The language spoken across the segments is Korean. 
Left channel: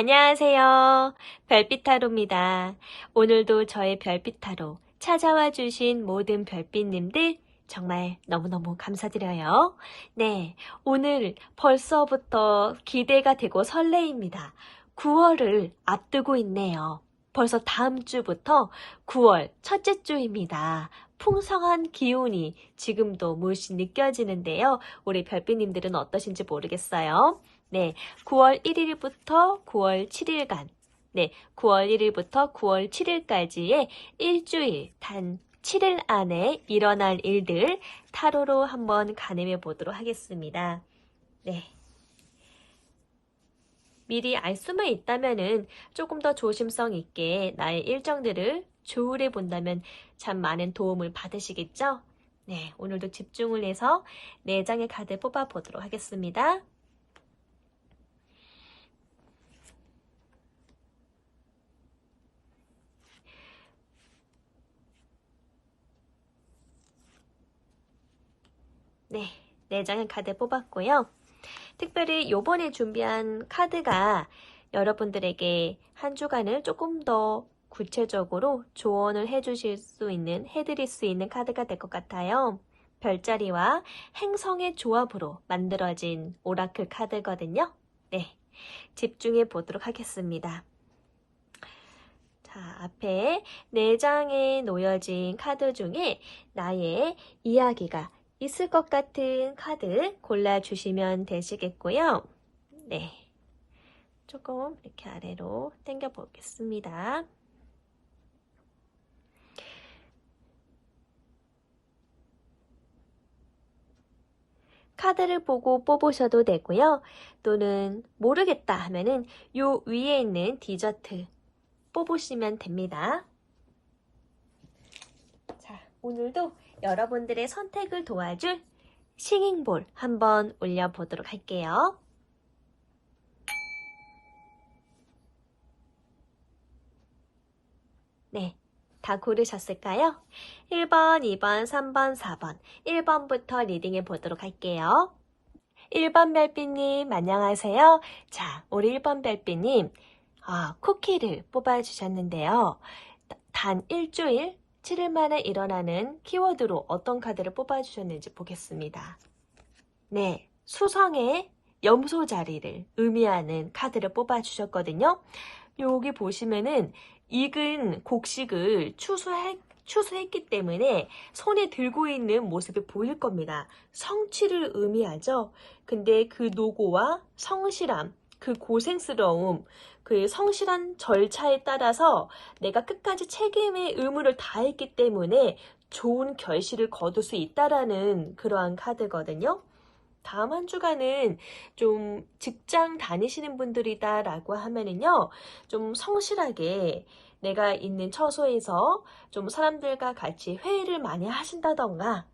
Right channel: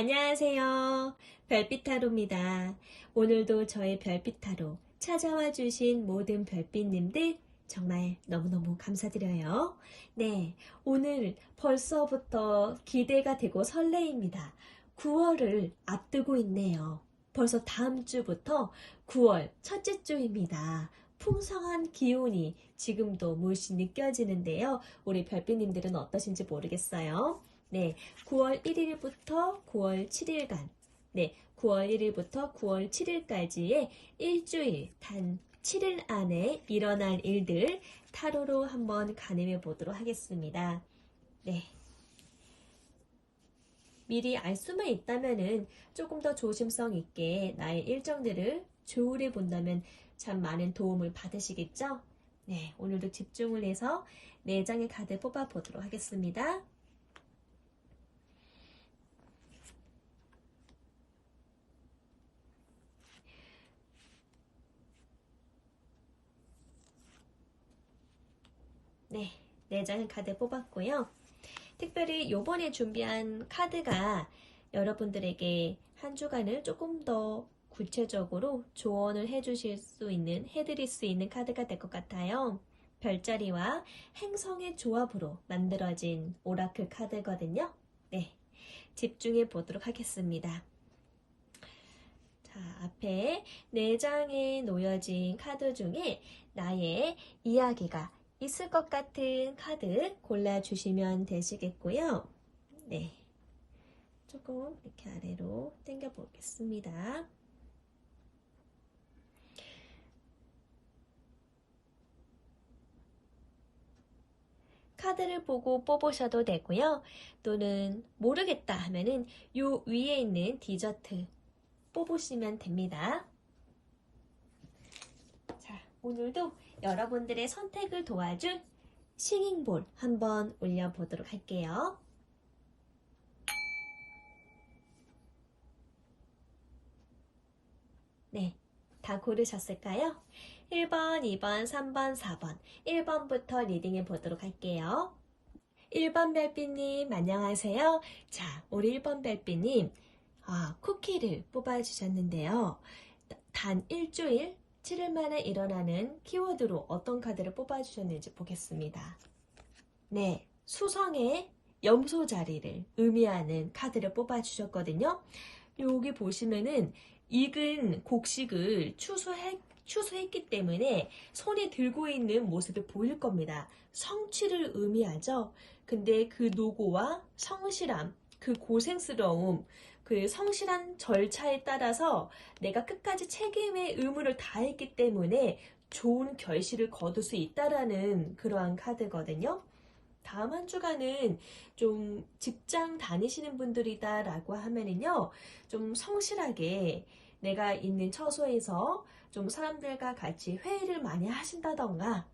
안녕하세요. 별빛타로입니다. 오늘도 저의 별빛타로 찾아와 주신 모든 별빛님들 정말 너무너무 감사드려요. 네, 오늘 벌써부터 기대가 되고 설레입니다. 9월을 앞두고 있네요. 벌써 다음 주부터 9월 첫째 주입니다. 풍성한 기운이 지금도 물씬 느껴지는데요. 우리 별빛님들은 어떠신지 모르겠어요. 네, 9월 1일부터 9월 7일간, 네, 9월 1일부터 9월 7일까지의 일주일, 단 7일 안에 일어날 일들 타로로 한번 가늠해 보도록 하겠습니다. 네. 미리 알 수만 있다면은 조금 더 조심성 있게 나의 일정들을 조율해 본다면 참 많은 도움을 받으시겠죠? 네, 오늘도 집중을 해서 4장의 카드 뽑아 보도록 하겠습니다. 네, 4장의 카드 뽑았고요. 특별히 요번에 준비한 카드가 여러분들에게 한 주간을 조금 더 구체적으로 조언을 해드릴 수 있는 카드가 될 것 같아요. 별자리와 행성의 조합으로 만들어진 오라클 카드거든요. 네, 집중해 보도록 하겠습니다. 자, 앞에 4장에 놓여진 카드 중에 나의 이야기가 있을 것 같은 카드 골라주시면 되시겠고요. 네, 조금 이렇게 아래로 당겨 보겠습니다. 카드를 보고 뽑으셔도 되고요. 또는 모르겠다 하면은 요 위에 있는 디저트 뽑으시면 됩니다. 자, 오늘도 여러분들의 선택을 도와줄 싱잉볼 한번 올려보도록 할게요. 네, 다 고르셨을까요? 1번, 2번, 3번, 4번, 1번부터 리딩해 보도록 할게요. 1번 별빛님, 안녕하세요. 자, 우리 1번 별빛님, 쿠키를 뽑아주셨는데요. 단 일주일, 7일 만에 일어나는 키워드로 어떤 카드를 뽑아주셨는지 보겠습니다. 네, 수성의 염소 자리를 의미하는 카드를 뽑아주셨거든요. 여기 보시면은 익은 곡식을 추수했기 때문에 손에 들고 있는 모습이 보일 겁니다. 성취를 의미하죠. 근데 그 노고와 성실함, 그 고생스러움, 그 성실한 절차에 따라서 내가 끝까지 책임의 의무를 다했기 때문에 좋은 결실을 거둘 수 있다라는 그러한 카드거든요. 다음 한 주간은 좀 직장 다니시는 분들이다 라고 하면은요, 좀 성실하게 내가 있는 처소에서 좀 사람들과 같이 회의를 많이 하신다던가,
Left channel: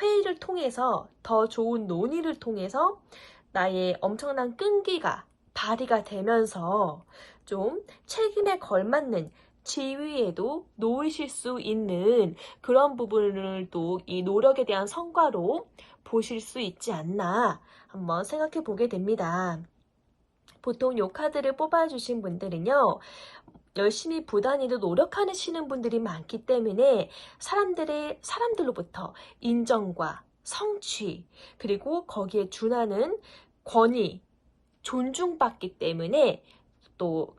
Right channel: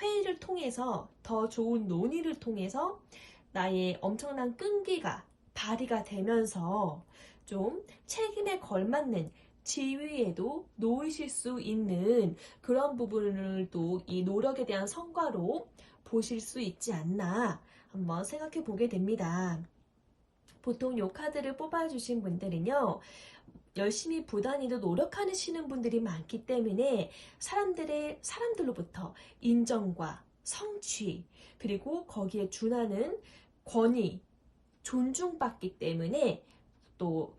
회의를 통해서 더 좋은 논의를 통해서 나의 엄청난 끈기가 발휘가 되면서 좀 책임에 걸맞는 지위에도 놓이실 수 있는 그런 부분을 또 이 노력에 대한 성과로 보실 수 있지 않나 한번 생각해 보게 됩니다. 보통 이 카드를 뽑아주신 분들은요, 열심히 부단히도 노력하시는 분들이 많기 때문에 사람들로부터 인정과 성취, 그리고 거기에 준하는 권위, 존중받기 때문에 또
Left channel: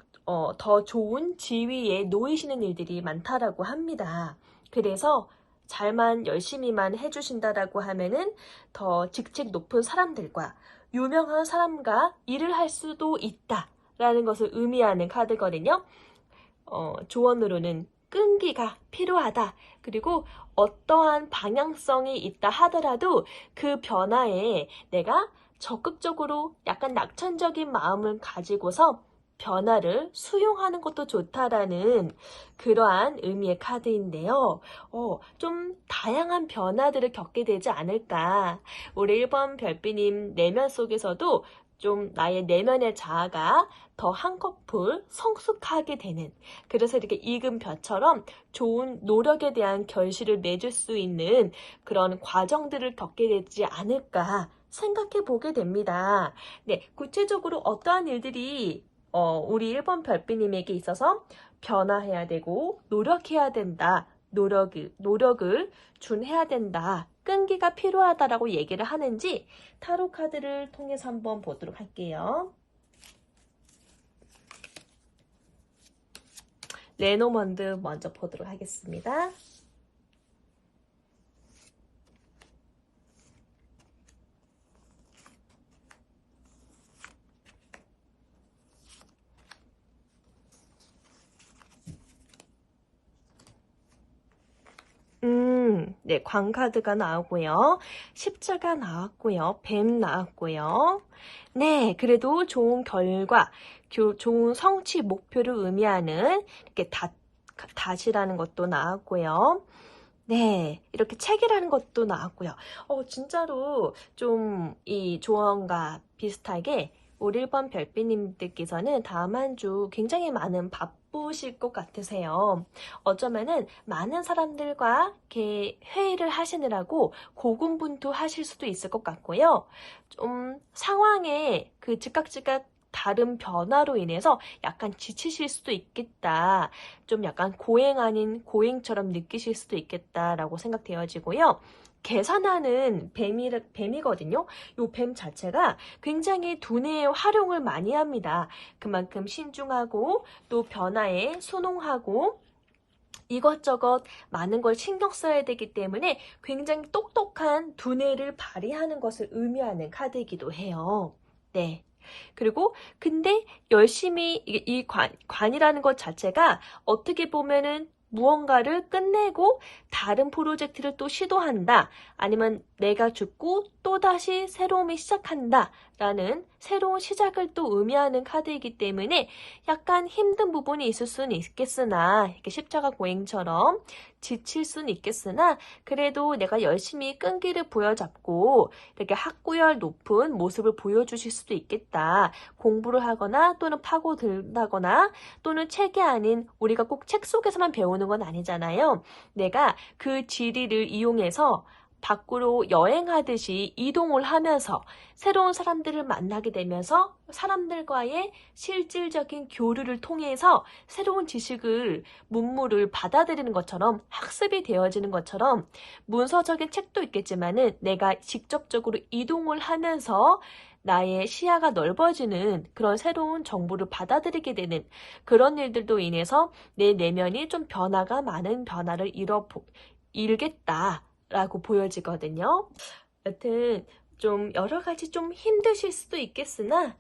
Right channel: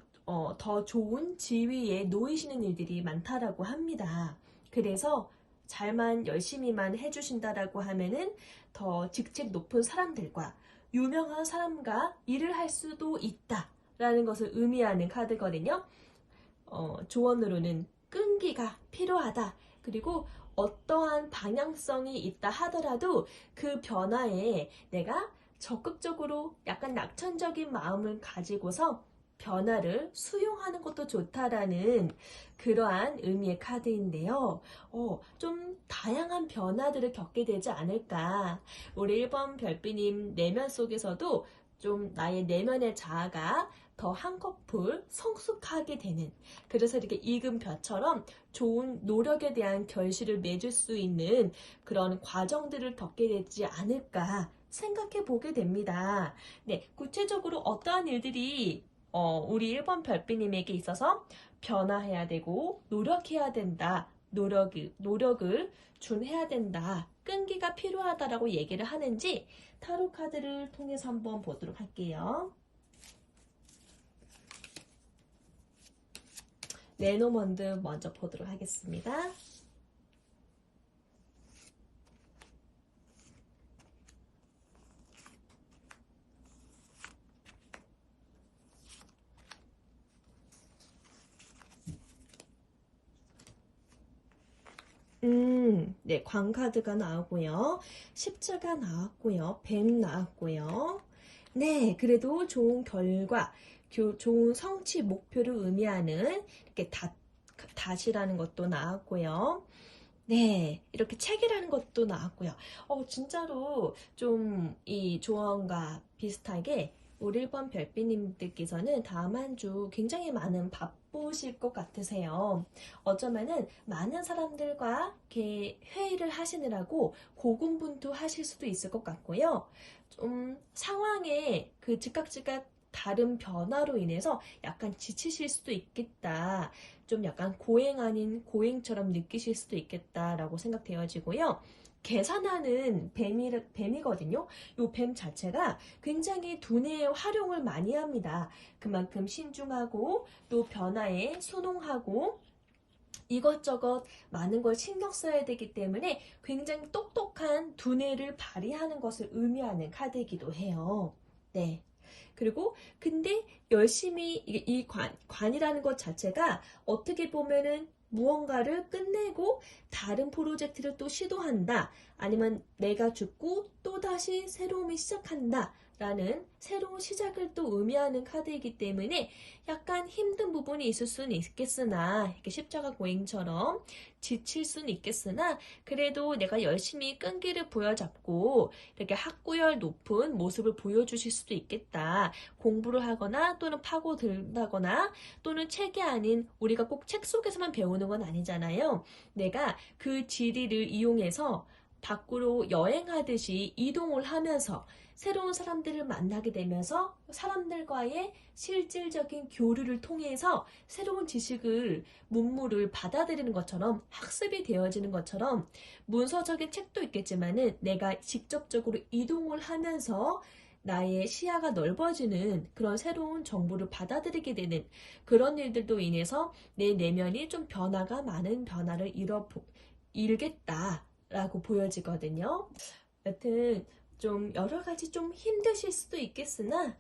더 좋은 지위에 놓이시는 일들이 많다라고 합니다. 그래서 잘만 열심히만 해주신다라고 하면은 더 직책 높은 사람들과 유명한 사람과 일을 할 수도 있다라는 것을 의미하는 카드거든요. 조언으로는 끈기가 필요하다. 그리고 어떠한 방향성이 있다 하더라도 그 변화에 내가 적극적으로 약간 낙천적인 마음을 가지고서 변화를 수용하는 것도 좋다라는 그러한 의미의 카드인데요. 좀 다양한 변화들을 겪게 되지 않을까. 우리 1번 별빛님 내면 속에서도 좀 나의 내면의 자아가 더 한꺼풀 성숙하게 되는, 그래서 이렇게 익은 벼처럼 좋은 노력에 대한 결실을 맺을 수 있는 그런 과정들을 겪게 되지 않을까 생각해 보게 됩니다. 네, 구체적으로 어떠한 일들이 우리 1번 별빛님에게 있어서 변화해야 되고 노력해야 된다. 노력을 준해야 된다. 끈기가 필요하다라고 얘기를 하는지 타로 카드를 통해서 한번 보도록 할게요. 레노먼드 먼저 보도록 하겠습니다. 네, 광카드가 나오고요. 십자가 나왔고요. 뱀 나왔고요. 네, 그래도 좋은 결과, 좋은 성취 목표를 의미하는 이렇게 닷이라는 것도 나왔고요. 네, 이렇게 책이라는 것도 나왔고요. 진짜로 좀 이 조언과 비슷하게 우리 1번 별빛님들께서는 다음 한 주 굉장히 많은 바쁘실 것 같으세요. 어쩌면은 많은 사람들과 이렇게 회의를 하시느라고 고군분투하실 수도 있을 것 같고요. 좀 상황에 그 즉각 다른 변화로 인해서 약간 지치실 수도 있겠다. 좀 약간 고행 아닌 고행처럼 느끼실 수도 있겠다라고 생각되어지고요. 계산하는 뱀이거든요. 이 뱀 자체가 굉장히 두뇌의 활용을 많이 합니다. 그만큼 신중하고 또 변화에 순응하고 이것저것 많은 걸 신경 써야 되기 때문에 굉장히 똑똑한 두뇌를 발휘하는 것을 의미하는 카드이기도 해요. 네. 그리고 근데 열심히 이 관이라는 것 자체가 어떻게 보면은 무언가를 끝내고 다른 프로젝트를 또 시도한다. 아니면 내가 죽고 또다시 새로움이 시작한다. 라는 새로운 시작을 또 의미하는 카드이기 때문에 약간 힘든 부분이 있을 수는 있겠으나 이렇게 십자가 고행처럼 지칠 수는 있겠으나 그래도 내가 열심히 끈기를 부여잡고 이렇게 학구열 높은 모습을 보여주실 수도 있겠다. 공부를 하거나 또는 파고든다거나 또는 책이 아닌 우리가 꼭 책 속에서만 배우는 건 아니잖아요. 내가 그 지리를 이용해서 밖으로 여행하듯이 이동을 하면서 새로운 사람들을 만나게 되면서 사람들과의 실질적인 교류를 통해서 새로운 지식을 문물을 받아들이는 것처럼 학습이 되어지는 것처럼 문서적인 책도 있겠지만은 내가 직접적으로 이동을 하면서 나의 시야가 넓어지는 그런 새로운 정보를 받아들이게 되는 그런 일들도 인해서 내 내면이 좀 변화가 많은 변화를 일겠다라고 보여지거든요. 여튼 좀 여러 가지 좀 힘드실 수도 있겠으나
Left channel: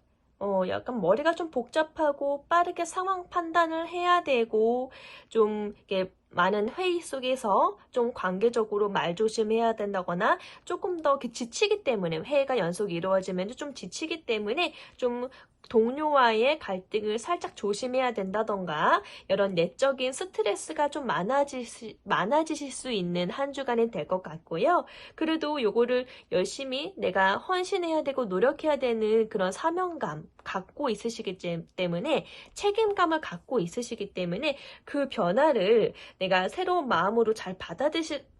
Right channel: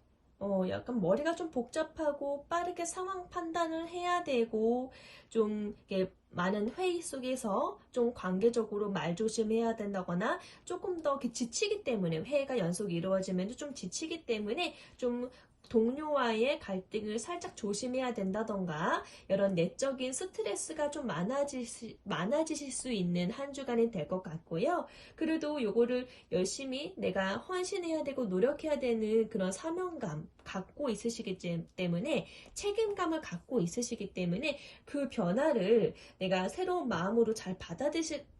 약간 머리가 좀 복잡하고 빠르게 상황 판단을 해야 되고 좀 이렇게 많은 회의 속에서 좀 관계적으로 말 조심해야 된다거나 조금 더 이렇게 지치기 때문에 회의가 연속 이루어지면 좀 지치기 때문에 좀 동료와의 갈등을 살짝 조심해야 된다던가 이런 내적인 스트레스가 좀 많아지실 수 있는 한 주간이 될 것 같고요. 그래도 요거를 열심히 내가 헌신해야 되고 노력해야 되는 그런 사명감 갖고 있으시기 때문에 책임감을 갖고 있으시기 때문에 그 변화를 내가 새로운 마음으로 잘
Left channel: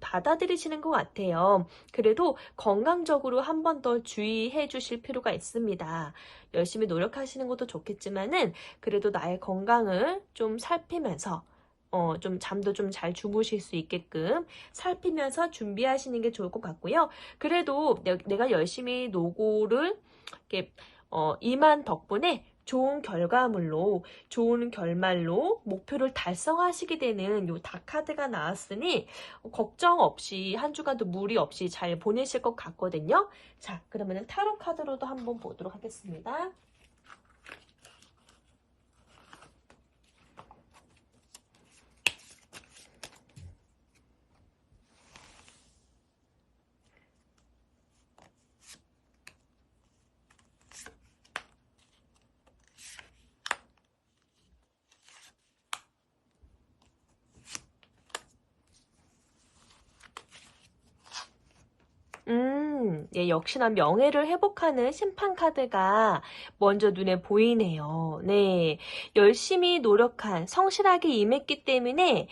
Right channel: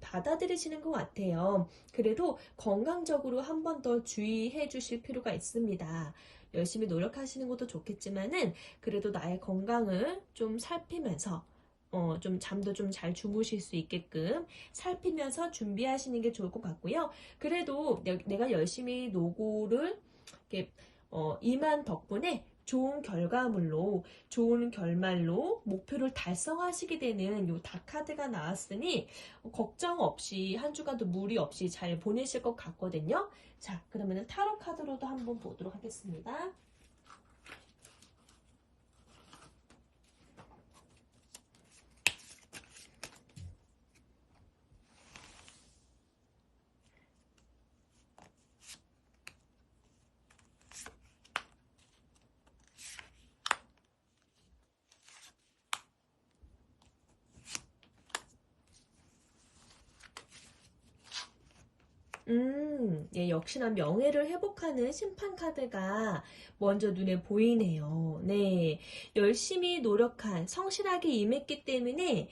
받아들이시는 것 같아요. 그래도 건강적으로 한 번 더 주의해 주실 필요가 있습니다. 열심히 노력하시는 것도 좋겠지만은 그래도 나의 건강을 좀 살피면서 좀 잠도 좀 잘 주무실 수 있게끔 살피면서 준비하시는 게 좋을 것 같고요. 그래도 내가 열심히 노고를 이렇게 임한 덕분에 좋은 결과물로 좋은 결말로 목표를 달성하시게 되는 요 다카드가 나왔으니 걱정 없이 한 주간도 무리 없이 잘 보내실 것 같거든요. 자, 그러면 타로 카드로도 한번 보도록 하겠습니다. 예, 역시나 명예를 회복하는 심판 카드가 먼저 눈에 보이네요. 네, 열심히 노력한, 성실하게 임했기 때문에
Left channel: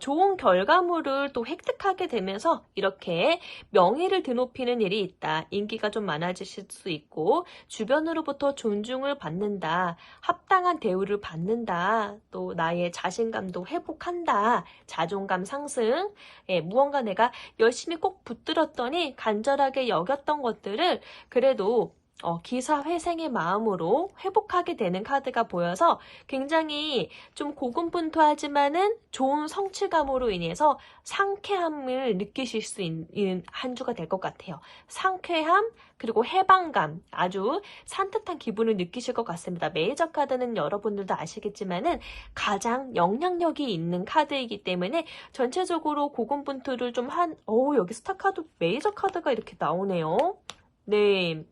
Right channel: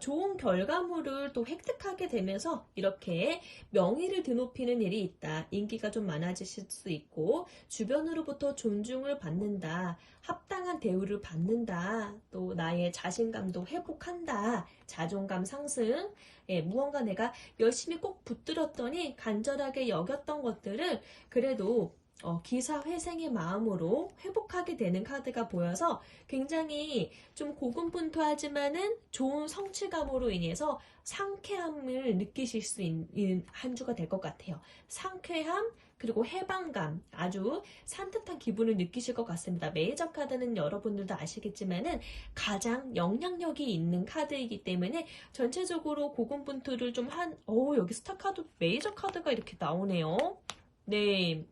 좋은 결과물을 또 획득하게 되면서 이렇게 명예를 드높이는 일이 있다. 인기가 좀 많아지실 수 있고 주변으로부터 존중을 받는다. 합당한 대우를 받는다. 또 나의 자신감도 회복한다. 자존감 상승. 예, 무언가 내가 열심히 꼭 붙들었더니 간절하게 여겼던 것들을 그래도 기사회생의 마음으로 회복하게 되는 카드가 보여서 굉장히 좀 고군분투하지만은 좋은 성취감으로 인해서 상쾌함을 느끼실 수 있는 한 주가 될 것 같아요. 상쾌함, 그리고 해방감, 아주 산뜻한 기분을 느끼실 것 같습니다. 메이저 카드는 여러분들도 아시겠지만은 가장 영향력이 있는 카드이기 때문에 전체적으로 고군분투를 좀 여기 스타 카드, 메이저 카드가 이렇게 나오네요. 네.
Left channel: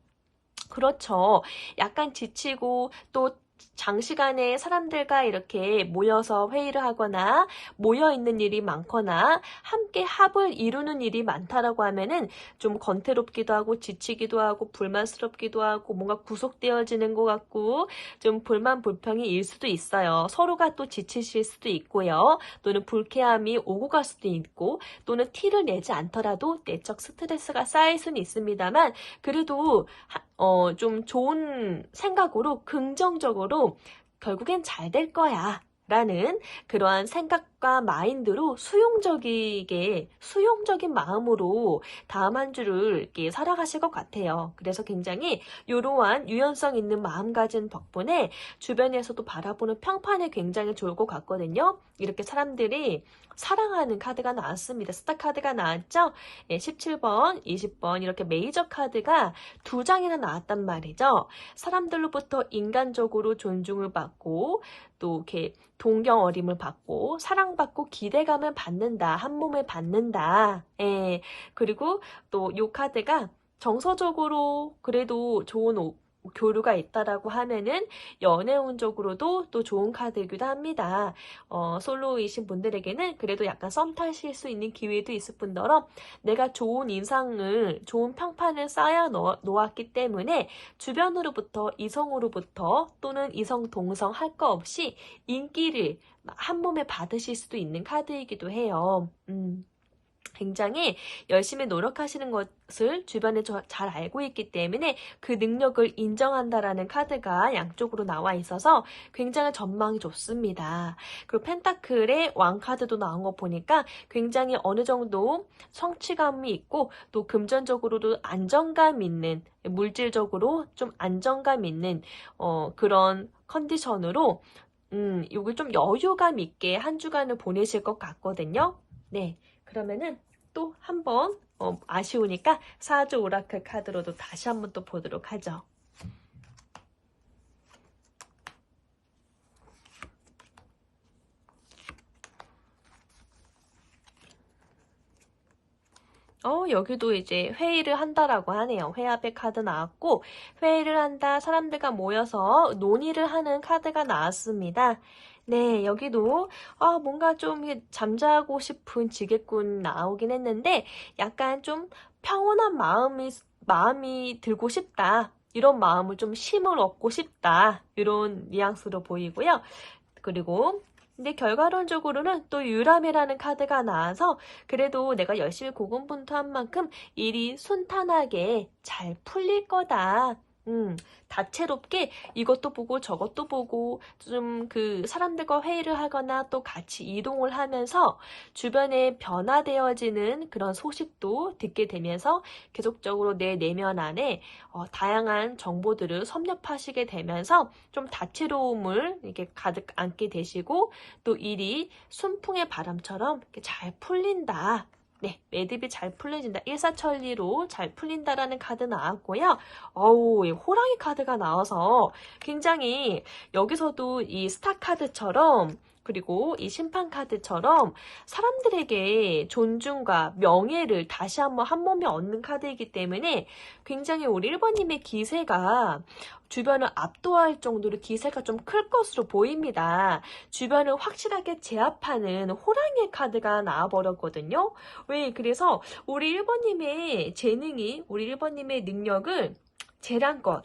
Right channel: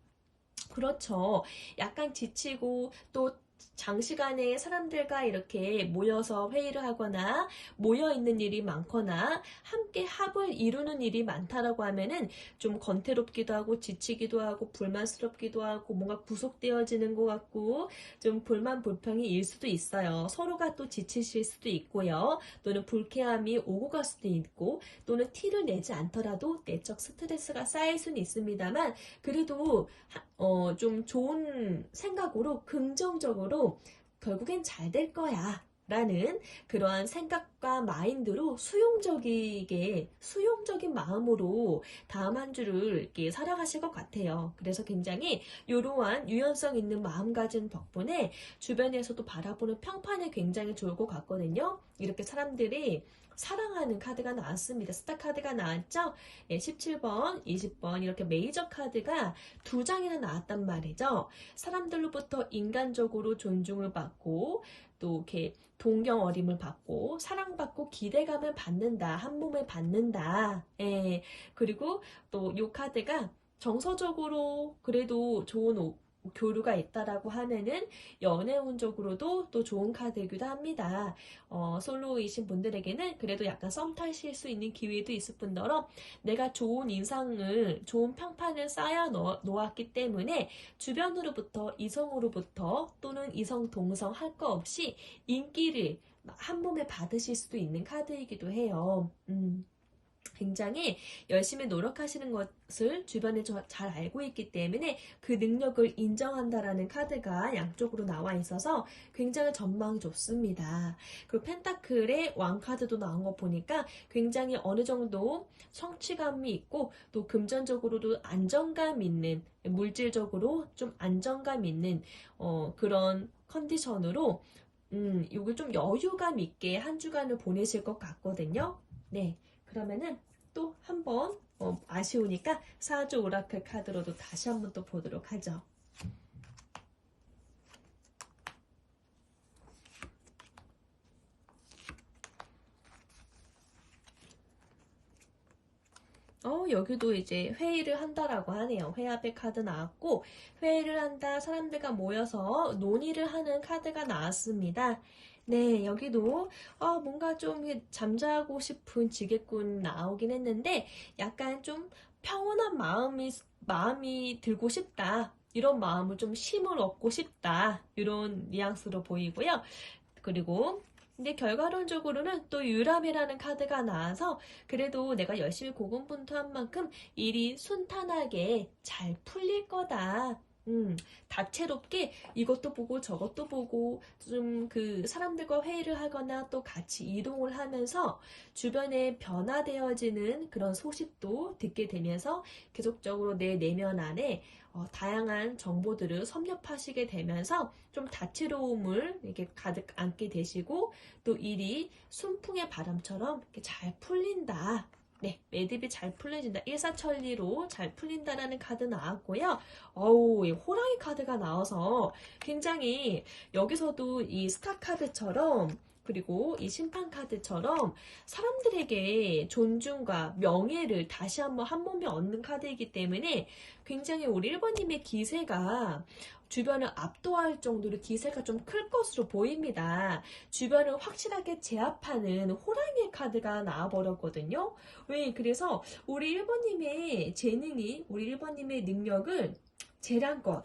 그렇죠. 약간 지치고 또 장시간에 사람들과 이렇게 모여서 회의를 하거나 모여 있는 일이 많거나 함께 합을 이루는 일이 많다라고 하면은 좀 건태롭기도 하고 지치기도 하고 불만스럽기도 하고 뭔가 구속되어지는 것 같고 좀 불만 불평이 일 수도 있어요. 서로가 또 지치실 수도 있고요. 또는 불쾌함이 오고 갈 수도 있고 또는 티를 내지 않더라도 내적 스트레스가 쌓일 수는 있습니다만 그래도 좀 좋은 생각으로 긍정적으로 결국엔 잘 될 거야 라는 그러한 생각과 마인드로 수용적인 마음으로 다음 한 주를 이렇게 살아가실 것 같아요. 그래서 굉장히 이러한 유연성 있는 마음가짐 덕분에 주변에서도 바라보는 평판이 굉장히 좋을 것 같거든요. 이렇게 사람들이 사랑하는 카드가 나왔습니다. 스타 카드가 나왔죠? 네, 17번, 20번 이렇게 메이저 카드가 2장이나 나왔단 말이죠. 사람들로부터 인간적으로 존중을 받고 또 이렇게 동경 어림을 받고 사랑받고 기대감을 받는다. 한 몸을 받는다. 예. 그리고 또 이 카드가 정서적으로 그래도 좋은 교류가 있다라고 하면은 연애운적으로도 또 좋은 카드이기도 합니다. 솔로이신 분들에게는 그래도 약간 썸 타실 수 있는 기회도 있을 뿐더러 내가 좋은 인상을, 좋은 평판을 쌓아 놓았기 때문에 주변으로부터, 이성으로부터 또는 이성, 동성 할 거 없이 인기를 한 몸에 받으실 수도 있는 카드이기도 해요. 굉장히 열심히 노력하시는 것을 주변에 잘 알고 있기 때문에 그 능력을 인정한다라는 카드가 양쪽으로 나와 있어서 굉장히 전망이 좋습니다. 그리고 펜타클의 왕 카드도 나온 거 보니까 굉장히 어느 정도 성취감이 있고 또 금전적으로도 안정감 있는 물질적으로 좀 안정감 있는 그런 컨디션으로 요게 좀 여유감 있게 한 주간을 보내실 것 같거든요. 네. 그러면은 또 한번 아쉬우니까 사주 오라클 카드로도 다시 한번 또 보도록 하죠. 여기도 이제 회의를 한다라고 하네요. 회합의 카드 나왔고 회의를 한다, 사람들과 모여서 논의를 하는 카드가 나왔습니다. 네, 여기도 뭔가 좀 잠자고 싶은 지게꾼 나오긴 했는데 약간 좀 평온한 마음이 들고 싶다. 이런 마음을 좀 심을 얻고 싶다. 이런 뉘앙스로 보이고요. 그리고 근데 결과론적으로는 또 유람이라는 카드가 나와서 그래도 내가 열심히 고군분투한 만큼 일이 순탄하게 잘 풀릴 거다. 다채롭게 이것도 보고 저것도 보고 좀 그 사람들과 회의를 하거나 또 같이 이동을 하면서 주변에 변화되어지는 그런 소식도 듣게 되면서 계속적으로 내 내면 안에 다양한 정보들을 섭렵하시게 되면서 좀 다채로움을 이렇게 가득 안게 되시고 또 일이 순풍의 바람처럼 이렇게 잘 풀린다. 네, 매듭이 잘 풀려진다. 일사천리로 잘 풀린다라는 카드 나왔고요. 이 호랑이 카드가 나와서 굉장히 여기서도 이 스타 카드처럼 그리고 이 심판 카드처럼 사람들에게 존중과 명예를 다시 한번 한 몸에 얻는 카드이기 때문에 굉장히 우리 1번님의 기세가 주변을 압도할 정도로 기세가 좀 클 것으로 보입니다. 주변을 확실하게 제압하는 호랑이의 카드가 나와버렸거든요. 왜? 그래서 우리 1번님의 재능이, 우리 1번님의 능력을 재량껏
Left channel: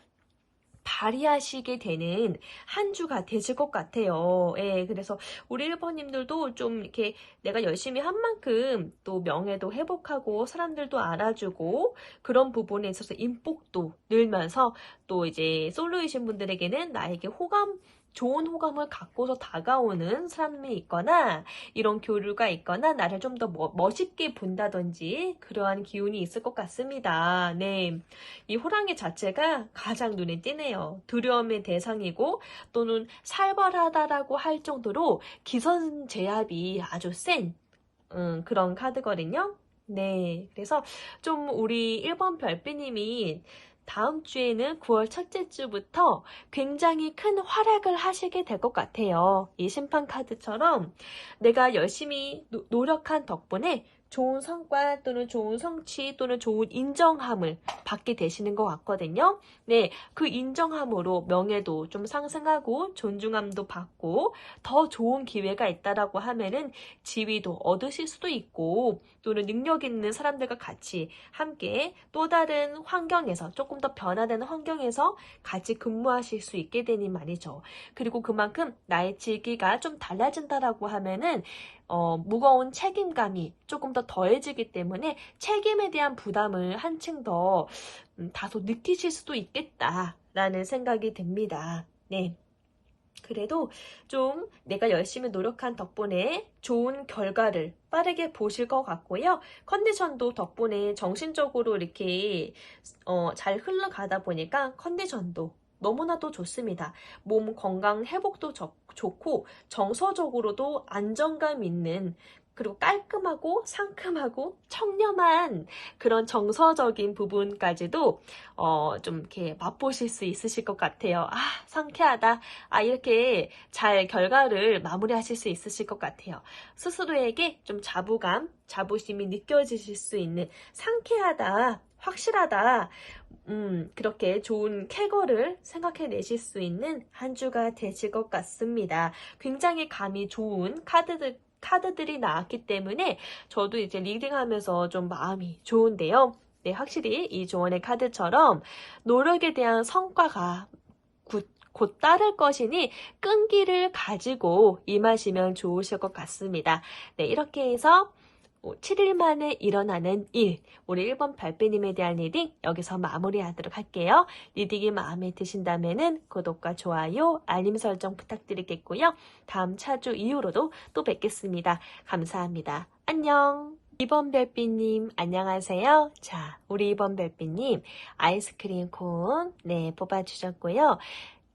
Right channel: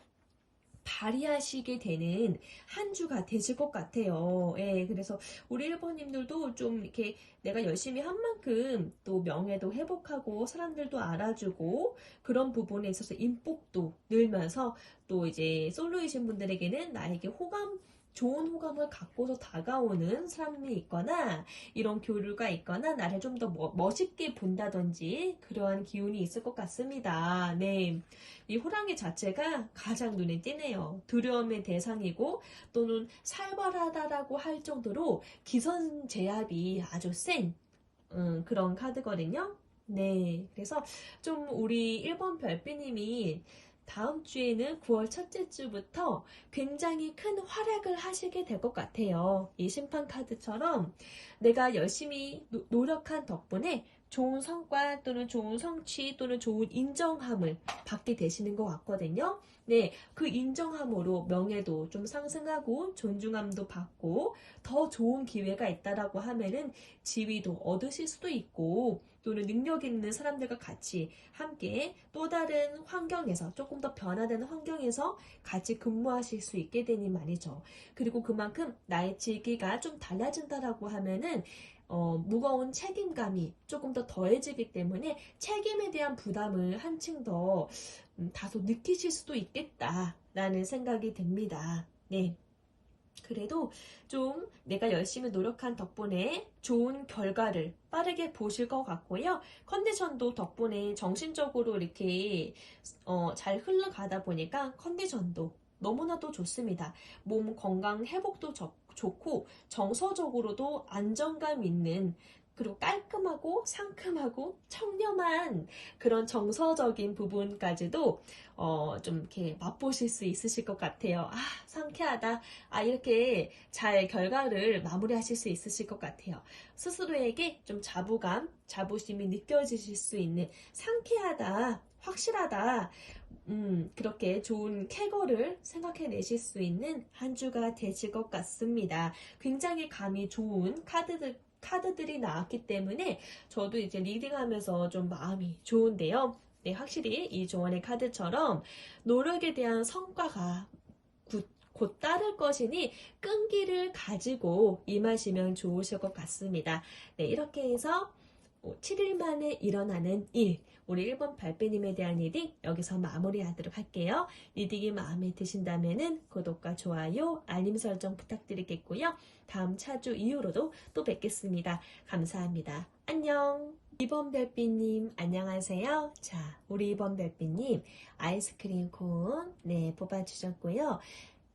발휘하시게 되는 한 주가 되실 것 같아요. 예, 그래서 우리 1번님들도 좀 이렇게 내가 열심히 한 만큼 또 명예도 회복하고 사람들도 알아주고 그런 부분에 있어서 인복도 늘면서 또 이제 솔로이신 분들에게는 나에게 좋은 호감을 갖고서 다가오는 사람이 있거나 이런 교류가 있거나 나를 좀 더 멋있게 본다든지 그러한 기운이 있을 것 같습니다. 네, 이 호랑이 자체가 가장 눈에 띄네요. 두려움의 대상이고 또는 살벌하다라고 할 정도로 기선제압이 아주 센 그런 카드거든요. 네, 그래서 좀 우리 1번 별빛님이 다음 주에는 9월 첫째 주부터 굉장히 큰 활약을 하시게 될 것 같아요. 이 심판 카드처럼 내가 열심히 노력한 덕분에 좋은 성과 또는 좋은 성취 또는 좋은 인정함을 받게 되시는 것 같거든요. 네, 그 인정함으로 명예도 좀 상승하고 존중함도 받고 더 좋은 기회가 있다라고 하면은 지위도 얻으실 수도 있고 또는 능력 있는 사람들과 같이 함께 또 다른 환경에서 조금 더 변화되는 환경에서 같이 근무하실 수 있게 되니 말이죠. 그리고 그만큼 나의 직위가 좀 달라진다라고 하면은 무거운 책임감이 조금 더 더해지기 때문에 책임에 대한 부담을 한층 더 다소 느끼실 수도 있겠다라는 생각이 듭니다. 네. 그래도 좀 내가 열심히 노력한 덕분에 좋은 결과를 빠르게 보실 것 같고요. 컨디션도 덕분에 정신적으로 이렇게 잘 흘러가다 보니까 컨디션도 너무나도 좋습니다. 몸 건강 회복도 좋고 정서적으로도 안정감 있는 그리고 깔끔하고 상큼하고 청렴한 그런 정서적인 부분까지도 좀 이렇게 맛보실 수 있으실 것 같아요. 아, 상쾌하다. 아, 이렇게 잘 결과를 마무리하실 수 있으실 것 같아요. 스스로에게 좀 자부심이 느껴지실 수 있는 상쾌하다, 확실하다, 그렇게 좋은 쾌거를 생각해내실 수 있는 한 주가 되실 것 같습니다. 굉장히 감이 좋은 카드들이 나왔기 때문에 저도 이제 리딩하면서 좀 마음이 좋은데요. 네, 확실히 이 조언의 카드처럼 노력에 대한 성과가 곧 따를 것이니 끈기를 가지고 임하시면 좋으실 것 같습니다. 네, 이렇게 해서 7일 만에 일어나는 일, 우리 1번 발빼님에 대한 리딩 여기서 마무리하도록 할게요. 리딩이 마음에 드신다면 구독과 좋아요, 알림 설정 부탁드리겠고요. 다음 차주 이후로도 또 뵙겠습니다. 감사합니다. 안녕. 2번 별빛님 안녕하세요. 자, 우리 2번 별빛님 아이스크림 콘 뽑아주셨고요.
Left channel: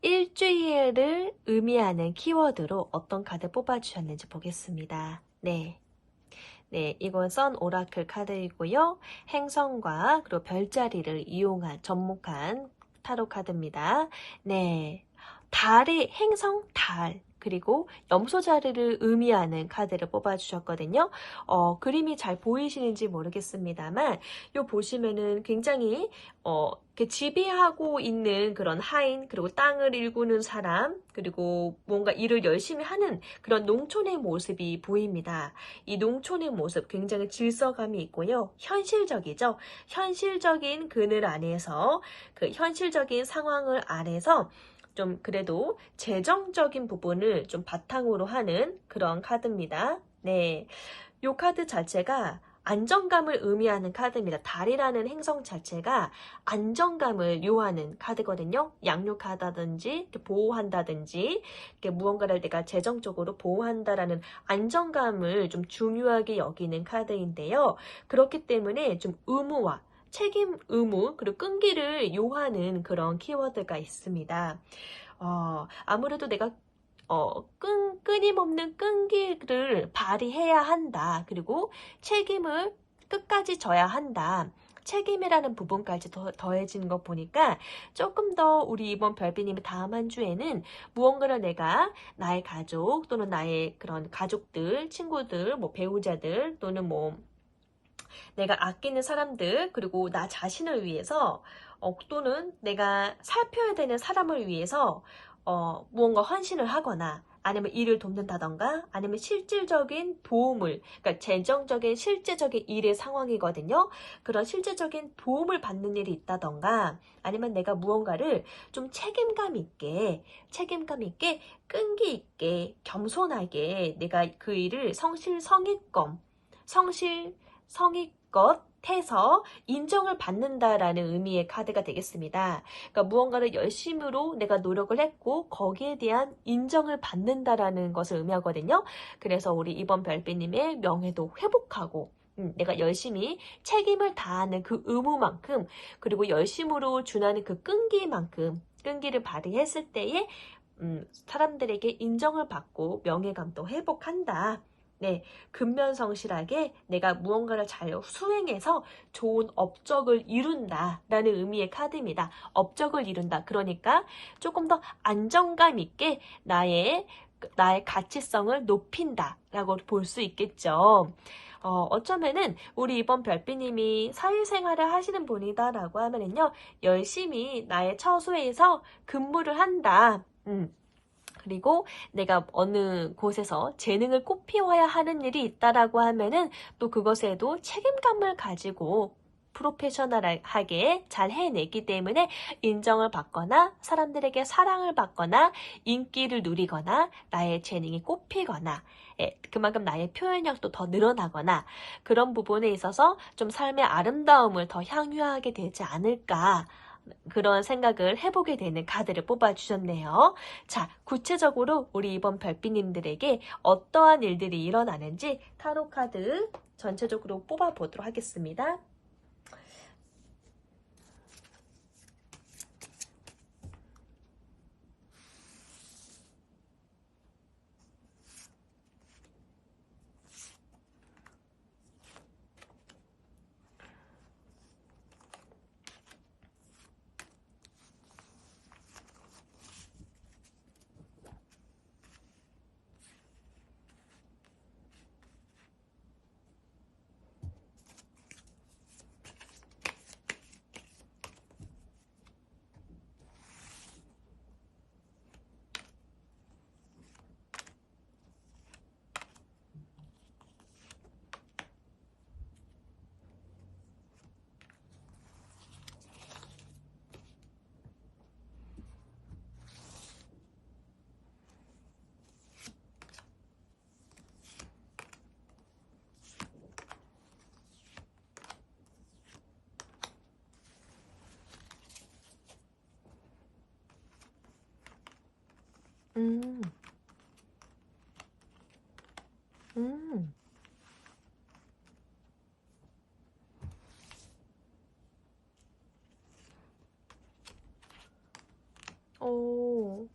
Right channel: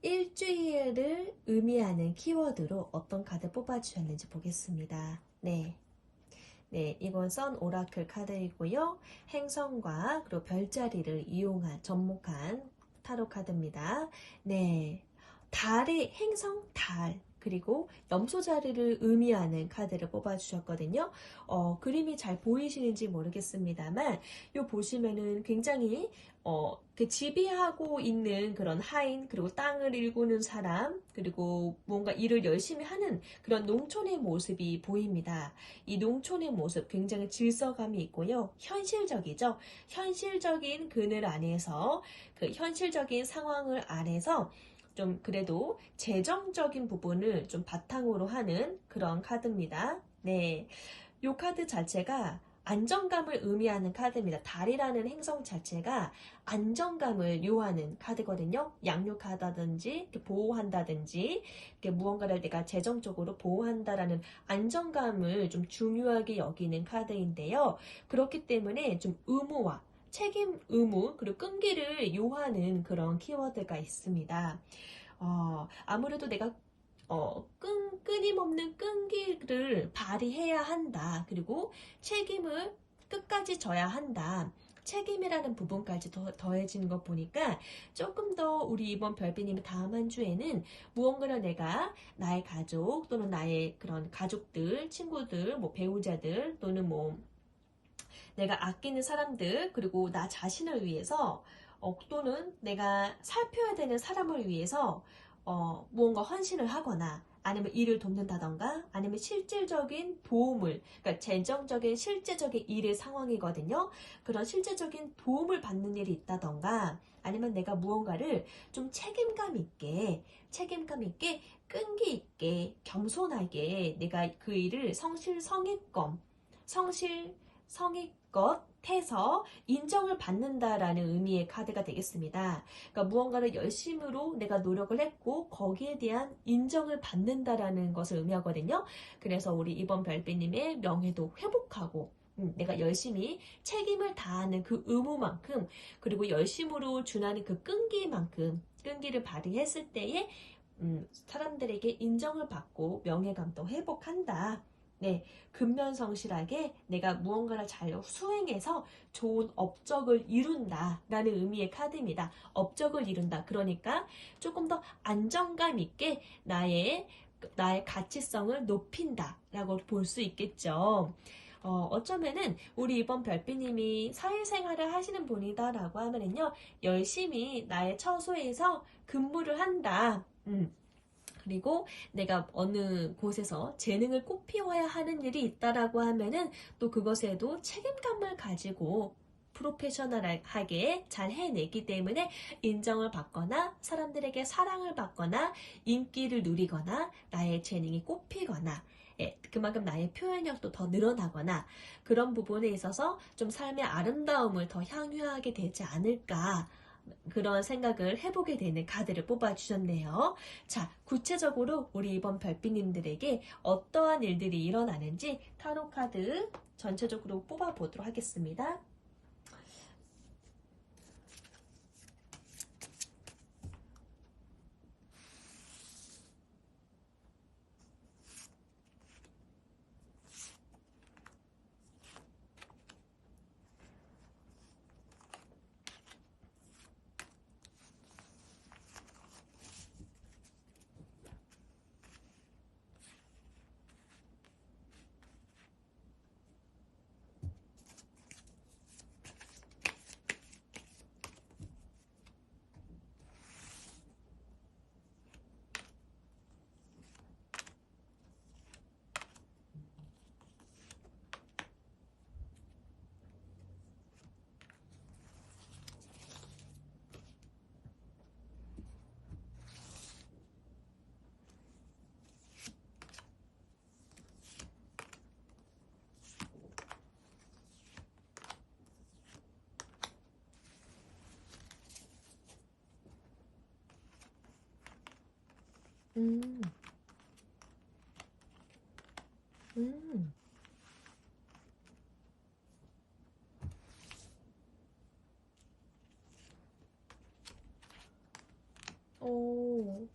일주일을 의미하는 키워드로 어떤 카드 뽑아주셨는지 보겠습니다. 네, 이건 오라클 카드이고요. 행성과 그리고 별자리를 이용한 접목한 타로 카드입니다. 네, 행성 달 그리고 염소 자리를 의미하는 카드를 뽑아주셨거든요. 그림이 잘 보이시는지 모르겠습니다만 요 보시면은 굉장히 지배하고 있는 그런 하인 그리고 땅을 일구는 사람 그리고 뭔가 일을 열심히 하는 그런 농촌의 모습이 보입니다. 이 농촌의 모습 굉장히 질서감이 있고요. 현실적이죠. 현실적인 그늘 안에서 그 현실적인 상황을 안에서 좀 그래도 재정적인 부분을 좀 바탕으로 하는 그런 카드입니다. 네, 이 카드 자체가 안정감을 의미하는 카드입니다. 달이라는 행성 자체가 안정감을 요하는 카드거든요. 양육하다든지 보호한다든지 무언가를 내가 재정적으로 보호한다라는 안정감을 좀 중요하게 여기는 카드인데요. 그렇기 때문에 좀 의무와 책임, 의무, 그리고 끈기를 요하는 그런 키워드가 있습니다. 아무래도 내가 끊임없는 끈기를 발휘해야 한다. 그리고 책임을 끝까지 져야 한다. 책임이라는 부분까지 더해지는 거 보니까 조금 더 우리 이번 별비님의 다음 한 주에는 무언가를 내가 나의 가족 또는 나의 그런 가족들, 친구들, 배우자들 또는 내가 아끼는 사람들 그리고 나 자신을 위해서 또는 내가 살펴야 되는 사람을 위해서 무언가 헌신을 하거나 아니면 일을 돕는다던가 아니면 실질적인 도움을, 그러니까 재정적인 실제적인 일의 상황이거든요. 그런 실제적인 도움을 받는 일이 있다던가 아니면 내가 무언가를 좀 책임감 있게 끈기 있게 겸손하게 내가 그 일을 성실성의껏 해서 인정을 받는다라는 의미의 카드가 되겠습니다. 그러니까 무언가를 열심으로 내가 노력을 했고 거기에 대한 인정을 받는다라는 것을 의미하거든요. 그래서 우리 이번 별빛님의 명예도 회복하고 내가 열심히 책임을 다하는 그 의무만큼 그리고 열심으로 준하는 그 끈기를 발휘했을 때에 사람들에게 인정을 받고 명예감도 회복한다. 네, 근면성실하게 내가 무언가를 잘 수행해서 좋은 업적을 이룬다 라는 의미의 카드입니다. 업적을 이룬다. 그러니까 조금 더 안정감 있게 나의 가치성을 높인다 라고 볼 수 있겠죠. 어쩌면은 우리 이번 별빛님이 사회생활을 하시는 분이다 라고 하면은요, 열심히 나의 처소에서 근무를 한다. 그리고 내가 어느 곳에서 재능을 꽃피워야 하는 일이 있다라고 하면은 또 그것에도 책임감을 가지고 프로페셔널하게 잘 해내기 때문에 인정을 받거나 사람들에게 사랑을 받거나 인기를 누리거나 나의 재능이 꽃피거나 그만큼 나의 표현력도 더 늘어나거나 그런 부분에 있어서 좀 삶의 아름다움을 더 향유하게 되지 않을까 그런 생각을 해보게 되는 카드를 뽑아주셨네요. 자, 구체적으로 우리 이번 별빛님들에게 어떠한 일들이 일어나는지 타로 카드 전체적으로 뽑아보도록 하겠습니다. 음, 음, 오,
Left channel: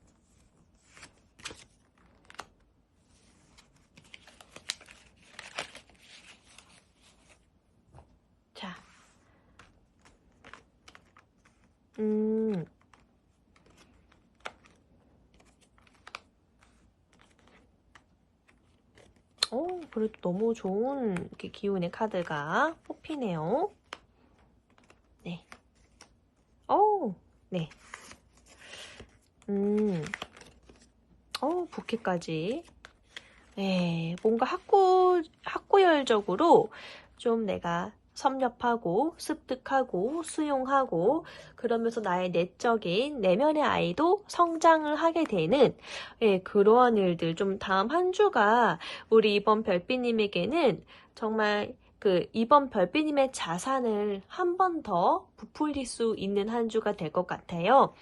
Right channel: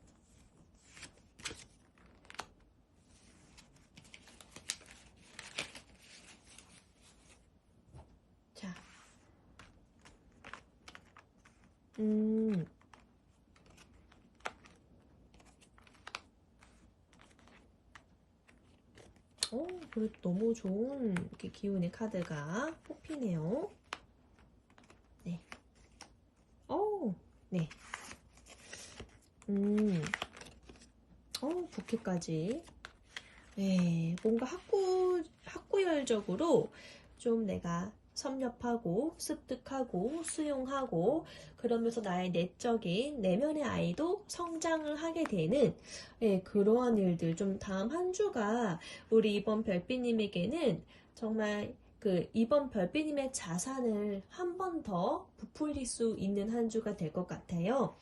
자, 음, 그래도 너무 좋은 기운의 카드가 뽑히네요. 네. 네. 부캐까지. 네, 뭔가 학구열적으로 좀 내가 섭렵하고 습득하고 수용하고 그러면서 나의 내적인 내면의 아이도 성장을 하게 되는 그러한 일들 좀 다음 한 주가 우리 이번 별빛님에게는 정말 이번 별빛님의 자산을 한 번 더 부풀릴 수 있는 한 주가 될 것 같아요.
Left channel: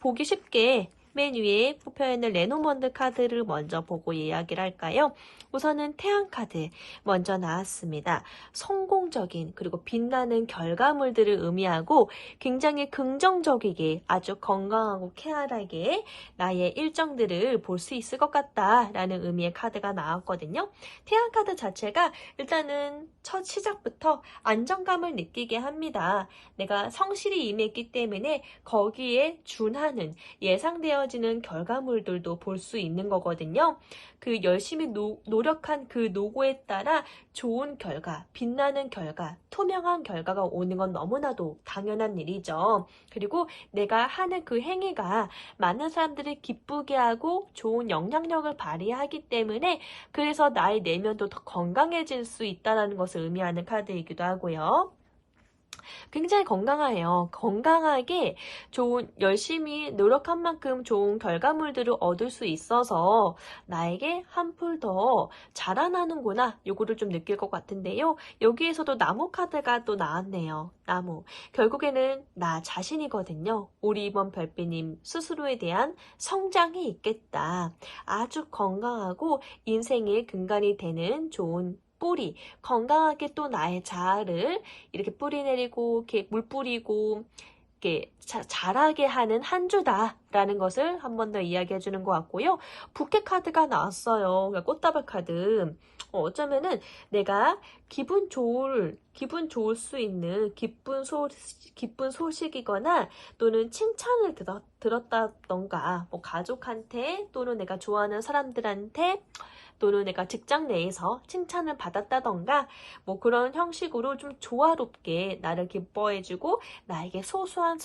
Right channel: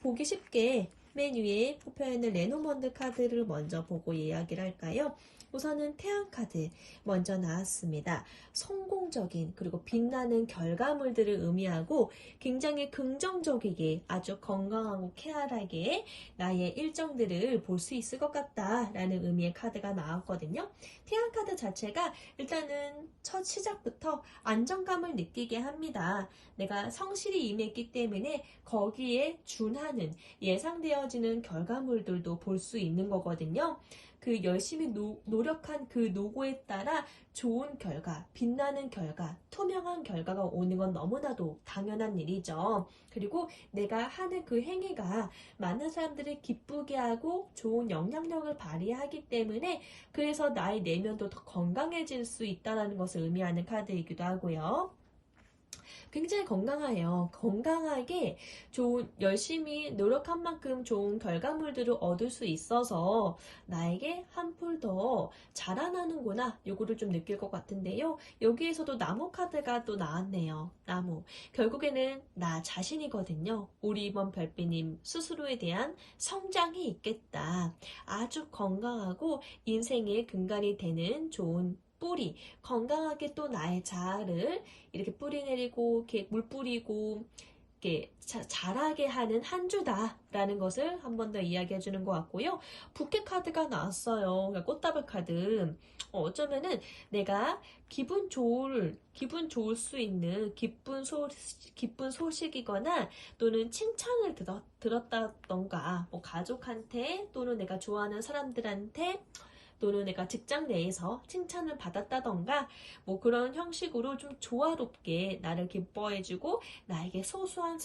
보기 쉽게 맨 위에 뽑혀있는 레노먼드 카드를 먼저 보고 이야기를 할까요? 우선은 태양 카드 먼저 나왔습니다. 성공적인 그리고 빛나는 결과물들을 의미하고 굉장히 긍정적이게 아주 건강하고 쾌활하게 나의 일정들을 볼 수 있을 것 같다라는 의미의 카드가 나왔거든요. 태양 카드 자체가 일단은 첫 시작부터 안정감을 느끼게 합니다. 내가 성실히 임했기 때문에 거기에 준하는 예상되어 좋아지는 결과물들도 볼 수 있는 거거든요. 그 열심히 노력한 그 노고에 따라 좋은 결과, 빛나는 결과, 투명한 결과가 오는 건 너무나도 당연한 일이죠. 그리고 내가 하는 그 행위가 많은 사람들을 기쁘게 하고 좋은 영향력을 발휘하기 때문에 그래서 나의 내면도 더 건강해질 수 있다는 것을 의미하는 카드이기도 하고요. 굉장히 건강해요. 건강하게 좋은, 열심히 노력한 만큼 좋은 결과물들을 얻을 수 있어서 나에게 한풀 더 자라나는구나. 요거를 좀 느낄 것 같은데요. 여기에서도 나무 카드가 또 나왔네요. 나무. 결국에는 나 자신이거든요. 우리 이번 별빛님 스스로에 대한 성장이 있겠다. 아주 건강하고 인생의 근간이 되는 좋은 뿌리, 건강하게 또 나의 자아를 이렇게 뿌리 내리고, 이렇게 물 뿌리고, 이렇게 자라게 하는 한 주다라는 것을 한 번 더 이야기해 주는 것 같고요. 부캐 카드가 나왔어요. 그러니까 꽃다발 카드. 어쩌면은 내가 기분 좋을 수 있는 기쁜 소식이거나 또는 칭찬을 들었다던가, 뭐 가족한테 또는 내가 좋아하는 사람들한테 또는 내가 직장 내에서 칭찬을 받았다던가 뭐 그런 형식으로 좀 조화롭게 나를 기뻐해주고 나에게 소소한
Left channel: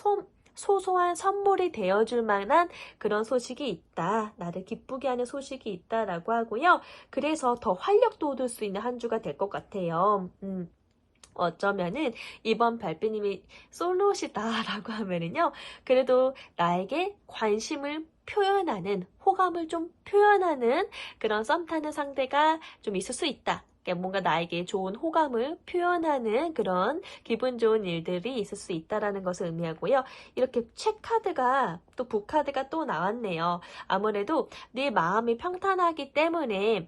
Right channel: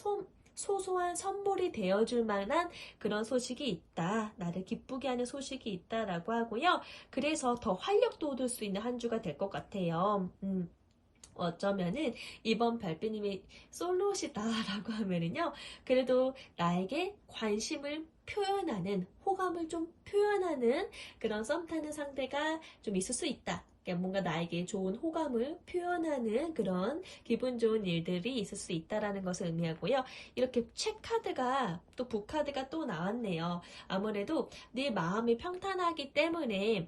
선물이 되어줄 만한 그런 소식이 있다. 나를 기쁘게 하는 소식이 있다라고 하고요. 그래서 더 활력도 얻을 수 있는 한 주가 될 것 같아요. 어쩌면은 이번 별빛님이 솔로시다라고 하면은요, 그래도 나에게 관심을 표현하는, 호감을 좀 표현하는 그런 썸 타는 상대가 좀 있을 수 있다. 그러니까 뭔가 나에게 좋은 호감을 표현하는 그런 기분 좋은 일들이 있을 수 있다라는 것을 의미하고요. 이렇게 책카드가 또 북카드가 또 나왔네요. 아무래도 네 마음이 평탄하기 때문에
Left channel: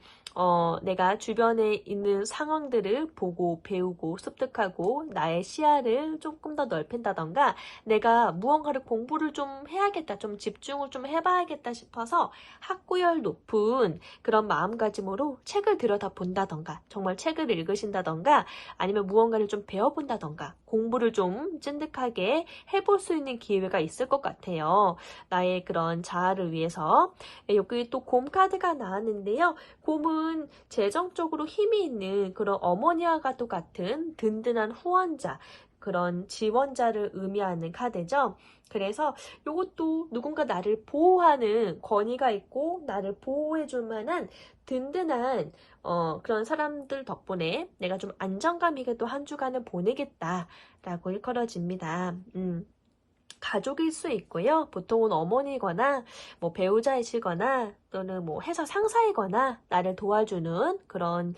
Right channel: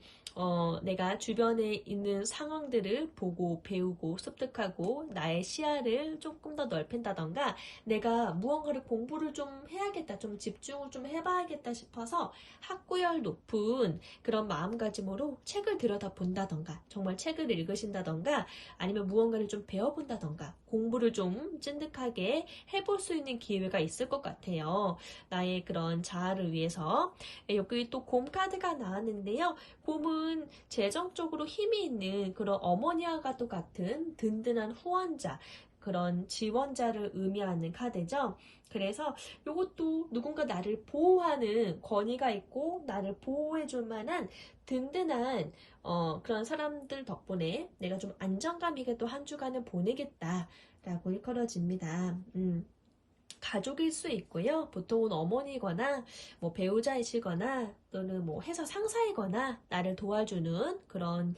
내가 주변에 있는 상황들을 보고 배우고 습득하고 나의 시야를 조금 더 넓힌다던가 내가 무언가를 공부를 좀 해야겠다, 좀 집중을 좀 해봐야겠다 싶어서 학구열 높은 그런 마음가짐으로 책을 들여다본다던가 정말 책을 읽으신다던가 아니면 무언가를 좀 배워본다던가 공부를 좀 찐득하게 해볼 수 있는 기회가 있을 것 같아요. 나의 그런 자아를 위해서. 여기 또 곰 카드가 나왔는데요. 곰은 재정적으로 힘이 있는 그런 어머니와 같은 든든한 후원자, 그런 지원자를 의미하는 카드죠. 그래서 이것도 누군가 나를 보호하는 권위가 있고 나를 보호해줄 만한 든든한 그런 사람들 덕분에 내가 좀 안정감 있게 또 한 주간을 보내겠다라고 일컬어집니다. 가족일 수 있고요. 보통은 어머니거나 뭐 배우자이시거나 또는 뭐 회사 상사이거나 나를 도와주는 그런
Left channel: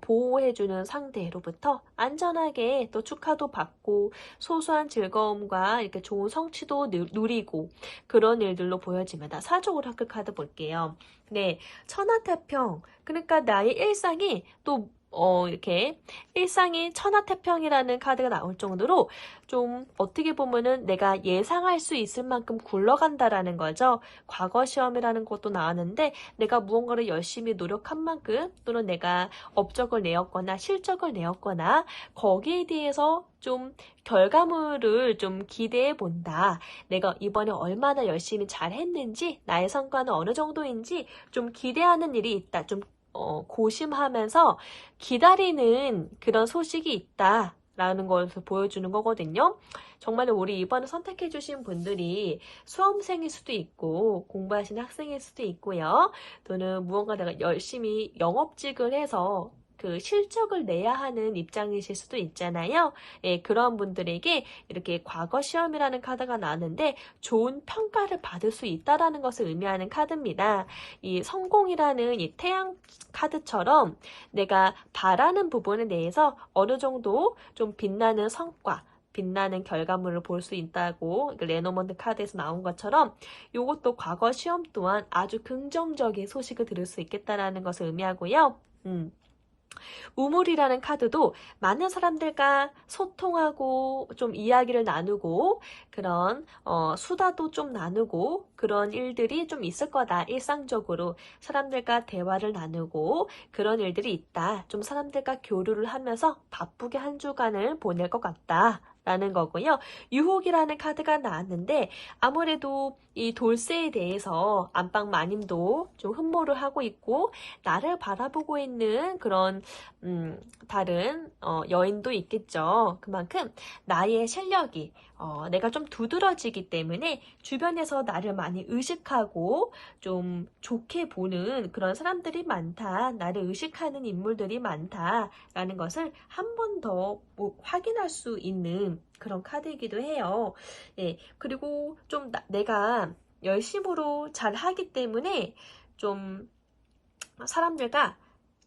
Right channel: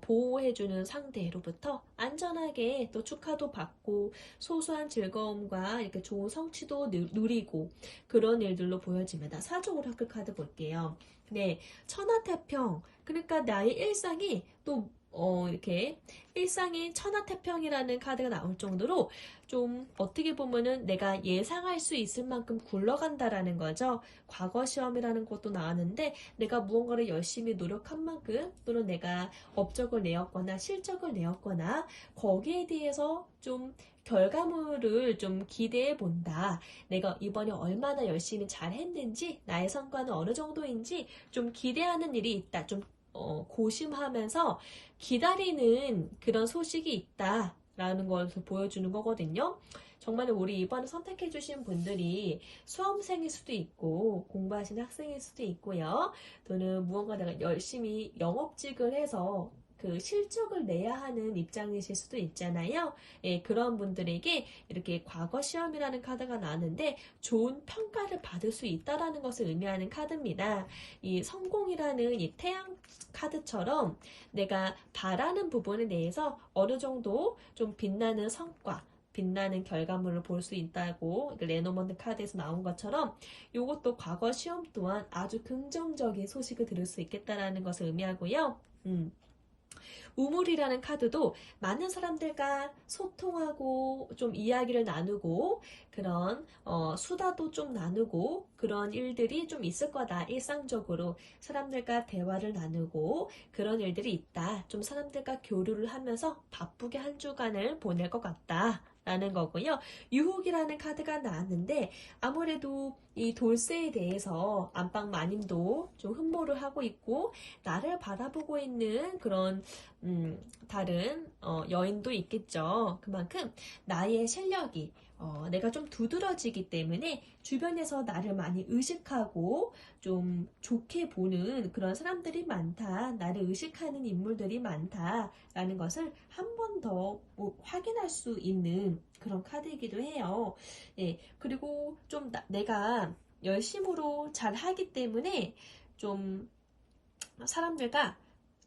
보호해주는 상대로부터 안전하게 또 축하도 받고 소소한 즐거움과 이렇게 좋은 성취도 누리고 그런 일들로 보여집니다. 사주 오라클 카드 볼게요. 네, 천하태평. 그러니까 나의 일상이 또 이렇게 일상이 천하태평이라는 카드가 나올 정도로 좀 어떻게 보면은 내가 예상할 수 있을 만큼 굴러간다라는 거죠. 과거 시험이라는 것도 나왔는데 내가 무언가를 열심히 노력한 만큼 또는 내가 업적을 내었거나 실적을 내었거나 거기에 대해서 좀 결과물을 좀 기대해 본다. 내가 이번에 얼마나 열심히 잘 했는지 나의 성과는 어느 정도인지 좀 기대하는 일이 있다. 좀 고심하면서 기다리는 그런 소식이 있다. 라는 것을 보여주는 거거든요. 정말 우리 이번에 선택해주신 분들이 수험생일 수도 있고 공부하시는 학생일 수도 있고요. 또는 무언가 내가 열심히 영업직을 해서 그 실적을 내야 하는 입장이실 수도 있잖아요. 예, 그런 분들에게 이렇게 과거 시험이라는 카드가 나왔는데 좋은 평가를 받을 수 있다라는 것을 의미하는 카드입니다. 이 성공이라는 이 태양 카드처럼 내가 바라는 부분에 대해서 어느 정도 좀 빛나는 성과, 빛나는 결과물을 볼 수 있다고 레노먼드 카드에서 나온 것처럼 이것도 과거 시험 또한 아주 긍정적인 소식을 들을 수 있겠다라는 것을 의미하고요. 우물이라는 카드도 많은 사람들과 소통하고 좀 이야기를 나누고 그런 수다도 좀 나누고 그런 일들이 좀 있을 거다. 일상적으로 사람들과 대화를 나누고 그런 일들이 있다. 좀 사람들과 교류를 하면서 바쁘게 한 주간을 보낼 것 같다. 라는 거고요. 유혹이라는 카드가 나왔는데 아무래도 이 돌쇠에 대해서 안방 마님도 좀 흠모를 하고 있고 나를 바라보고 있는 그런 다른 여인도 있겠죠. 그만큼 나의 실력이 내가 좀 두드러지기 때문에 주변에서 나를 많이 의식하고 좀 좋게 보는 그런 사람들이 많다. 나를 의식하는 인물들이 많다라는 것을 한 번 더 확인할 수 있는 그런 카드이기도 해요. 예, 그리고 좀 내가 열심으로 잘 하기 때문에 좀 사람들과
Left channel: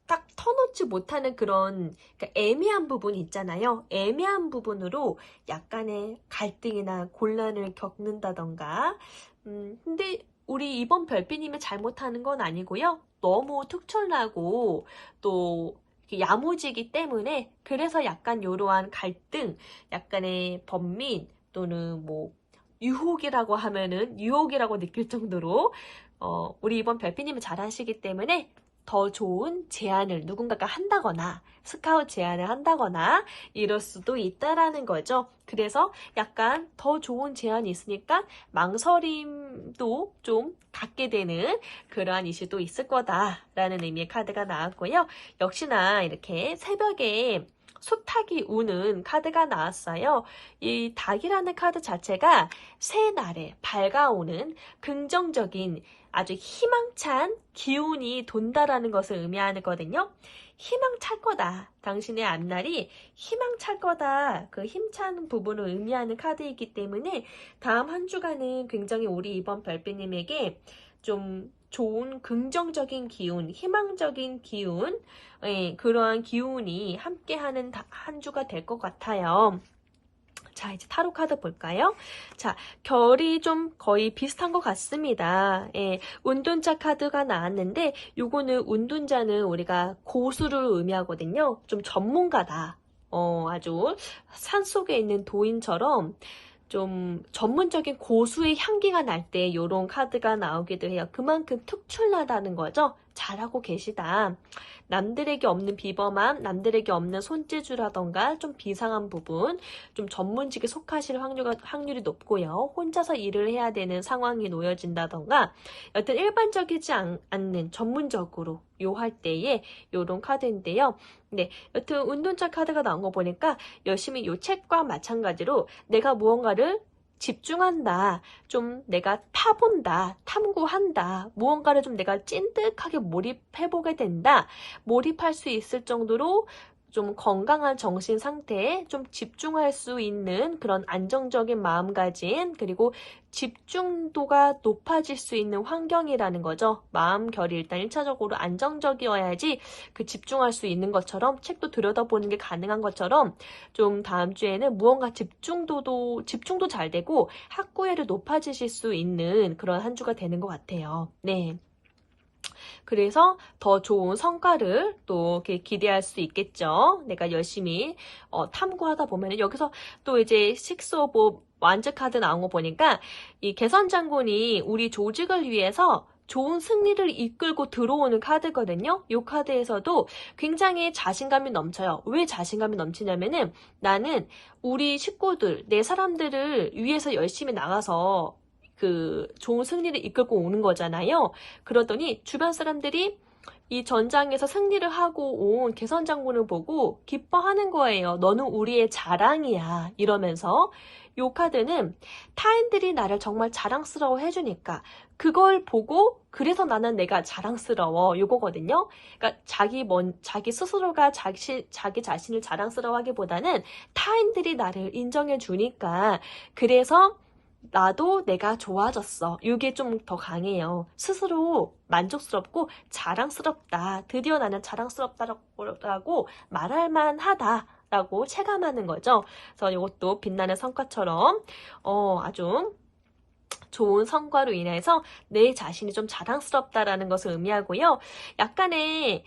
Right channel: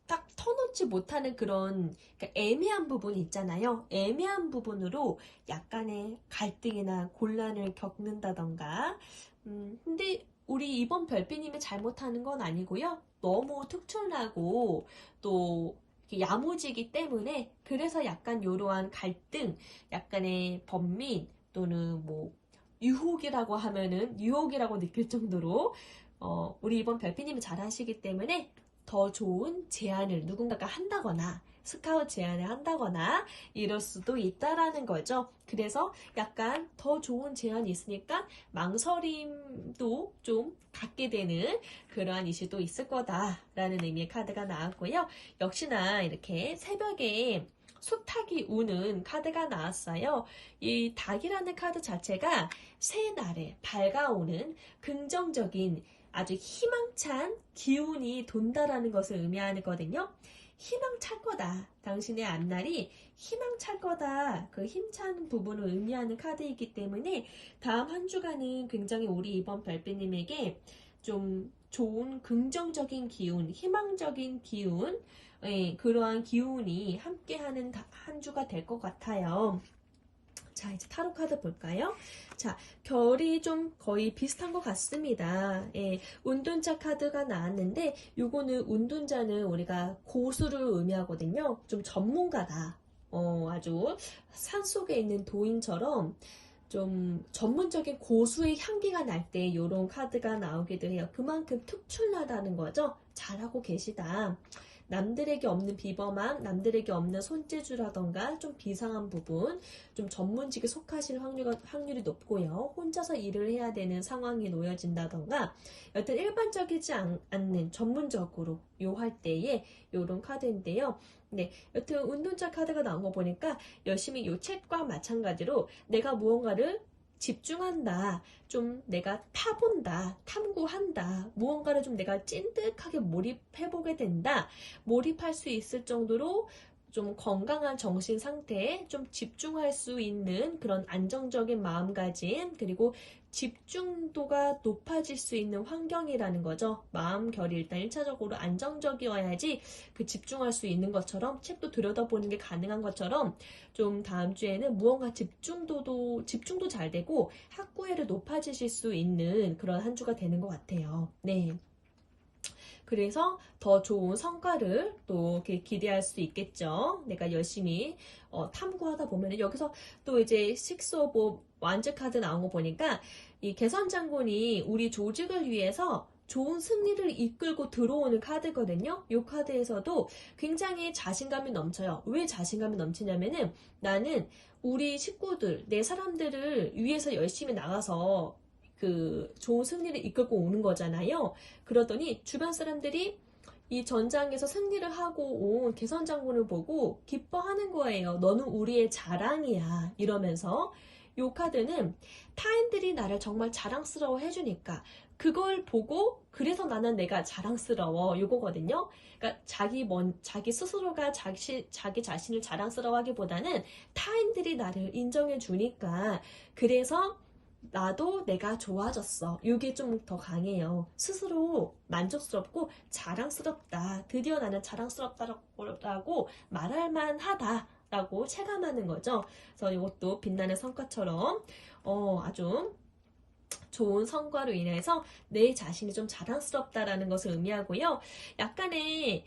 딱 터놓지 못하는 그런 그러니까 애매한 부분이 있잖아요. 애매한 부분으로 약간의 갈등이나 곤란을 겪는다던가 근데 우리 이번 별빛님이 잘못하는 건 아니고요. 너무 특출나고 또 야무지기 때문에 그래서 약간 이러한 갈등, 약간의 번민 또는 뭐 유혹이라고 하면은 유혹이라고 느낄 정도로 우리 이번 별빛님이 잘하시기 때문에 더 좋은 제안을 누군가가 한다거나 스카웃 제안을 한다거나 이럴 수도 있다라는 거죠. 그래서 약간 더 좋은 제안이 있으니까 망설임도 좀 갖게 되는 그러한 이슈도 있을 거다라는 의미의 카드가 나왔고요. 역시나 이렇게 새벽에 소탁이 우는 카드가 나왔어요. 이 닭이라는 카드 자체가 새날에 밝아오는 긍정적인 아주 희망찬 기운이 돈다라는 것을 의미하거든요. 희망찰 거다. 당신의 앞날이 희망찰 거다. 그 힘찬 부분을 의미하는 카드이기 때문에 다음 한 주간은 굉장히 우리 이번 별빛님에게 좀 좋은 긍정적인 기운, 희망적인 기운, 그러한 기운이 함께하는 한 주가 될 것 같아요. 자, 이제 타로 카드 볼까요? 자, 결이 좀 거의 비슷한 것 같습니다. 예, 운둔자 카드가 나왔는데 요거는 운둔자는 우리가 고수를 의미하거든요. 좀 전문가다. 아주 산속에 있는 도인처럼 좀 전문적인 고수의 향기가 날 때 이런 카드가 나오기도 해요. 그만큼 특출나다는 거죠. 잘하고 계시다. 남들에게 없는 비범함, 남들에게 없는 손재주라던가 좀 비상한 부분, 좀 전문직에 속하실 확률이 높고요. 혼자서 일을 해야 되는 상황이 놓여진다던가 여튼 일반적이지 않는 전문적으로 요할 때에 요런 카드인데요. 네, 여튼 운동자 카드가 나온 거 보니까 열심히 요 책과 마찬가지로 내가 무언가를 집중한다. 좀 내가 타본다. 탐구한다. 무언가를 좀 내가 찐득하게 몰입해보게 된다. 몰입할 수 있을 정도로 좀 건강한 정신 상태에 좀 집중할 수 있는 그런 안정적인 마음가짐 그리고 집중도가 높아질 수 있는 환경이라는 거죠. 마음결이 일단 1차적으로 안정적이어야지 그 집중할 수 있는 것처럼 책도 들여다보는 게 가능한 것처럼 좀 다음 주에는 무언가 집중도 잘 되고 학구애를 높아지실 수 있는 그런 한 주가 되는 것 같아요. 네. 그래서 더 좋은 성과를 또 이렇게 기대할 수 있겠죠. 내가 열심히 탐구하다 보면 여기서 또 이제 식스 오브 완즈 카드 나온 거 보니까 이 개선 장군이 우리 조직을 위해서 좋은 승리를 이끌고 들어오는 카드거든요. 이 카드에서도 굉장히 자신감이 넘쳐요. 왜 자신감이 넘치냐면은 나는 우리 식구들, 내 사람들을 위해서 열심히 나가서 그 좋은 승리를 이끌고 오는 거잖아요. 그러더니 주변 사람들이 이 전장에서 승리를 하고 온 개선 장군을 보고 기뻐하는 거예요. 너는 우리의 자랑이야. 이러면서 요 카드는 타인들이 나를 정말 자랑스러워 해주니까 그걸 보고 그래서 나는 내가 자랑스러워 요거거든요. 그러니까 자기 스스로가 자기 자신을 자랑스러워하기보다는 타인들이 나를 인정해 주니까 그래서 나도 내가 좋아졌어. 이게 좀 더 강해요. 스스로 만족스럽고 자랑스럽다. 드디어 나는 자랑스럽다라고 말할 만하다. 라고 체감하는 거죠. 그래서 이것도 빛나는 성과처럼 아주 좋은 성과로 인해서 내 자신이 좀 자랑스럽다라는 것을 의미하고요. 약간의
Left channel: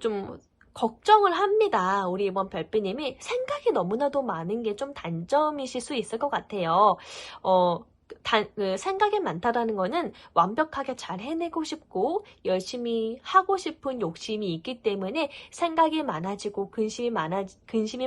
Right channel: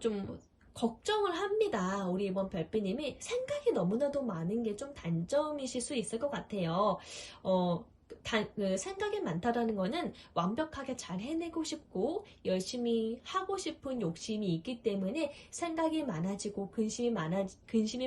좀 걱정을 합니다. 우리 이번 별빛님이 생각이 너무나도 많은 게 좀 단점이실 수 있을 것 같아요. 생각이 많다라는 거는 완벽하게 잘 해내고 싶고 열심히 하고 싶은 욕심이 있기 때문에 생각이 많아지고 근심이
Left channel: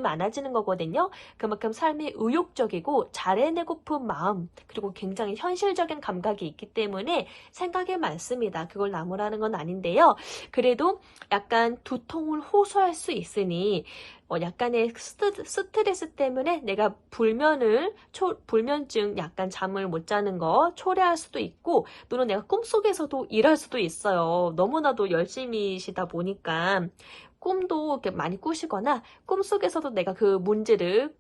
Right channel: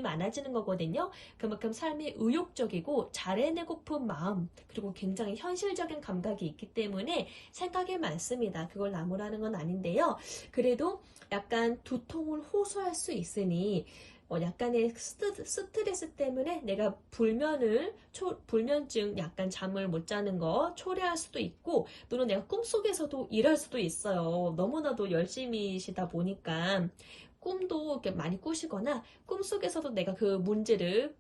많아지는 거거든요. 그만큼 삶이 의욕적이고 잘 해내고픈 마음, 그리고 굉장히 현실적인 감각이 있기 때문에 생각이 많습니다. 그걸 나무라는 건 아닌데요. 그래도 약간 두통을 호소할 수 있으니 약간의 스트레스 때문에 내가 불면증, 약간 잠을 못 자는 거 초래할 수도 있고, 또는 내가 꿈속에서도 이럴 수도 있어요. 너무나도 열심히시다 보니까 꿈도 이렇게 많이 꾸시거나 꿈속에서도 내가 그 문제를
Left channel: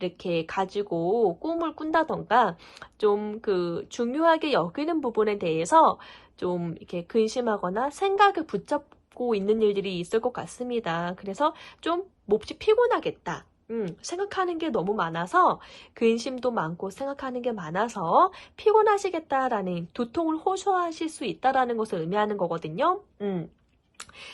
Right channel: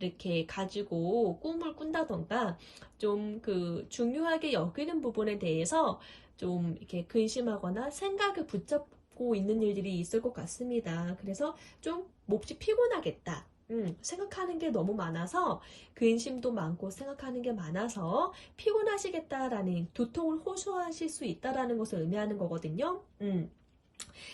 이렇게 가지고 꿈을 꾼다던가 좀 중요하게 여기는 부분에 대해서 좀 이렇게 근심하거나 생각을 붙잡고 있는 일들이 있을 것 같습니다. 그래서 좀 몹시 피곤하겠다. 생각하는 게 너무 많아서 근심도 많고 생각하는 게 많아서 피곤하시겠다라는 두통을 호소하실 수 있다라는 것을 의미하는 거거든요.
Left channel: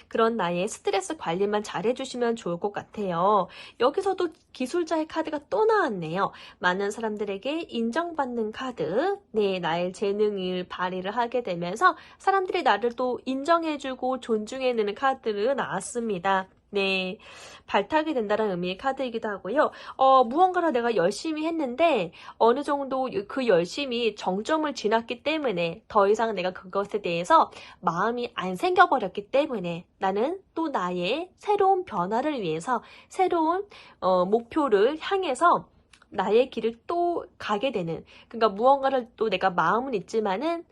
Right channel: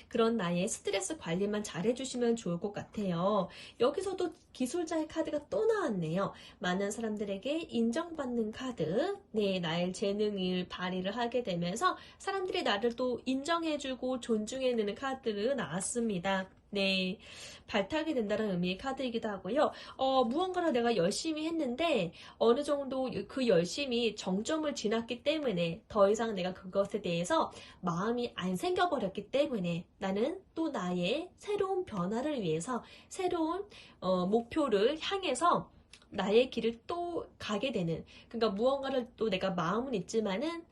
그런 나의 스트레스 관리만 잘 해주시면 좋을 것 같아요. 여기서도 기술자의 카드가 또 나왔네요. 많은 사람들에게 인정받는 카드. 네, 나의 재능을 발휘를 하게 되면서 사람들이 나를 또 인정해주고 존중해주는 카드를 나왔습니다. 네. 발탁이 된다는 의미의 카드이기도 하고요. 무언가를 내가 열심히 했는데 어느 정도 그 열심히 정점을 지났기 때문에 더 이상 내가 그것에 대해서 마음이 안 생겨버렸기 때문에 나는 또 나의 새로운 변화를 위해서 새로운 목표를 향해서 나의 길을 또 가게 되는, 그러니까 무언가를 또 내가 마음은 있지만은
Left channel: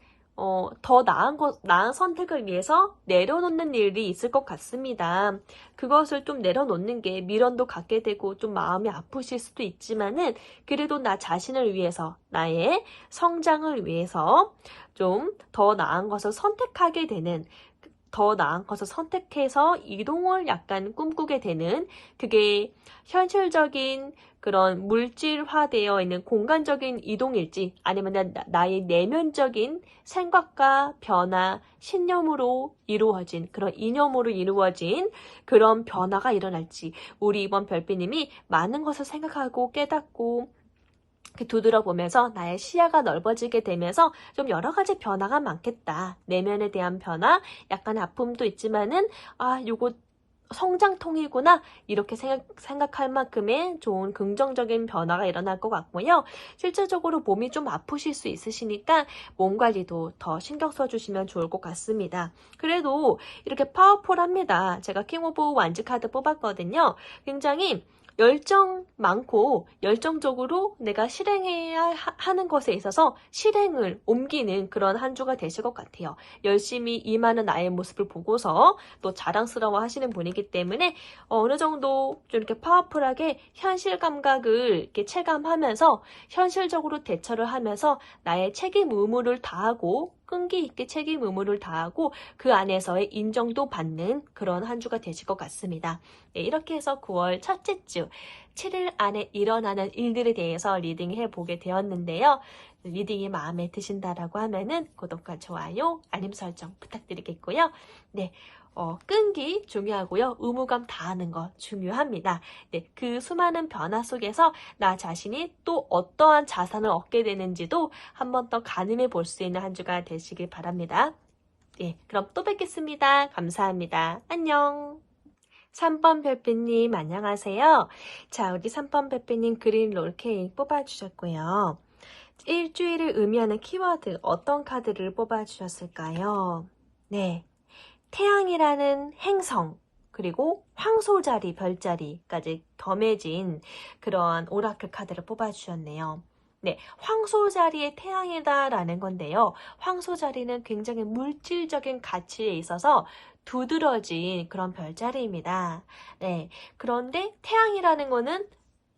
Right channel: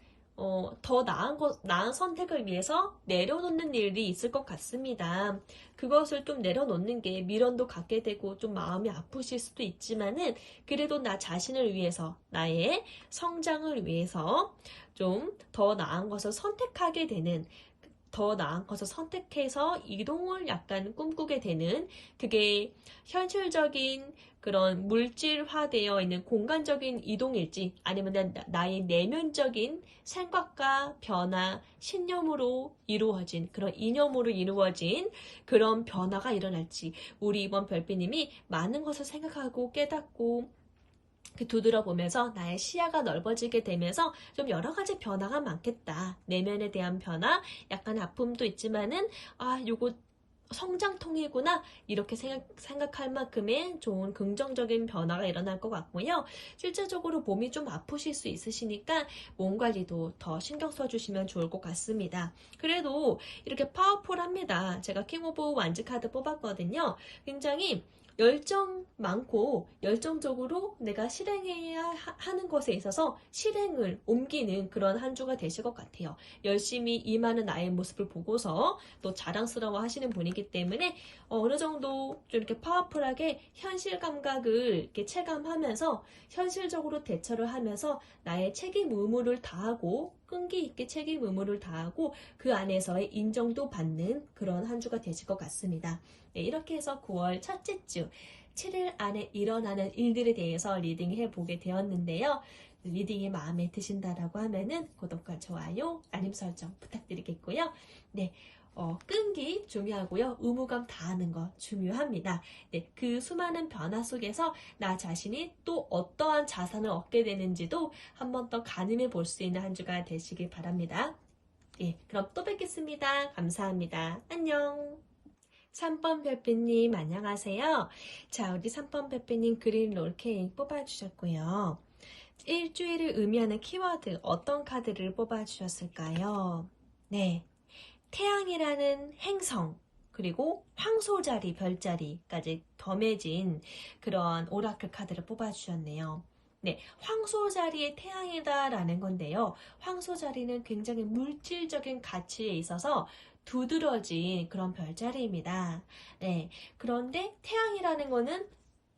더 나은 선택을 위해서 내려놓는 일이 있을 것 같습니다. 그것을 좀 내려놓는 게 미련도 갖게 되고 좀 마음이 아프실 수도 있지만은 그래도 나 자신을 위해서, 나의 성장을 위해서 좀 더 나은 것을 선택하게 되는, 더 나은 것을 선택해서 이동을 약간 꿈꾸게 되는, 그게 현실적인 그런 물질화되어 있는 공간적인 이동일지 아니면 나의 내면적인 생각과 변화, 신념으로 이루어진 그런 이념으로 이루어진 그런 변화가 일어날지, 우리 이번 별빛님이 많은 것을 생각하고 깨닫고 두드려보면서 나의 시야가 넓어지게 되면서 좀 여러 가지 변화가 많겠다. 내면에 대한 변화, 약간 아픔도 있지만은 요거 성장통이구나, 이렇게 생각할 만큼의 좋은 긍정적인 변화가 일어날 것 같고요. 실질적으로 몸이 좀 아프실 수 있으시니까 몸 관리도 더 신경 써주시면 좋을 것 같습니다. 그래도 이렇게 파워풀합니다. 제가 킹 오브 완즈 카드 뽑았거든요. 굉장히 열정 많고 열정적으로 내가 실행해야 하는 것에 있어서 실행을 옮기는 그런 한 주가 되실 것 같아요. 열심히 임하는 나의 모습을 보고서 또 자랑스러워 하시는 분이기 때문에 어느 정도 좀 이렇게 파워풀하게 현실 감각을 이렇게 체감하면서 현실적으로 대처를 하면서 나의 책임 의무를 다하고 끈기 있게 책임 의무를 다하고 그 안에서의 인정도 받는 그런 한 주가 되실 것 같습니다. 네, 이렇게 해서 9월 첫째 주 7일 안에 일어나는 일들에 대해서 리딩해 보게 되었는데요. 리딩이 마음에 드신다라고 하면은 구독과 좋아요, 알림 설정 부탁드리겠고요. 네, 끈기 중요하고요. 의무감 다하는 거 중요합니다. 네, 그 수많은 변화 속에서 나 자신이 또 어떠한 자산을 얻게 되는지도 한 번 더 가늠해 볼 수 있는 한 주가 되시길 바랍니다. 네, 그럼 또 뵙겠습니다. 감사합니다. 안녕. 3번 별빛님 안녕하세요. 자, 우리 3번 별빛님 그린 롤케이크 뽑아주셨고요. 일주일을 의미하는 키워드 어떤 카드를 뽑아주셨을까요? 네, 태양이라는 행성, 그리고 황소자리, 별자리까지 덤해진 그런 오라클 카드를 뽑아주셨네요. 네, 황소자리의 태양이다라는 건데요. 황소자리는 굉장히 물질적인 가치에 있어서 두드러진 그런 별자리입니다. 네, 그런데 태양이라는 거는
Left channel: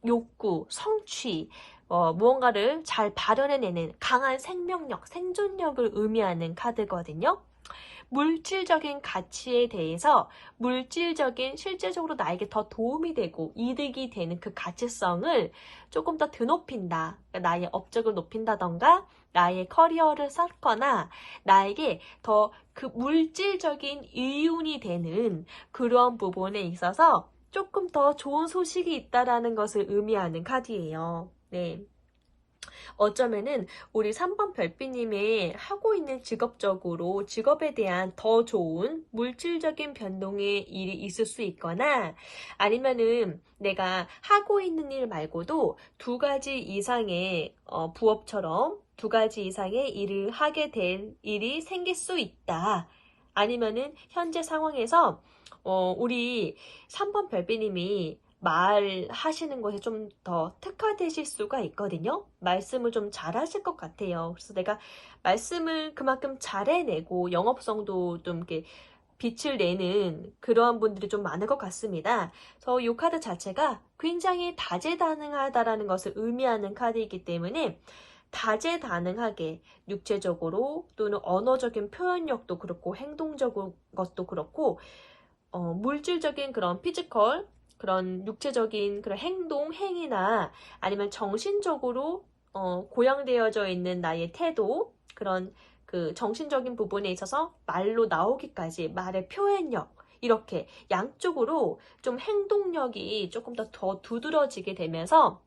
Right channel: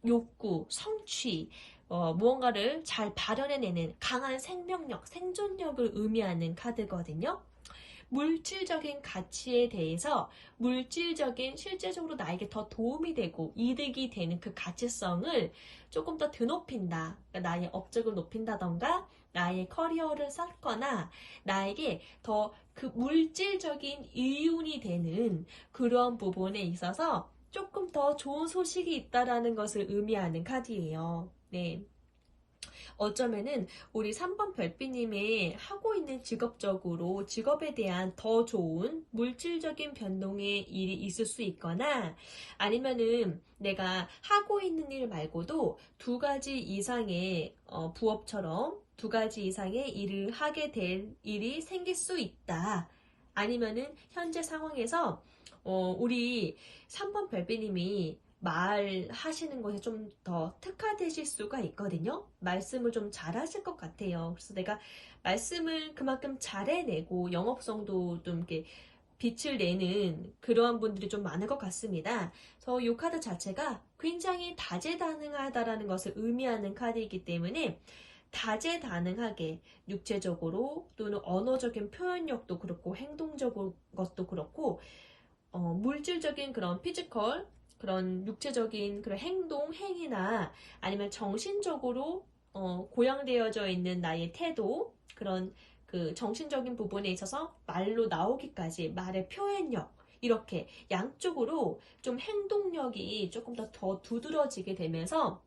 욕구, 성취, 무언가를 잘 발현해내는 강한 생명력, 생존력을 의미하는 카드거든요. 물질적인 가치에 대해서 실질적으로 나에게 더 도움이 되고 이득이 되는 그 가치성을 조금 더 드높인다. 그러니까 나의 업적을 높인다던가 나의 커리어를 쌓거나 나에게 더 그 물질적인 이윤이 되는 그런 부분에 있어서 조금 더 좋은 소식이 있다라는 것을 의미하는 카드예요. 네. 어쩌면은 우리 3번 별빛님이 하고 있는 직업적으로 직업에 대한 더 좋은 물질적인 변동의 일이 있을 수 있거나 아니면은 내가 하고 있는 일 말고도 두 가지 이상의 부업처럼 두 가지 이상의 일을 하게 될 일이 생길 수 있다. 아니면은 현재 상황에서 우리 3번 별빛님이 말하시는 것에 좀 더 특화되실 수가 있거든요. 말씀을 좀 잘하실 것 같아요. 그래서 내가 말씀을 그만큼 잘해내고 영업성도 좀 이렇게 빛을 내는 그러한 분들이 좀 많을 것 같습니다. 그래서 이 카드 자체가 굉장히 다재다능하다라는 것을 의미하는 카드이기 때문에 다재다능하게 육체적으로 또는 언어적인 표현력도 그렇고 행동적인 것도 그렇고 물질적인 그런 피지컬 그런 육체적인 그런 행동, 행위나 아니면 정신적으로 고양되어져 있는 나의 태도 그런 그 정신적인 부분에 있어서 말로 나오기까지 말의 표현력 이렇게 양쪽으로 좀 행동력이 조금 더 두드러지게 되면서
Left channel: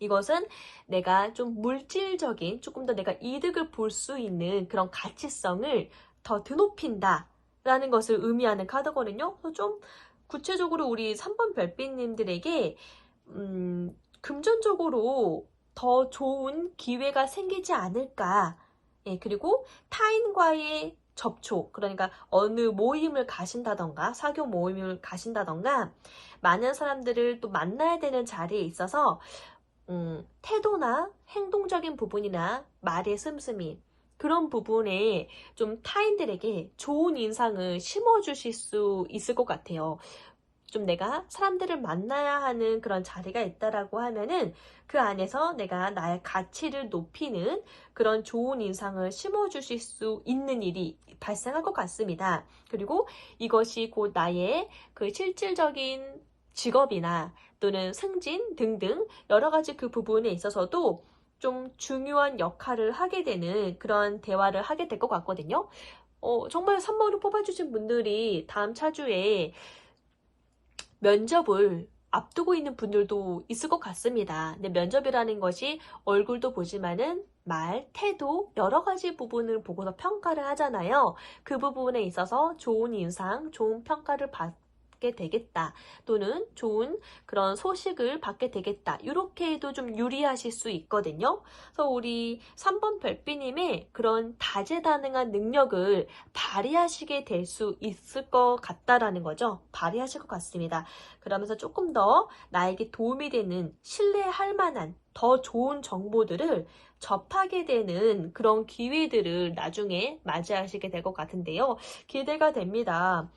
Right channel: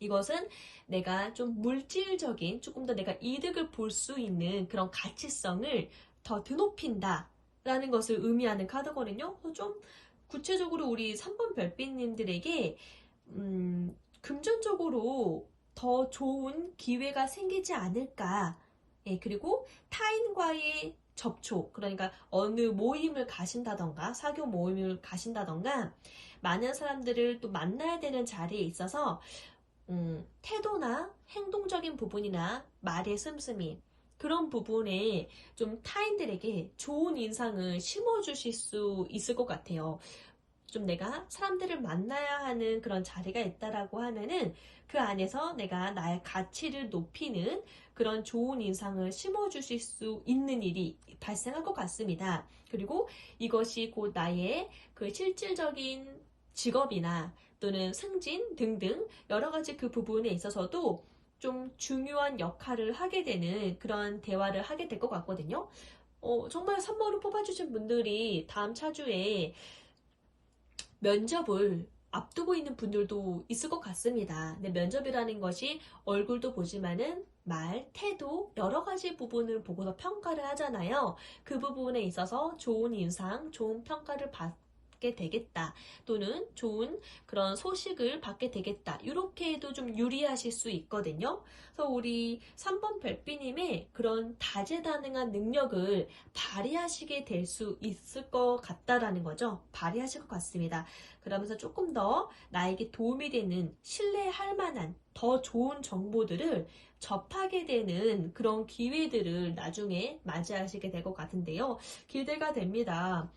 이것은 내가 좀 물질적인 조금 더 내가 이득을 볼 수 있는 그런 가치성을 더 드높인다 라는 것을 의미하는 카드거든요. 그래서 좀 구체적으로 우리 3번 별빛님들에게 금전적으로 더 좋은 기회가 생기지 않을까. 예, 그리고 타인과의 접촉, 그러니까 어느 모임을 가신다던가 사교 모임을 가신다던가 많은 사람들을 또 만나야 되는 자리에 있어서 태도나 행동적인 부분이나 말의 씀씀이 그런 부분에 좀 타인들에게 좋은 인상을 심어주실 수 있을 것 같아요. 좀 내가 사람들을 만나야 하는 그런 자리가 있다라고 하면은 그 안에서 내가 나의 가치를 높이는 그런 좋은 인상을 심어주실 수 있는 일이 발생할 것 같습니다. 그리고 이것이 곧 나의 그 실질적인 직업이나 또는 승진 등등 여러 가지 그 부분에 있어서도 좀 중요한 역할을 하게 되는 그런 대화를 하게 될 것 같거든요. 정말 3번을 뽑아주신 분들이 다음 차주에 면접을 앞두고 있는 분들도 있을 것 같습니다. 근데 면접이라는 것이 얼굴도 보지만은 말, 태도, 여러 가지 부분을 보고서 평가를 하잖아요. 그 부분에 있어서 좋은 인상, 좋은 평가를 받게 되겠다. 또는 좋은 그런 소식을 받게 되겠다. 이렇게 해도 좀 유리하실 수 있거든요. 그래서 우리 3번 별빛님의 그런 다재다능한 능력을 발휘하시게 될 수 있을 것 같다라는 거죠. 발휘하실 것 같습니다. 그러면서 조금 더 나에게 도움이 되는 신뢰할 만한 더 좋은 정보들을 접하게 되는 그런 기회들을 나중에 맞이하시게 될 것 같은데요. 기대가 됩니다.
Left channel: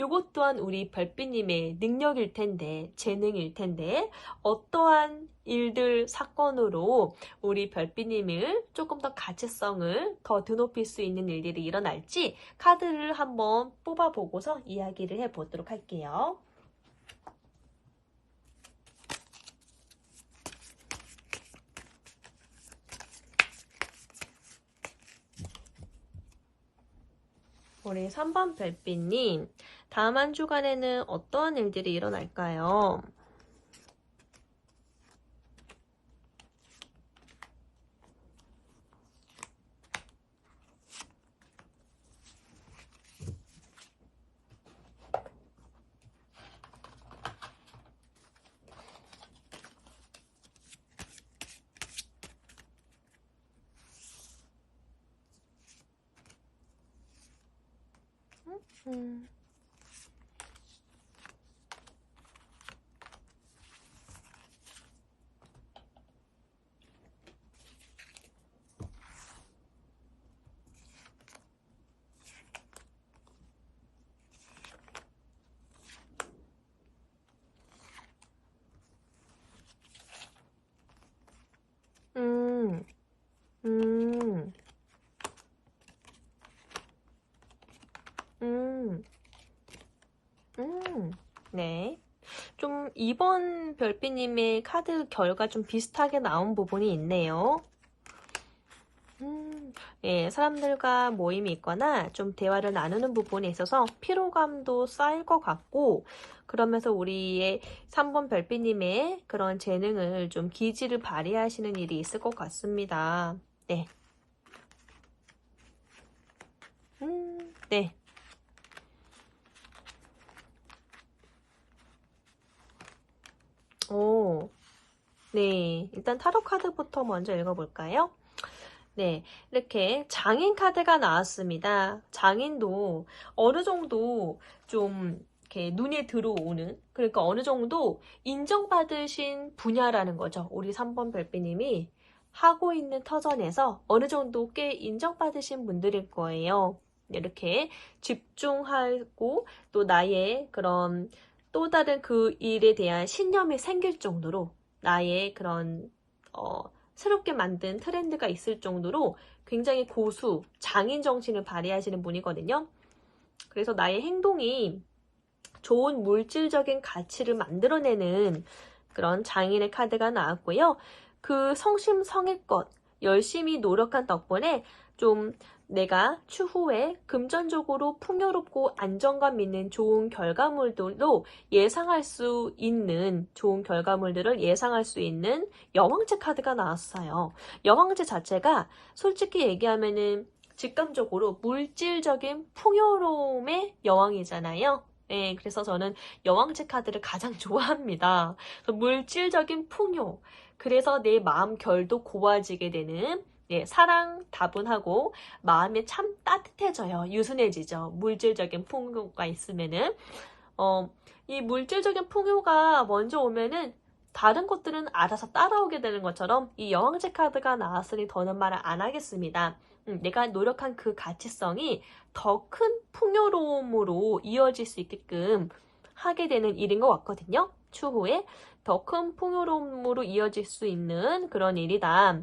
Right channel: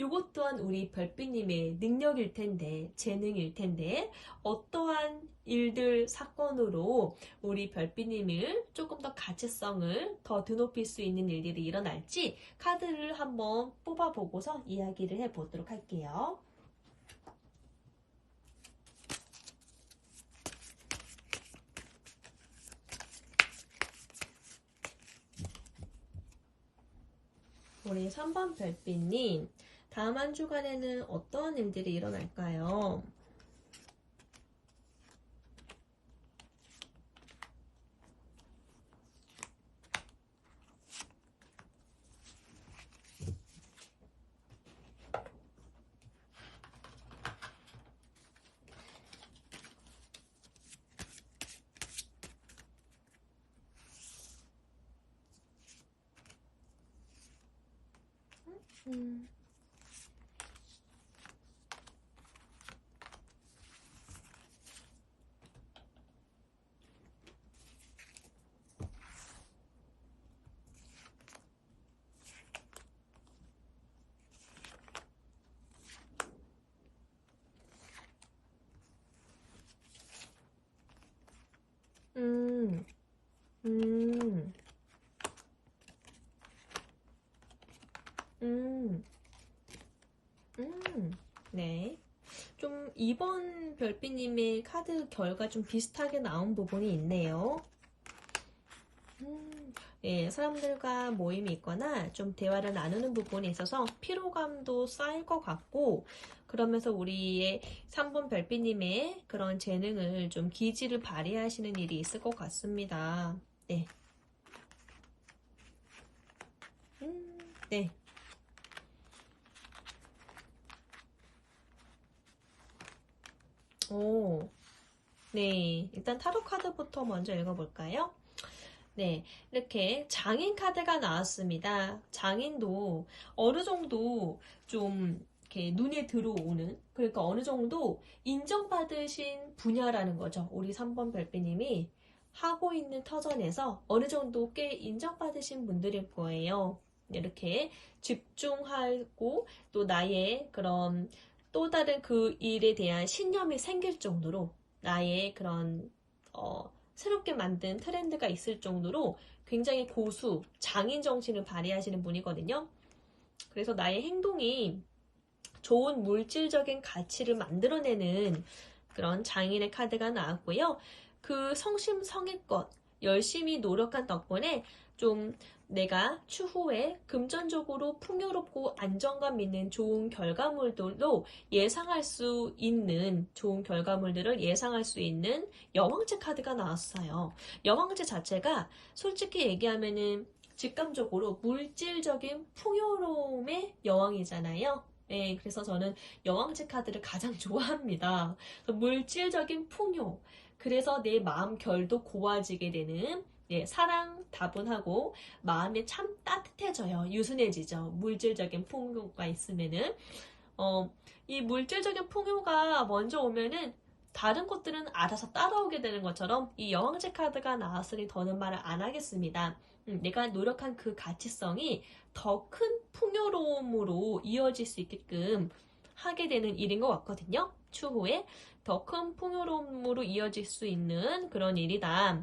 이것 또한 우리 별빛님의 능력일 텐데, 재능일 텐데, 어떠한 일들, 사건으로 우리 별빛님을 조금 더 가치성을 더 드높일 수 있는 일들이 일어날지 카드를 한번 뽑아보고서 이야기를 해보도록 할게요. 우리 3번 별빛님, 다음 한 주간에는 어떠한 일들이 일어날까요? 음. 음, 음, 음, 네. 좀 이번 별빛님의 카드 결과 좀 비슷하게 나온 부분이 있네요. 네, 예, 사람들과 모임이 있거나 좀 대화를 나누는 부분에 있어서 피로감도 쌓일 것 같고, 그러면서 우리의 3번 별빛님의 그런 재능을 좀 기질을 발휘하시는 일이 있을 것 같습니다. 네. 네. 오, 네. 일단 타로 카드부터 먼저 읽어볼까요? 네. 이렇게 장인 카드가 나왔습니다. 장인도 어느 정도 좀 이렇게 눈에 들어오는, 그러니까 어느 정도 인정받으신 분야라는 거죠. 우리 3번 별빛님이 하고 있는 터전에서 어느 정도 꽤 인정받으신 분들일 거예요. 이렇게 집중하고 또 나의 그런 또 다른 그 일에 대한 신념이 생길 정도로 나의 그런 새롭게 만든 트렌드가 있을 정도로 굉장히 고수, 장인 정신을 발휘하시는 분이거든요. 그래서 나의 행동이 좋은 물질적인 가치를 만들어내는 그런 장인의 카드가 나왔고요. 그 성심성의껏 열심히 노력한 덕분에 좀 내가 추후에 금전적으로 풍요롭고 안정감 있는 좋은 결과물들도 예상할 수 있는 좋은 결과물들을 예상할 수 있는 여왕제 카드가 나왔어요. 여왕제 자체가 솔직히 얘기하면은 직감적으로 물질적인 풍요로움의 여왕이잖아요. 네, 그래서 저는 여왕제 카드를 가장 좋아합니다. 물질적인 풍요, 그래서 내 마음 결도 고와지게 되는 예, 사랑 다분하고 마음이 참 따뜻해져요. 유순해지죠. 물질적인 풍요가 있으면은 이 물질적인 풍요가 먼저 오면은 다른 것들은 알아서 따라오게 되는 것처럼 이 여왕제 카드가 나왔으니 더는 말을 안 하겠습니다. 내가 노력한 그 가치성이 더 큰 풍요로움으로 이어질 수 있게끔 하게 되는 일인 것 같거든요. 추후에 더 큰 풍요로움으로 이어질 수 있는 그런 일이다.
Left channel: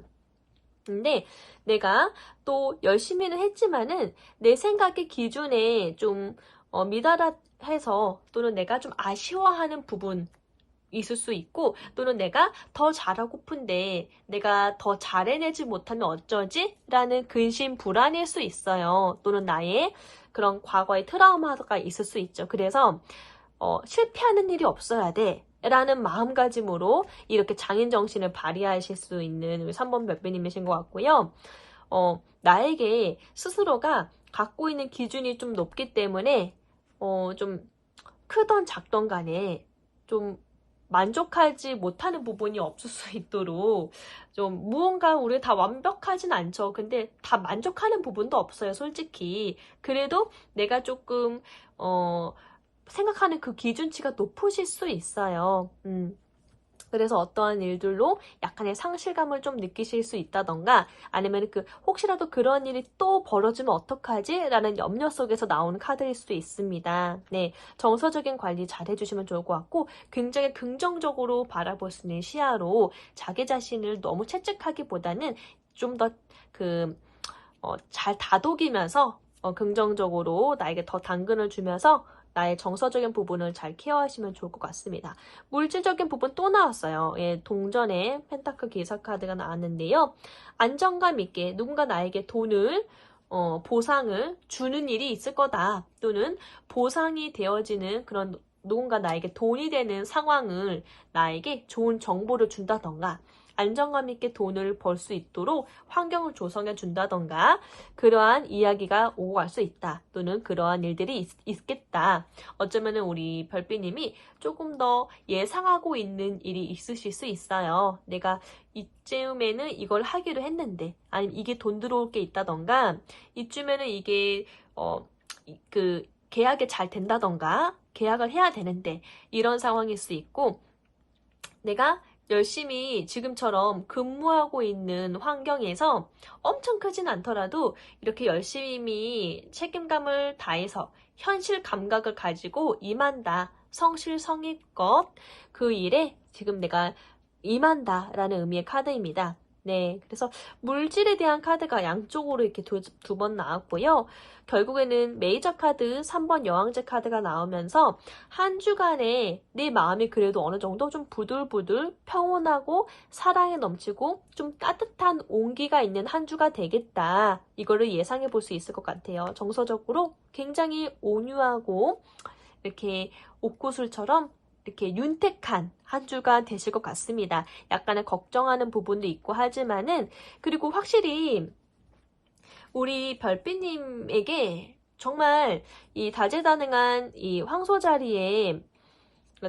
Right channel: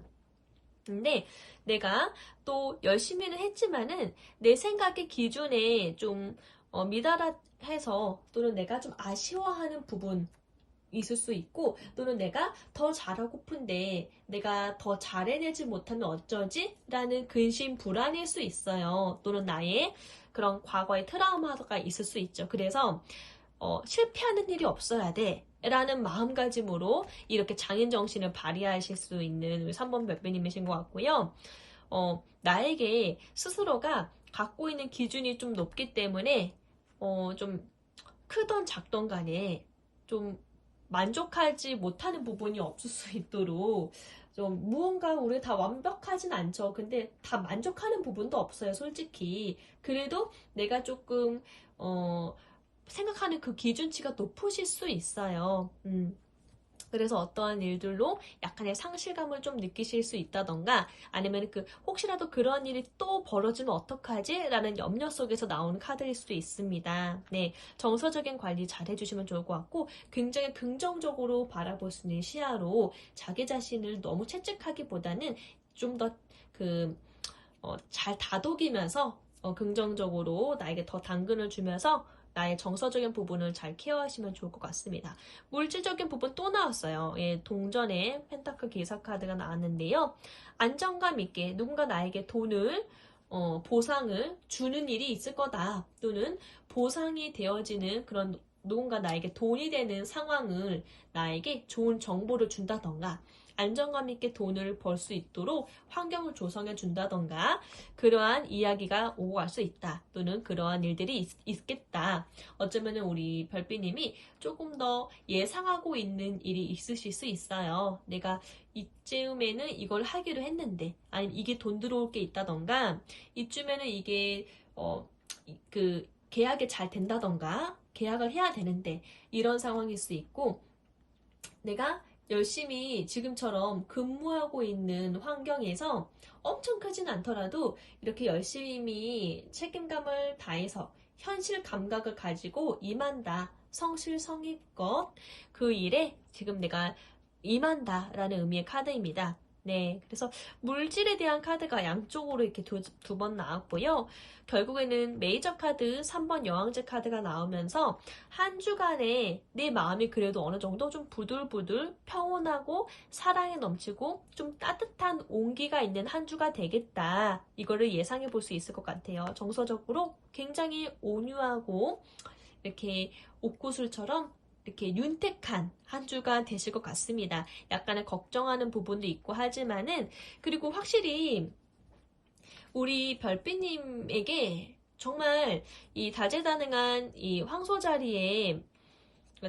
근데 내가 또 열심히는 했지만은 내 생각의 기준에 좀 미달해서 또는 내가 좀 아쉬워하는 부분 있을 수 있고 또는 내가 더 잘하고픈데 내가 더 잘해내지 못하면 어쩌지? 라는 근심 불안일 수 있어요. 또는 나의 그런 과거의 트라우마가 있을 수 있죠. 그래서 실패하는 일이 없어야 돼 라는 마음가짐으로 이렇게 장인정신을 발휘하실 수 있는 우리 3번 별빛님이신 것 같고요. 나에게 스스로가 갖고 있는 기준이 좀 높기 때문에 좀 크던 작던 간에 좀 만족하지 못하는 부분이 없을 수 있도록 좀 무언가 우리 다 완벽하진 않죠. 근데 다 만족하는 부분도 없어요, 솔직히. 그래도 내가 조금 생각하는 그 기준치가 높으실 수 있어요. 그래서 어떠한 일들로 약간의 상실감을 좀 느끼실 수 있다던가 아니면 혹시라도 그런 일이 또 벌어지면 어떡하지? 라는 염려 속에서 나오는 카드일 수도 있습니다. 네, 정서적인 관리 잘 해주시면 좋을 것 같고 굉장히 긍정적으로 바라볼 수 있는 시야로 자기 자신을 너무 채찍하기보다는 좀 더 잘 다독이면서 긍정적으로 나에게 더 당근을 주면서 나의 정서적인 부분을 잘 케어하시면 좋을 것 같습니다. 물질적인 부분 또 나왔어요. 예, 동전의 펜타클 기사 카드가 나왔는데요. 안정감 있게 누군가 나에게 돈을 보상을 주는 일이 있을 거다. 또는 보상이 되어지는 그런 누군가 나에게 돈이 되는 상황을 나에게 좋은 정보를 준다던가 안정감 있게 돈을 벌 수 있도록 환경을 조성해 준다던가 그러한 이야기가 오고 갈 수 있다. 또는 그러한 일들이 있겠다. 어쩌면 우리 별빛님이 조금 더 예상하고 있는 일이 있으실 수 있어요. 내가 이쯤에는 이걸 하기로 했는데 아니면 이게 돈 들어올 게 있다던가 이쯤에는 이게 계약이 잘 된다던가 계약을 해야 되는데 이런 상황일 수 있고 내가 열심히 지금처럼 근무하고 있는 환경에서 엄청 크진 않더라도 이렇게 열심히 책임감을 다해서 현실 감각을 가지고 임한다. 성실성의껏 그 일에 지금 내가 임한다 라는 의미의 카드입니다. 네, 그래서 물질에 대한 카드가 양쪽으로 이렇게 두 번 나왔고요. 결국에는 메이저 카드 3번 여왕제 카드가 나오면서 한 주간에 내 마음이 그래도 어느 정도 좀 부들부들 평온하고 사랑에 넘치고 좀 따뜻한 온기가 있는 한 주가 되겠다. 이거를 예상해 볼 수 있을 것 같아요. 정서적으로 굉장히 온유하고 이렇게 옥구슬처럼 이렇게 윤택한 한 주가 되실 것 같습니다. 약간의 걱정하는 부분도 있고 하지만은, 그리고 확실히 우리 별빛님에게 정말 이 다재다능한 이 황소 자리에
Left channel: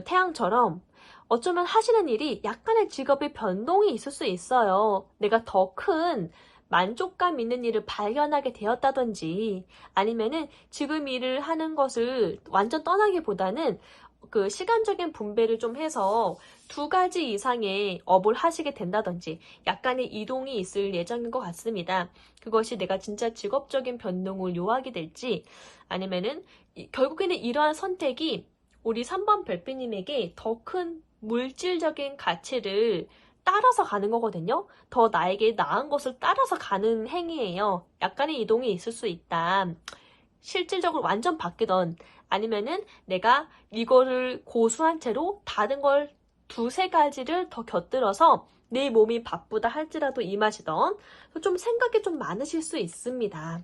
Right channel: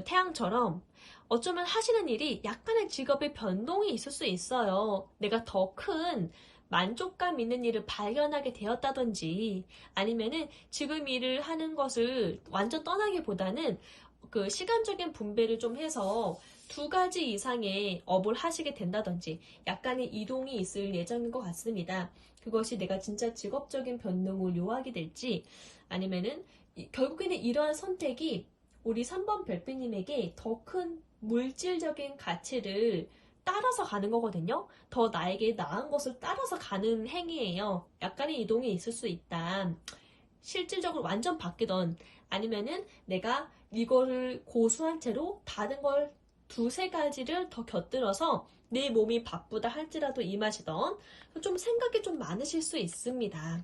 태양처럼 어쩌면 하시는 일이 약간의 직업의 변동이 있을 수 있어요. 내가 더 큰 만족감 있는 일을 발견하게 되었다든지, 아니면은 지금 일을 하는 것을 완전 떠나기보다는 그 시간적인 분배를 좀 해서 2가지 이상의 업을 하시게 된다든지 약간의 이동이 있을 예정인 것 같습니다. 그것이 내가 진짜 직업적인 변동을 요하게 될지, 아니면은 결국에는 이러한 선택이 우리 3번 별빛님에게 더 큰 물질적인 가치를 따라서 가는 거거든요. 더 나에게 나은 것을 따라서 가는 행위예요. 약간의 이동이 있을 수 있다. 실질적으로 완전 바뀌던, 아니면은 내가 이거를 고수한 채로 다른 걸 2-3가지를 더 곁들여서 내 몸이 바쁘다 할지라도 임하시던, 좀 생각이 좀 많으실 수 있습니다.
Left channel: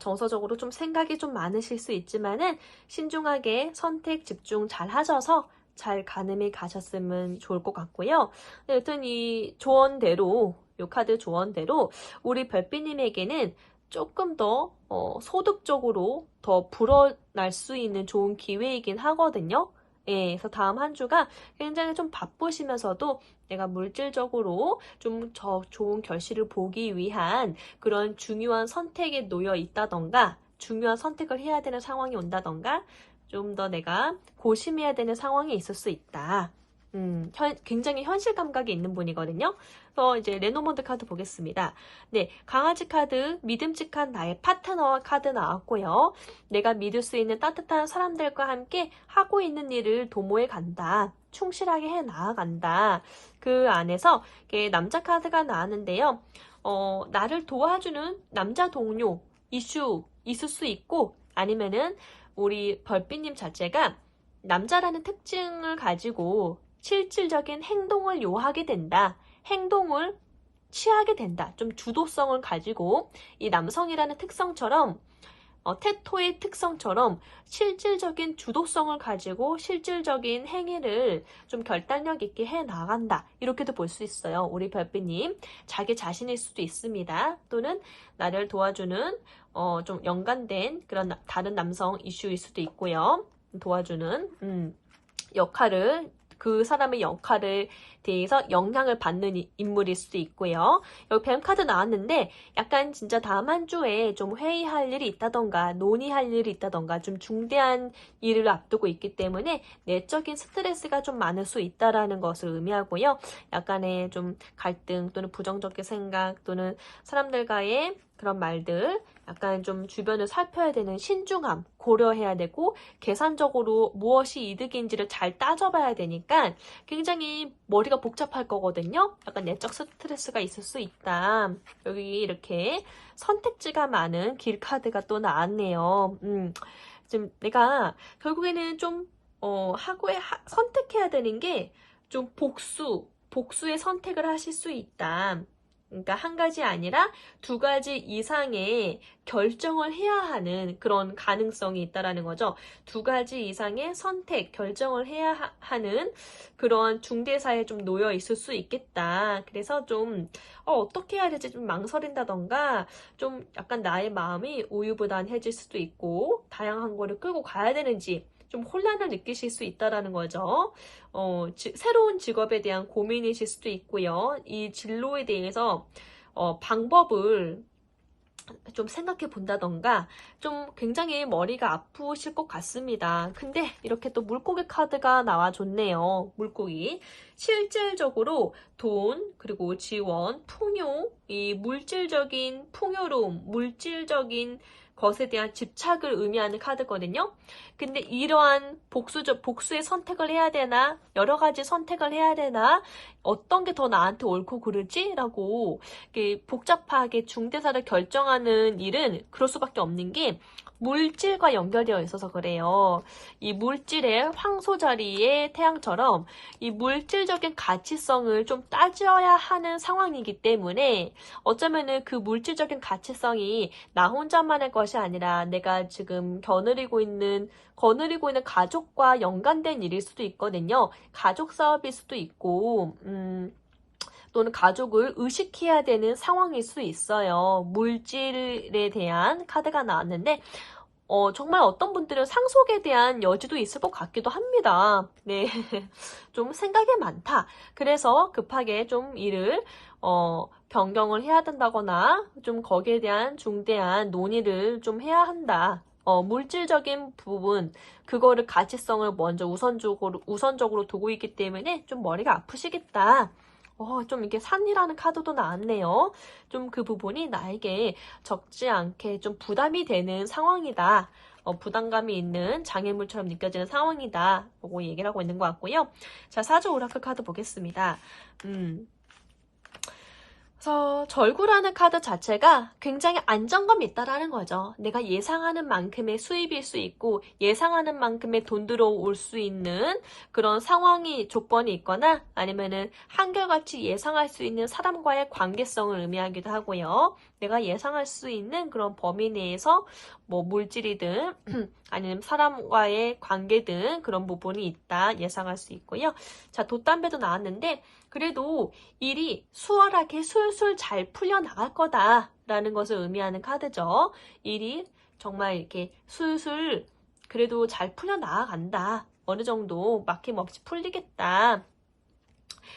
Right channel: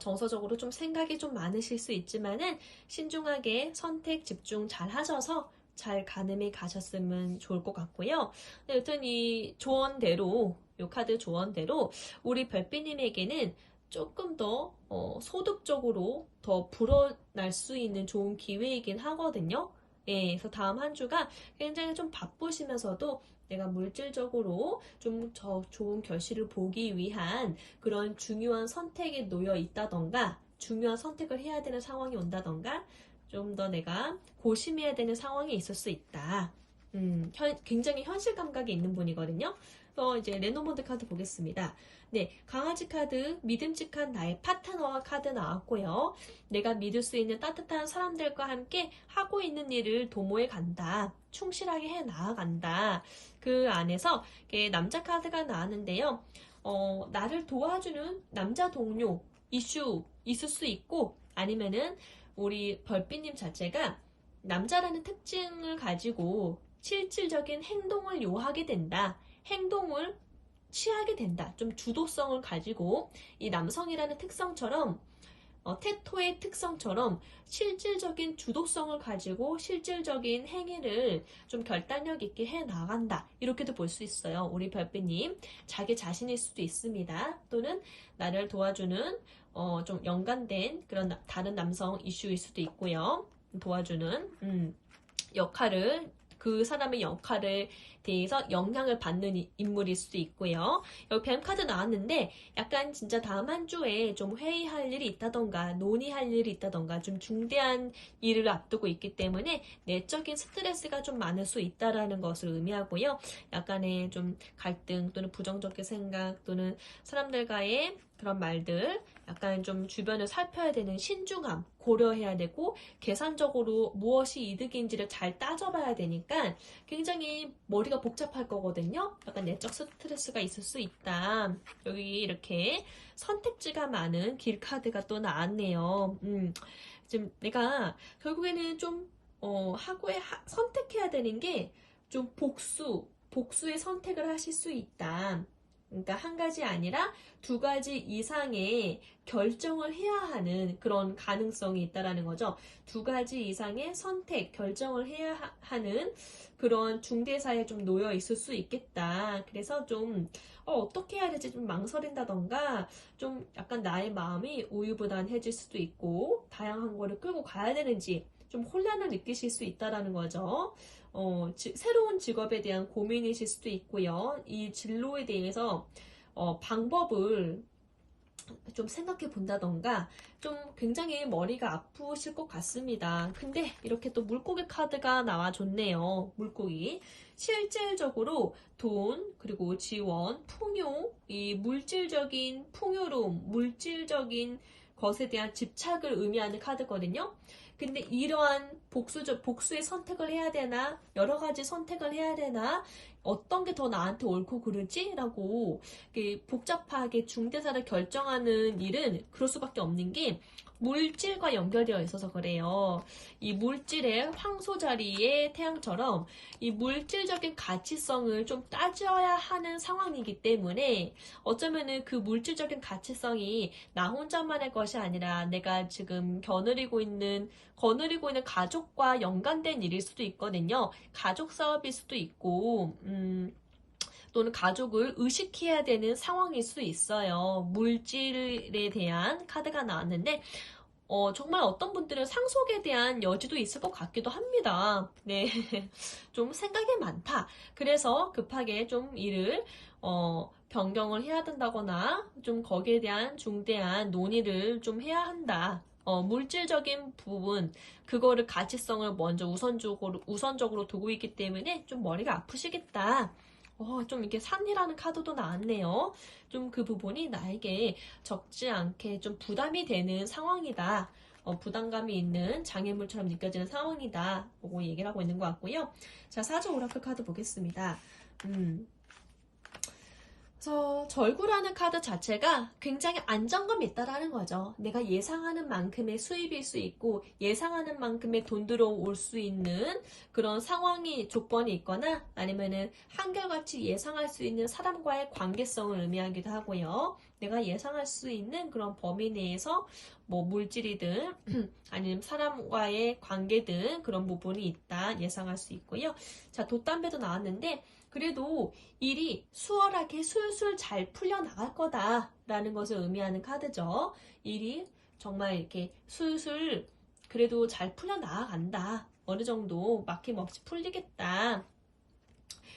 정서적으로 좀 생각이 좀 많으실 수 있지만은 신중하게 선택 집중 잘 하셔서 잘 가늠히 가셨으면 좋을 것 같고요. 여튼 이 조언대로, 이 카드 조언대로 우리 별빛님에게는 조금 더 소득적으로 더 불어날 수 있는 좋은 기회이긴 하거든요. 예, 그래서 다음 한 주가 굉장히 좀 바쁘시면서도 내가 물질적으로 좀 좋은 결실을 보기 위한 그런 중요한 선택에 놓여 있다던가, 중요한 선택을 해야 되는 상황이 온다던가, 좀 더 내가 고심해야 되는 상황이 있을 수 있다. 굉장히 현실 감각이 있는 분이거든요. 그래서 이제 레노먼드 카드 보겠습니다. 네, 강아지 카드, 믿음직한 나의 파트너와 카드 나왔고요. 내가 믿을 수 있는 따뜻한 사람들과 함께 하고 있는 일을 도모해 간다. 충실하게 해 나아간다. 그 안에서 남자 카드가 나왔는데요. 나를 도와주는 남자 동료 이슈 있을 수 있고, 아니면은 우리 별빛님 자체가 남자라는 특징을 가지고 실질적인 행동을 요하게 된다. 행동을 취하게 된다. 좀 주도성을 가지고 이 남성이라는 특성처럼, 테토의 특성처럼 실질적인 주도성을 가지고 실질적인 행위를 좀 결단력 있게 해 나간다. 이렇게도 볼 수 있어요. 우리 별빛님 자기 자신일 수도 있습니다. 또는 나를 도와주는 좀 연관된 그런 다른 남성 이슈일 수도 있고요. 도와주는 역할을, 그 사람의 역할을 대해서 영향을 받는 인물일 수도 있고요. 여기 뱀 카드 나왔는데 약간 진짜 다음 한 주에 좀 회의할 일이 있다던가 논의할 일이 있다던가 좀 중대한 일을 앞두고 있기 때문에 내적인 스트레스가 좀 많을 수 있다라는 것을 의미하고요. 약간의 좀 갈등 또는 부정적인 생각 또는 사람들과의 그런 말들, 약간 좀 주변을 살펴야 되는 신중함 고려해야 되고, 계산적으로 무엇이 이득인지를 잘 따져봐야 되니까 굉장히 머리가 복잡할 거거든요. 약간 내적 스트레스가 있을 수 있다. 여기 이렇게 선택지가 많은 길 카드가 또 나왔네요. 지금 내가 결국에는 좀 선택해야 되는 게 좀 복수의 선택을 하실 수 있다. 그러니까 한 가지 아니라 2가지 이상의 결정을 해야 하는 그런 가능성이 있다라는 거죠. 2가지 이상의 선택, 결정을 해야 하는 그런 중대사에 좀 놓여 있을 수 있겠다. 그래서 좀 어떻게 해야 될지 좀 망설인다던가, 좀 약간 나의 마음이 우유부단해질 수도 있고, 다양한 거를 끌고 가야 되는지 좀 혼란을 느끼실 수 있다라는 거죠. 새로운 직업에 대한 고민이실 수도 있고요. 이 진로에 대해서 방법을 좀 생각해 본다던가, 좀 굉장히 머리가 아프실 것 같습니다. 근데 이렇게 또 물고기 카드가 나와줬네요. 물고기. 실질적으로 돈, 그리고 지원, 풍요, 이 물질적인 풍요로움, 물질적인 것에 대한 집착을 의미하는 카드거든요. 근데 이러한 복수의 선택을 해야 되나? 여러 가지 선택을 해야 되나? 어떤 게 더 나한테 옳고 그르지? 라고 복잡하게 중대사를 결정하는 일은 그럴 수밖에 없는 게 물질과 연결되어 있어서 그래요. 이 물질의 황소 자리의 태양처럼 이 물질적인 가치성을 좀 따져야 하는 상황이기 때문에 어쩌면은 그 물질적인 가치성이 나 혼자만의 것이 아니라 내가 지금 거느리고 있는 가족과 연관된 일일 수도 있거든요. 가족 사업일 수도 있고, 또는 가족을 의식해야 되는 상황일 수도 있어요. 물질에 대한 카드가 나왔는데, 정말 어떤 분들은 상속에 대한 여지도 있을 것 같기도 합니다. 네. 좀 생각이 많다. 그래서 급하게 좀 일을, 변경을 해야 된다거나, 좀 거기에 대한 중대한 논의를 좀 해야 한다. 물질적인 부분, 그거를 가치성을 먼저 우선적으로 두고 있기 때문에 좀 머리가 아프시겠다. 좀 이게 산이라는 카드도 나왔네요. 좀 그 부분이 나에게 적지 않게 좀 부담이 되는 상황이다. 부담감이 있는 장애물처럼 느껴지는 상황이다. 라고 얘기를 하고 있는 것 같고요. 자, 사주 오라클 카드 보겠습니다. 그래서 절구라는 카드 자체가 굉장히 안정감이 있다라는 거죠. 내가 예상하는 만큼의 수입일 수 있고 예상하는 만큼의 돈 들어올 수 있는 그런 상황이 조건이 있거나 아니면은 한결같이 예상할 수 있는 사람과의 관계성을 의미하기도 하고요. 내가 예상할 수 있는 그런 범위 내에서 뭐 물질이든 아니면 사람과의 관계든 그런 부분이 있다 예상할 수 있고요. 자, 돛담배도 나왔는데 그래도 일이 수월하게 술술 잘 풀려나갈 거다라는 것을 의미하는 카드죠. 일이 정말 이렇게 술술 그래도 잘 풀려나간다. 어느 정도 막힘없이 풀리겠다.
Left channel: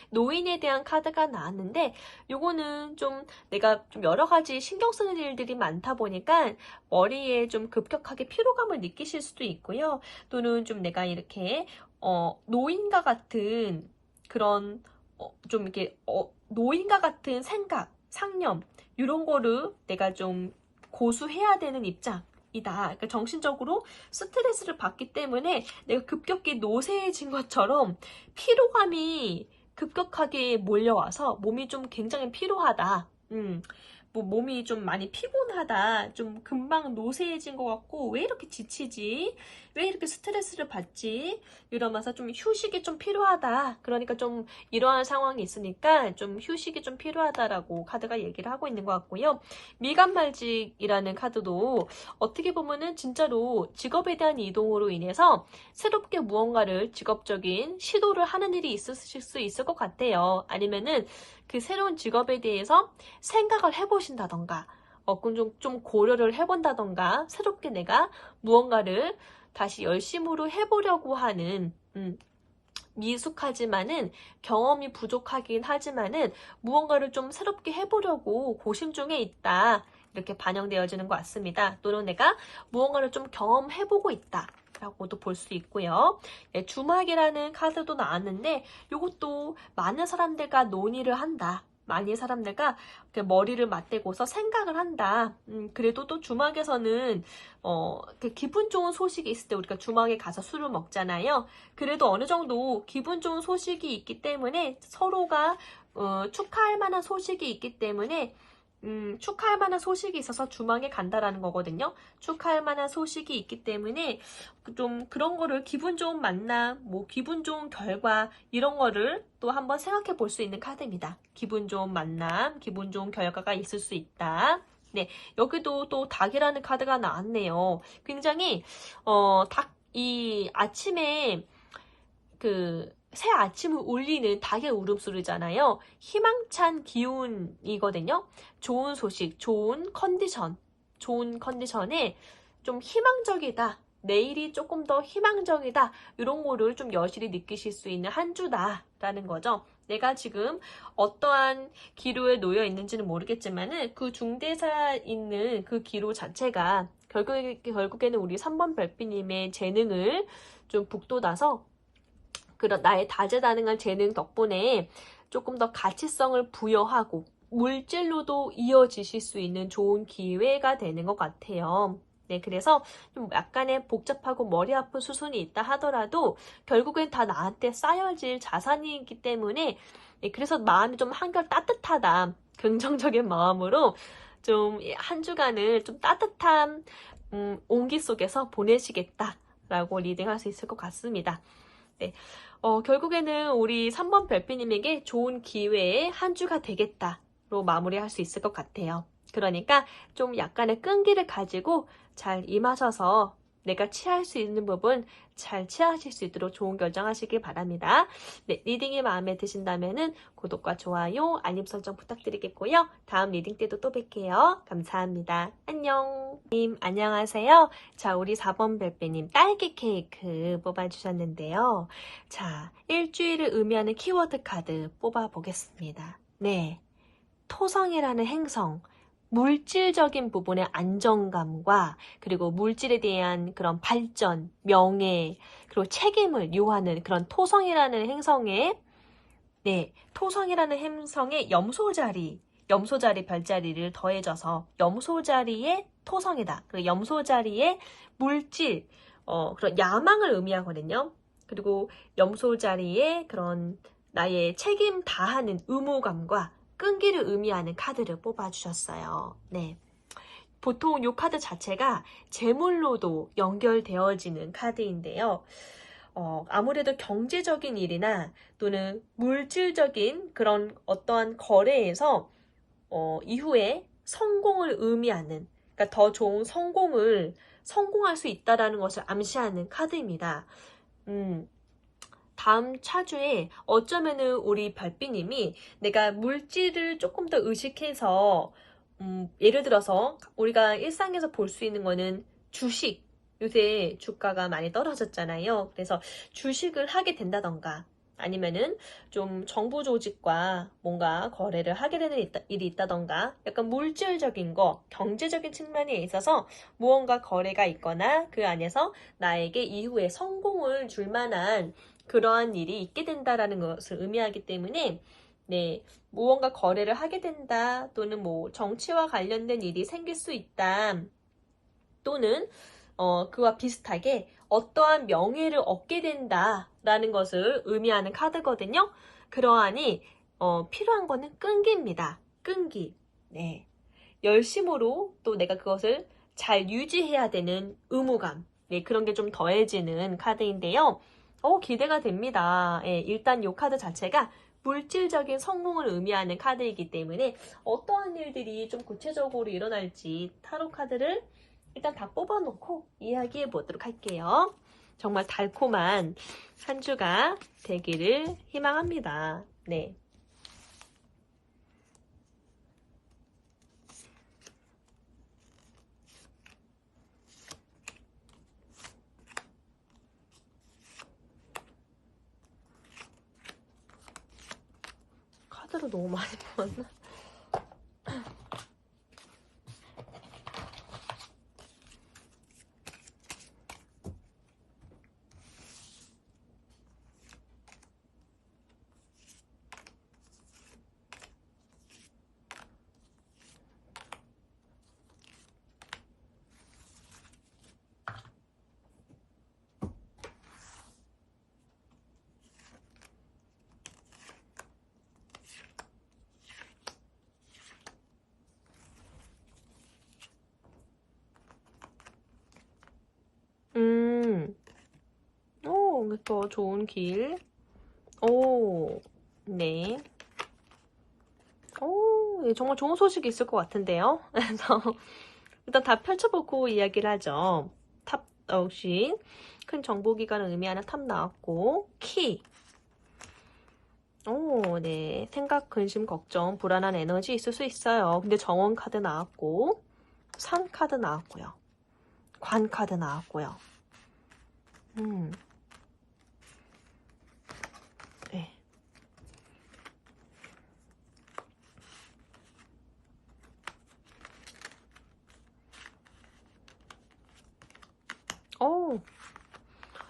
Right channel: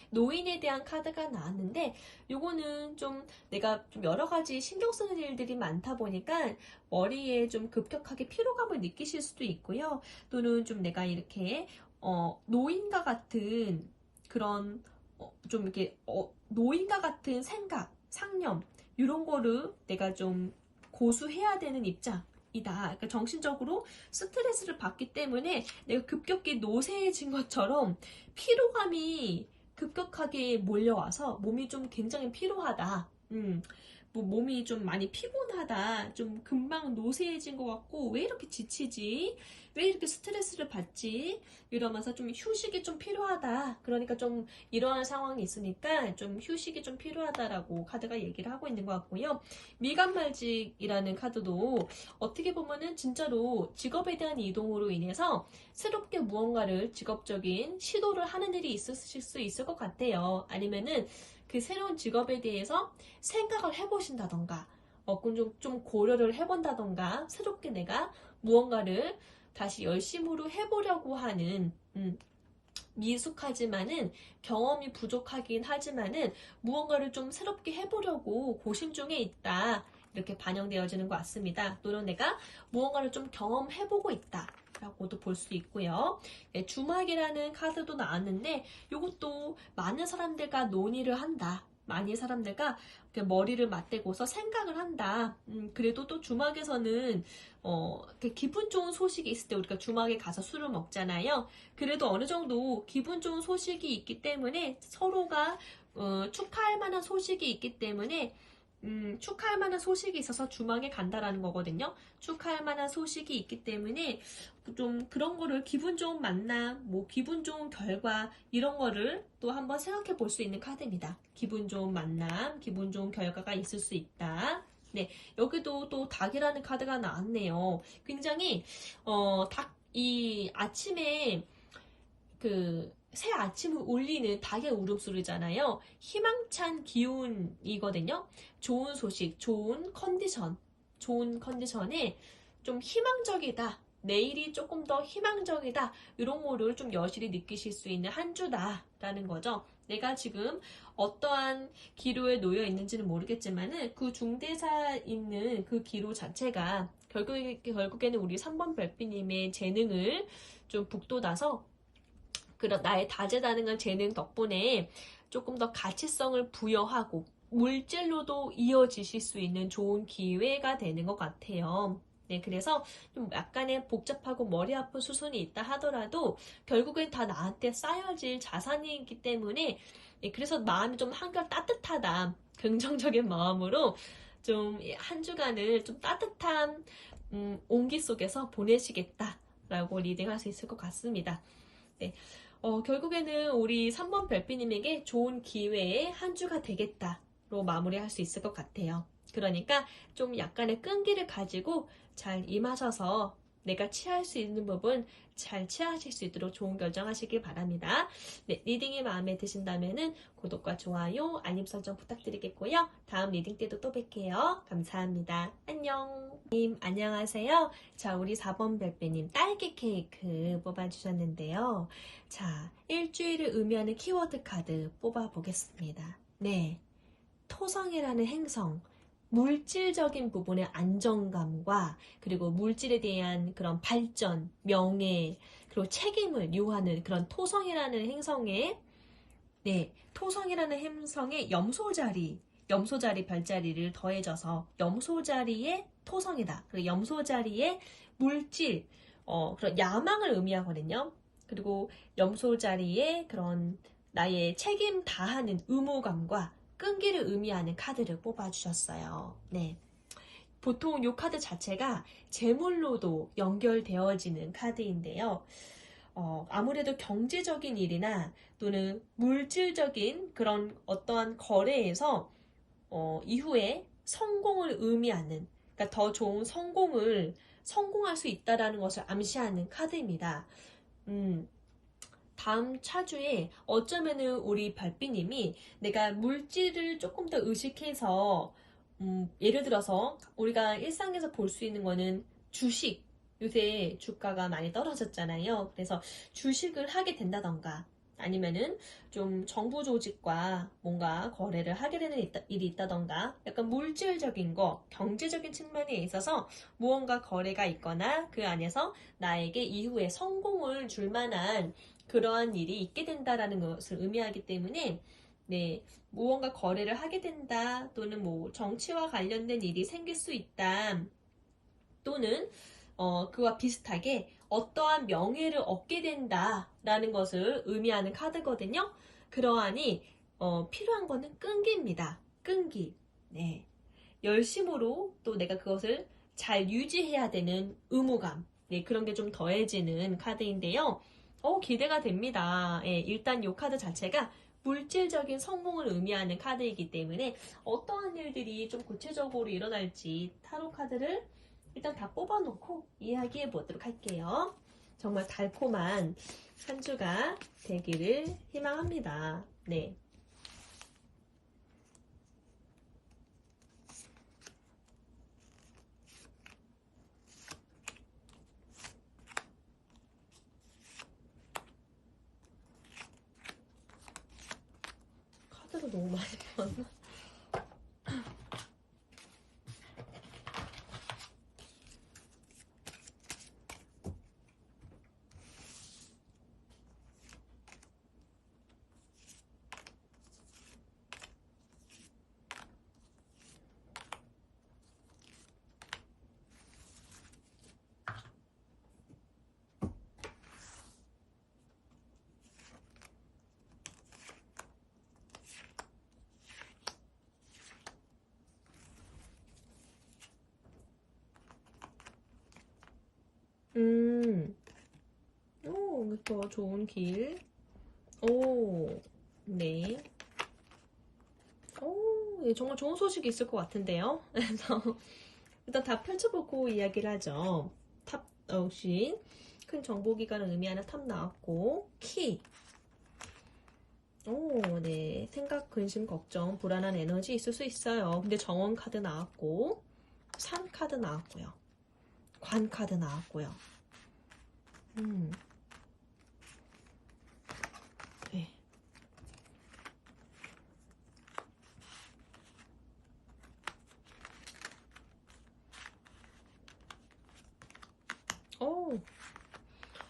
노인에 대한 카드가 나왔는데 요거는 좀 내가 좀 여러 가지 신경 쓰는 일들이 많다 보니까 머리에 좀 급격하게 피로감을 느끼실 수도 있고요. 또는 좀 내가 이렇게 노인과 같은 그런 좀 이렇게 노인과 같은 생각, 상념 이런 거를 내가 좀 고수해야 되는 입장이다. 그러니까 정신적으로 스트레스를 받기 때문에 내가 급격히 노쇠해진 것처럼 피로감이 급격하게 몰려와서 몸이 좀 굉장히 피로하다. 뭐 몸이 좀 많이 피곤하다. 좀 금방 노쇠해진 것 같고 왜 이렇게 지치지? 왜 이렇게 스트레스를 받지? 이러면서 좀 휴식이 좀 필요하다. 그러니까 좀 이러한 상황이 있으니까 좀 휴식이 좀 필요하다라고 카드가 얘기를 하고 있는 것 같고요. 미간말직이라는 카드도 어떻게 보면은 진짜로 직업에 대한 이동으로 인해서 새롭게 무언가를 직업적인 시도를 하는 일이 있으실 수 있을 것 같아요. 아니면은 그 새로운 직업에 대해서 생각을 해보신다던가 좀 고려를 해본다던가 새롭게 내가 무언가를 다시 열심으로 해보려고 하는 미숙하지만은 경험이 부족하긴 하지만은 무언가를 좀 새롭게 해보려고 고심 중에 있다. 이렇게 반영되어지는 것 같습니다. 또는 내가 무언가를 좀 경험해보고 있다. 라고도 볼 수 있고요. 네, 주막이라는 카드도 나왔는데 이것도 많은 사람들과 논의를 한다. 많은 사람들과 머리를 맞대고서 생각을 한다. 그래도 또 주막에서는 기분 좋은 소식이 있을 때 우리가 주막에 가서 술을 먹잖아요. 그래도 어느 정도 기분 좋은 소식이 있기 때문에 서로가 축하할 만한 소식이 있기 때문에 축하할 만한 소식이 있어서 주막에 간다라는 거거든요. 축하할 만한 소식이 있기 때문에 좀 그런 거를 기분 좋은 만남, 뭐 기분 좋은 결과 이런 거를 또 한번 생각해 볼 수 있는 카드입니다. 기분 좋은 만남, 기분 좋은 결과가 있을 수 있다. 네, 여기도 또 닭이라는 카드가 나왔네요. 굉장히 이 아침에 새 아침을 울리는 닭의 울음소리잖아요. 희망찬 기운이거든요. 좋은 소식, 좋은 컨디션에 좀 희망적이다. 내일이 조금 더 희망적이다. 이런 거를 좀 여실히 느끼실 수 있는 한 주다라는 거죠. 내가 지금 어떠한 기로에 놓여 있는지는 모르겠지만은 그 중대사 있는 그 기로 자체가 결국에는 우리 3번 별빛님의 재능을 좀 북돋아서 그런 나의 다재다능한 재능 덕분에 조금 더 가치성을 부여하고 물질로도 이어지실 수 있는 좋은 기회가 되는 것 같아요. 네, 그래서 좀 약간의 복잡하고 머리 아픈 수순이 있다 하더라도 결국엔 다 나한테 쌓여질 자산이기 때문에 그래서 마음이 좀 한결 따뜻하다. 긍정적인 마음으로 좀 한 주간을 좀 따뜻한 온기 속에서 보내시겠다라고 리딩할 수 있을 것 같습니다. 네. 결국에는 우리 3번 별빛님에게 좋은 기회의 한 주가 되겠다로 마무리할 수 있을 것 같아요. 그러니까 좀 약간의 끈기를 가지고 잘 임하셔서 내가 취할 수 있는 부분 잘 취하실 수 있도록 좋은 결정하시길 바랍니다. 네, 리딩이 마음에 드신다면 구독과 좋아요, 알림 설정 부탁드리겠고요. 다음 리딩 때도 또 뵐게요. 감사합니다. 안녕. 안녕하세요. 자, 우리 4번 별빛님 딸기 케이크 뽑아주셨는데요. 자, 일주일을 의미하는 키워드 카드 뽑아보겠습니다. 네, 토성이라는 행성. 물질적인 부분의 안정감과 그리고 물질에 대한 그런 발전, 명예, 그리고 책임을 요하는 그런 토성이라는 행성의 토성이라는 행성의 염소자리 별자리를 더해져서 염소자리의 토성이다. 그 염소자리의 물질, 그런 야망을 의미하거든요. 그리고 염소자리의 그런 나의 책임 다하는 의무감과 끈기를 의미하는 카드를 뽑아주셨어요. 네. 보통 이 카드 자체가 재물로도 연결되어지는 카드인데요. 아무래도 경제적인 일이나 또는 물질적인 그런 어떠한 거래에서 이후에 성공을 의미하는, 그러니까 더 좋은 성공할 수 있다는 것을 암시하는 카드입니다. 다음 차주에 어쩌면은 우리 별빛님이 내가 물질을 조금 더 의식해서 예를 들어서 우리가 일상에서 볼 수 있는 거는 주식, 요새 주가가 많이 떨어졌잖아요. 그래서 주식을 하게 된다던가 아니면은 좀 정부 조직과 뭔가 거래를 하게 되는 일이 있다던가 약간 물질적인 거, 경제적인 측면에 있어서 무언가 거래가 있거나 그 안에서 나에게 이후에 성공을 줄 만한 그러한 일이 있게 된다라는 것을 의미하기 때문에 네, 무언가 거래를 하게 된다 또는 뭐 정치와 관련된 일이 생길 수 있다 또는 그와 비슷하게 어떠한 명예를 얻게 된다라는 것을 의미하는 카드거든요. 그러하니 필요한 거는 끈기입니다. 끈기. 네. 열심으로 또 내가 그것을 잘 유지해야 되는 의무감. 네, 그런 게 좀 더해지는 카드인데요. 기대가 됩니다. 예, 일단 이 카드 자체가 물질적인 성공을 의미하는 카드이기 때문에 어떠한 일들이 좀 구체적으로 일어날지 타로 카드를 일단 다 뽑아놓고 이야기해 보도록 할게요. 정말 달콤한 한 주가 되기를 희망합니다. 네. 카드를 너무 많이 뽑았나? 더 좋은 길. 네. 정말 좋은 소식이 있을 것 같은데요. 그래서 일단 다 펼쳐보고 이야기를 하죠. 탑 역시 큰 정보기관을 의미하는 탑 나왔고 키. 네. 생각, 근심, 걱정, 불안한 에너지 있을 수 있어요. 근데 정원 카드 나왔고 산 카드 나왔고요. 관 카드 나왔고요. 네.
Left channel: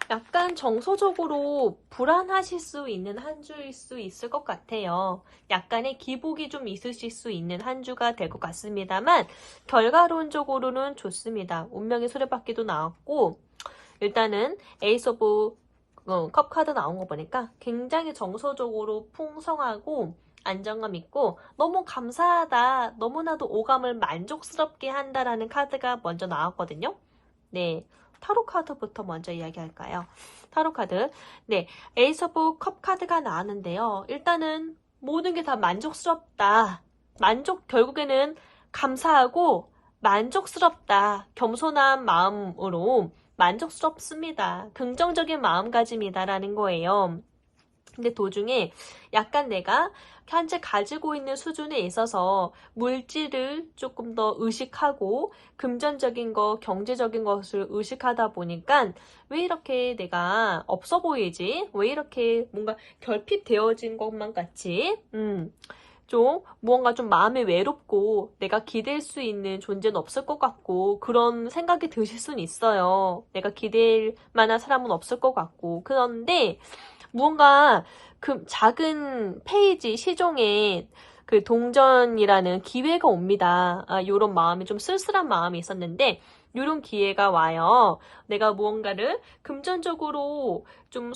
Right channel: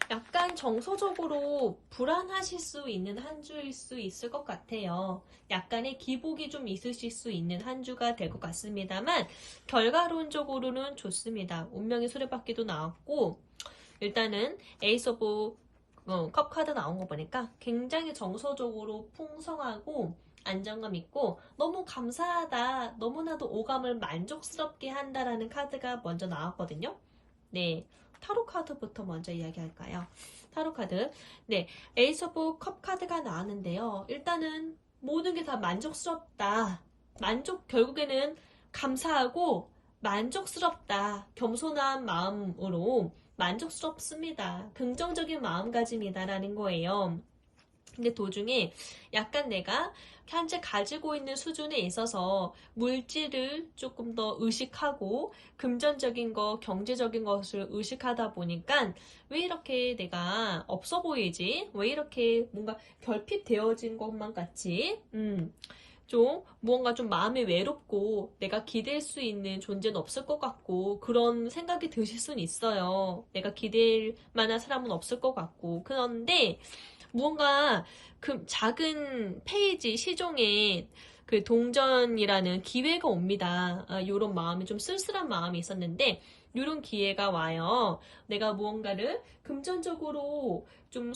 약간 정서적으로 불안하실 수 있는 한 주일 수 있을 것 같아요. 약간의 기복이 좀 있으실 수 있는 한 주가 될 것 같습니다만 결과론적으로는 좋습니다. 운명의 수레바퀴도 나왔고 일단은 에이스 오브 컵 카드 나온 거 보니까 굉장히 정서적으로 풍성하고 안정감 있고 너무 감사하다, 너무나도 오감을 만족스럽게 한다라는 카드가 먼저 나왔거든요. 네, 타로 카드부터 먼저 이야기할까요? 타로 카드. 네, 에이스 오브 컵 카드가 나왔는데요. 일단은 모든 게 다 만족스럽다. 결국에는 감사하고 만족스럽다. 겸손한 마음으로 만족스럽습니다. 긍정적인 마음가짐이다라는 거예요. 근데 도중에 약간 내가 현재 가지고 있는 수준에 있어서 물질을 조금 더 의식하고 금전적인 거, 경제적인 것을 의식하다 보니까 왜 이렇게 내가 없어 보이지? 왜 이렇게 뭔가 결핍되어진 것만 같지? 좀 무언가 좀 마음이 외롭고 내가 기댈 수 있는 존재는 없을 것 같고 그런 생각이 드실 수는 있어요. 내가 기댈 만한 사람은 없을 것 같고 그런데 무언가 그 작은 페이지 시종에 그 동전이라는 기회가 옵니다. 요런 마음이 좀 쓸쓸한 마음이 있었는데 요런 기회가 와요. 내가 무언가를 금전적으로 좀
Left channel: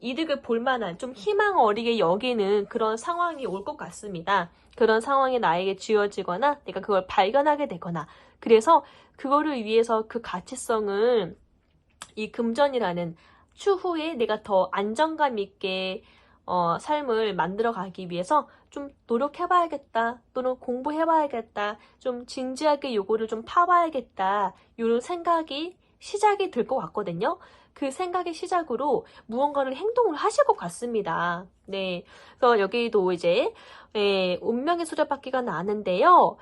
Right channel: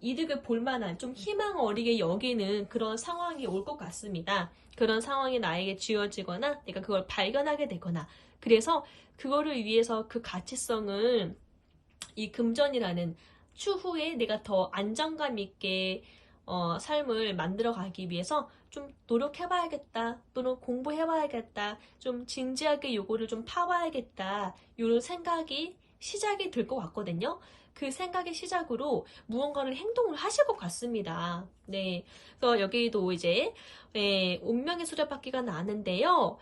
이득을 볼 만한 좀 희망 어리게 여기는 그런 상황이 올 것 같습니다. 그런 상황이 나에게 쥐어지거나 내가 그걸 발견하게 되거나 그래서 그거를 위해서 그 가치성을 이 금전이라는 추후에 내가 더 안정감 있게 삶을 만들어 가기 위해서 좀 노력해봐야겠다 또는 공부해봐야겠다 좀 진지하게 요거를 좀 파봐야겠다 이런 생각이 시작이 될 것 같거든요. 그 생각의 시작으로 무언가를 행동을 하실 것 같습니다. 네, 그래서 여기도 이제 운명의 수레바퀴가 나는데요.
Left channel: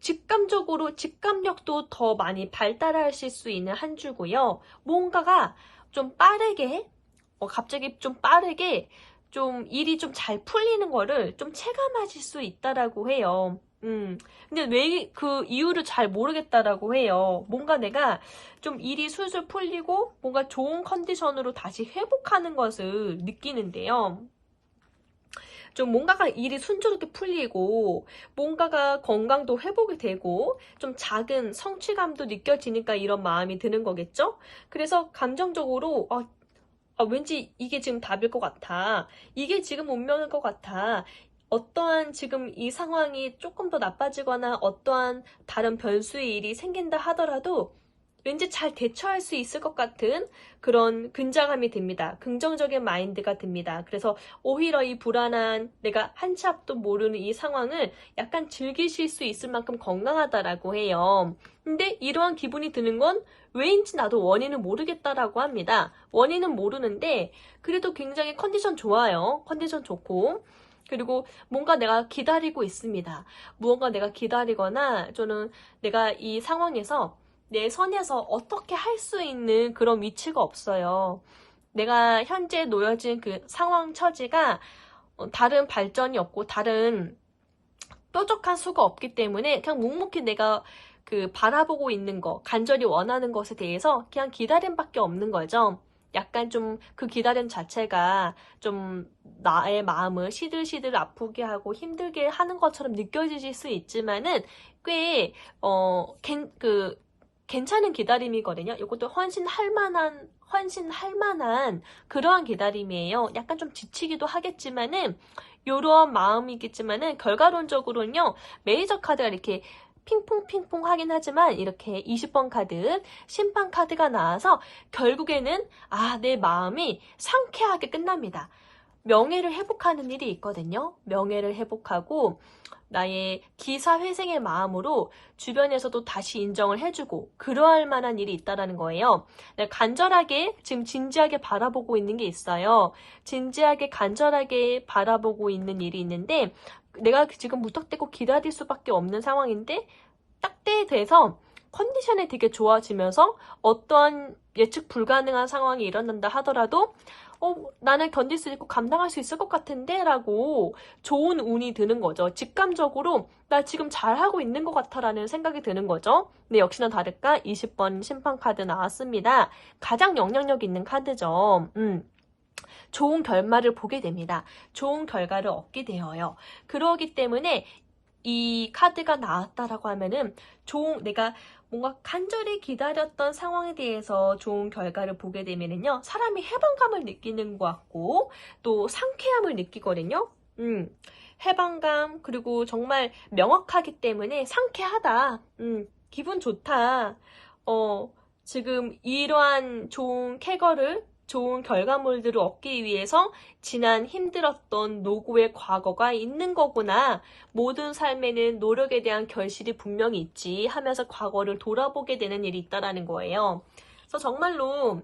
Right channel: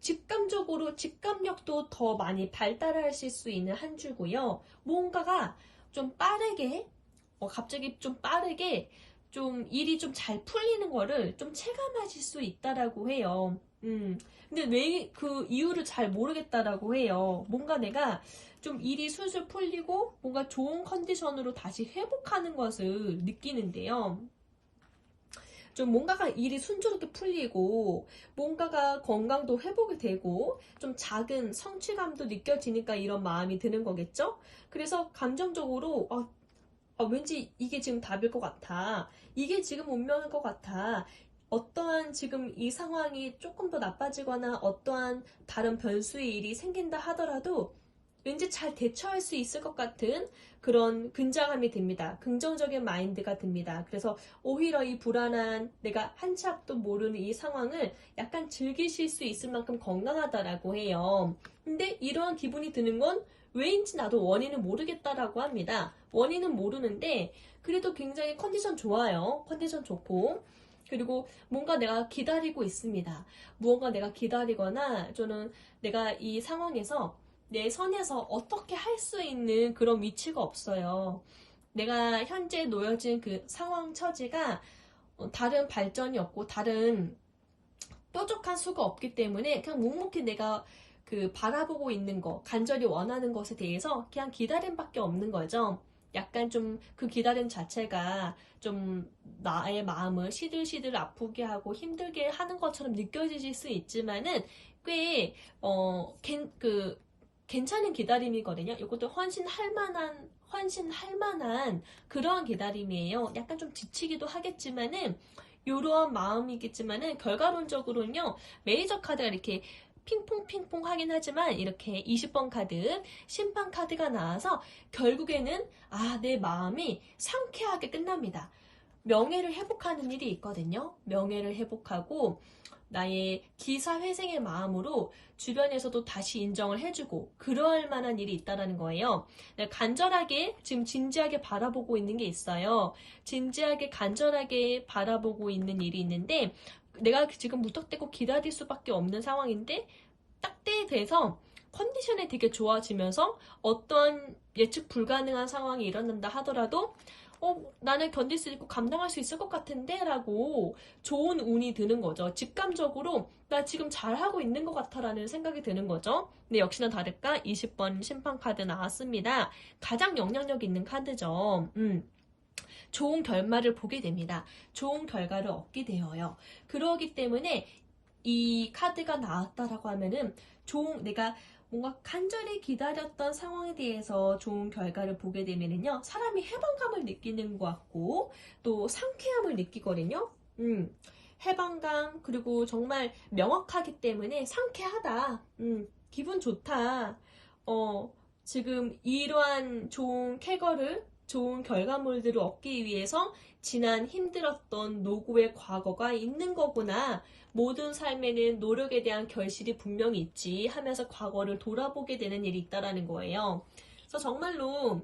직감력도 더 많이 발달하실 수 있는 한 주고요. 뭔가가 좀 빠르게, 갑자기 좀 빠르게 좀 일이 좀 잘 풀리는 거를 좀 체감하실 수 있다라고 해요. 근데 왜 그 이유를 잘 모르겠다라고 해요. 뭔가 내가 좀 일이 술술 풀리고 뭔가 좋은 컨디션으로 다시 회복하는 것을 느끼는데요. 좀 뭔가가 일이 순조롭게 풀리고 뭔가가 건강도 회복이 되고 좀 작은 성취감도 느껴지니까 이런 마음이 드는 거겠죠? 그래서 감정적으로 왠지 이게 지금 답일 것 같아. 이게 지금 운명일 것 같아. 어떠한 지금 이 상황이 조금 더 나빠지거나 어떠한 다른 변수의 일이 생긴다 하더라도 왠지 잘 대처할 수 있을 것 같은 그런 근자감이 듭니다. 긍정적인 마인드가 듭니다. 그래서 오히려 이 불안한 내가 한치 앞도 모르는 이 상황을 약간 즐기실 수 있을 만큼 건강하다라고 해요. 근데 이러한 기분이 드는 건 왜인지 나도 원인은 모르겠다라고 합니다. 원인은 모르는데 그래도 굉장히 컨디션 좋아요. 컨디션 좋고 그리고 뭔가 내가 기다리고 있습니다. 무언가 내가 기다리거나 저는 내가 이 상황에서 내 선에서 어떻게 할 수 있는 그런 위치가 없어요. 내가 현재 놓여진 그 상황 처지가 다른 발전이 없고 다른 뾰족한 수가 없기 때문에 그냥 묵묵히 내가 그 바라보고 있는 거, 간절히 원하는 것에 대해서 그냥 기다림밖에 없는 거죠. 약간 좀 그 기다림 자체가 좀 나의 마음을 시들시들 아프게 하고 힘들게 하는 것처럼 느껴지실 수 있지만은 꽤 괜찮은 기다림이거든요. 이것도 헌신할 만한 그러한 기다림이에요. 약간 좀 지치기도 하겠지만은 이런 마음이겠지만은 결과론적으로는요. 메이저 카드가 이렇게 핑퐁핑퐁 하긴 하지만 이렇게 20번 카드, 심판 카드가 나와서 결국에는 내 마음이 상쾌하게 끝납니다. 명예를 회복하는 일이 있거든요. 명예를 회복하고 나의 기사회생의 마음으로 주변에서도 다시 인정을 해주고 그러할 만한 일이 있다는 거예요. 간절하게 지금 진지하게 바라보고 있는 게 있어요. 진지하게 간절하게 바라보고 있는 일이 있는데 내가 지금 무턱대고 기다릴 수밖에 없는 상황인데 딱 때에 돼서 컨디션이 되게 좋아지면서 어떤 예측 불가능한 상황이 일어난다 하더라도 나는 견딜 수 있고 감당할 수 있을 것 같은데 라고 좋은 운이 드는 거죠. 직감적으로 나 지금 잘하고 있는 것 같아 라는 생각이 드는 거죠. 네, 역시나 다를까 20번 심판 카드 나왔습니다. 가장 영향력 있는 카드죠. 좋은 결말을 보게 됩니다. 좋은 결과를 얻게 되어요. 그러기 때문에 이 카드가 나왔다라고 하면은 내가 뭔가 간절히 기다렸던 상황에 대해서 좋은 결과를 보게 되면은요, 사람이 해방감을 느끼는 것 같고, 또 상쾌함을 느끼거든요. 해방감, 그리고 정말 명확하기 때문에 상쾌하다. 기분 좋다. 지금 이러한 좋은 쾌거를, 좋은 결과물들을 얻기 위해서 지난 힘들었던 노고의 과거가 있는 거구나. 모든 삶에는 노력에 대한 결실이 분명히 있지 하면서 과거를 돌아보게 되는 일이 있다라는 거예요. 그래서 정말로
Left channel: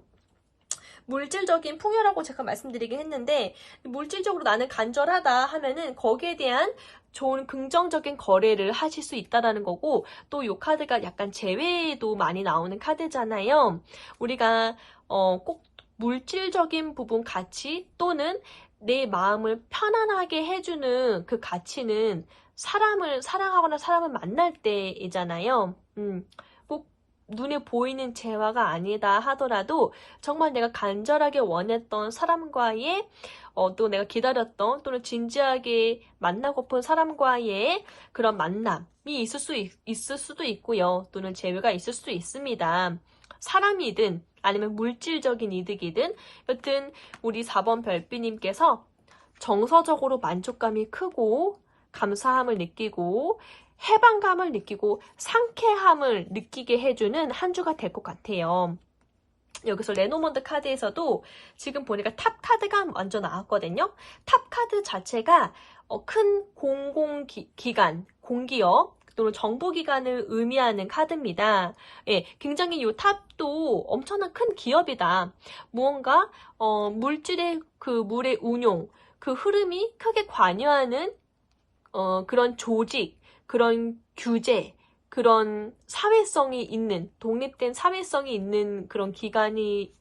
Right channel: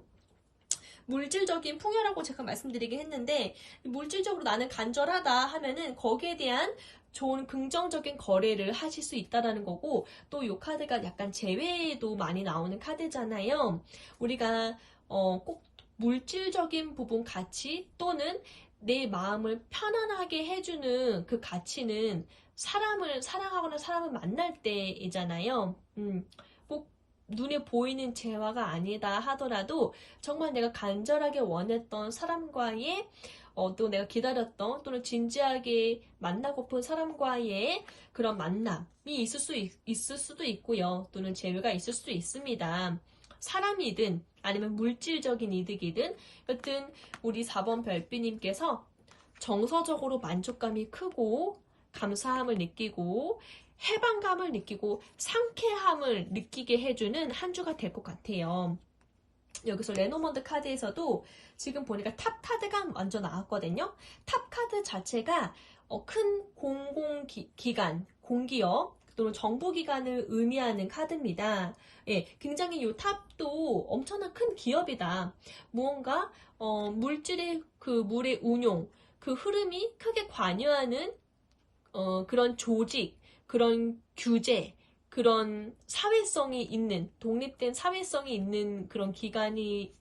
물질적인 풍요라고 제가 말씀드리긴 했는데, 물질적으로 나는 간절하다 하면은 거기에 대한 좋은 긍정적인 거래를 하실 수 있다라는 거고, 또 이 카드가 약간 재회도 많이 나오는 카드잖아요. 우리가 꼭 물질적인 부분 가치 또는 내 마음을 편안하게 해주는 그 가치는 사람을 사랑하거나 사람을 만날 때이잖아요. 꼭 눈에 보이는 재화가 아니다 하더라도 정말 내가 간절하게 원했던 사람과의 또 내가 기다렸던 또는 진지하게 만나고픈 사람과의 그런 만남이 있을 수도 있고요. 또는 재회가 있을 수도 있습니다. 사람이든 아니면 물질적인 이득이든 여튼 우리 4번 별비님께서 정서적으로 만족감이 크고 감사함을 느끼고 해방감을 느끼고 상쾌함을 느끼게 해주는 한 주가 될 것 같아요. 여기서 레노먼드 카드에서도 지금 보니까 탑 카드가 먼저 나왔거든요. 탑 카드 자체가 큰 공공기관, 공기업 또는 정부기관을 의미하는 카드입니다. 예, 굉장히 이 탑도 엄청난 큰 기업이다. 무언가 물질의 그 물의 운용, 그 흐름이 크게 관여하는 그런 조직, 그런 규제, 그런 사회성이 있는, 독립된 사회성이 있는 그런 기관을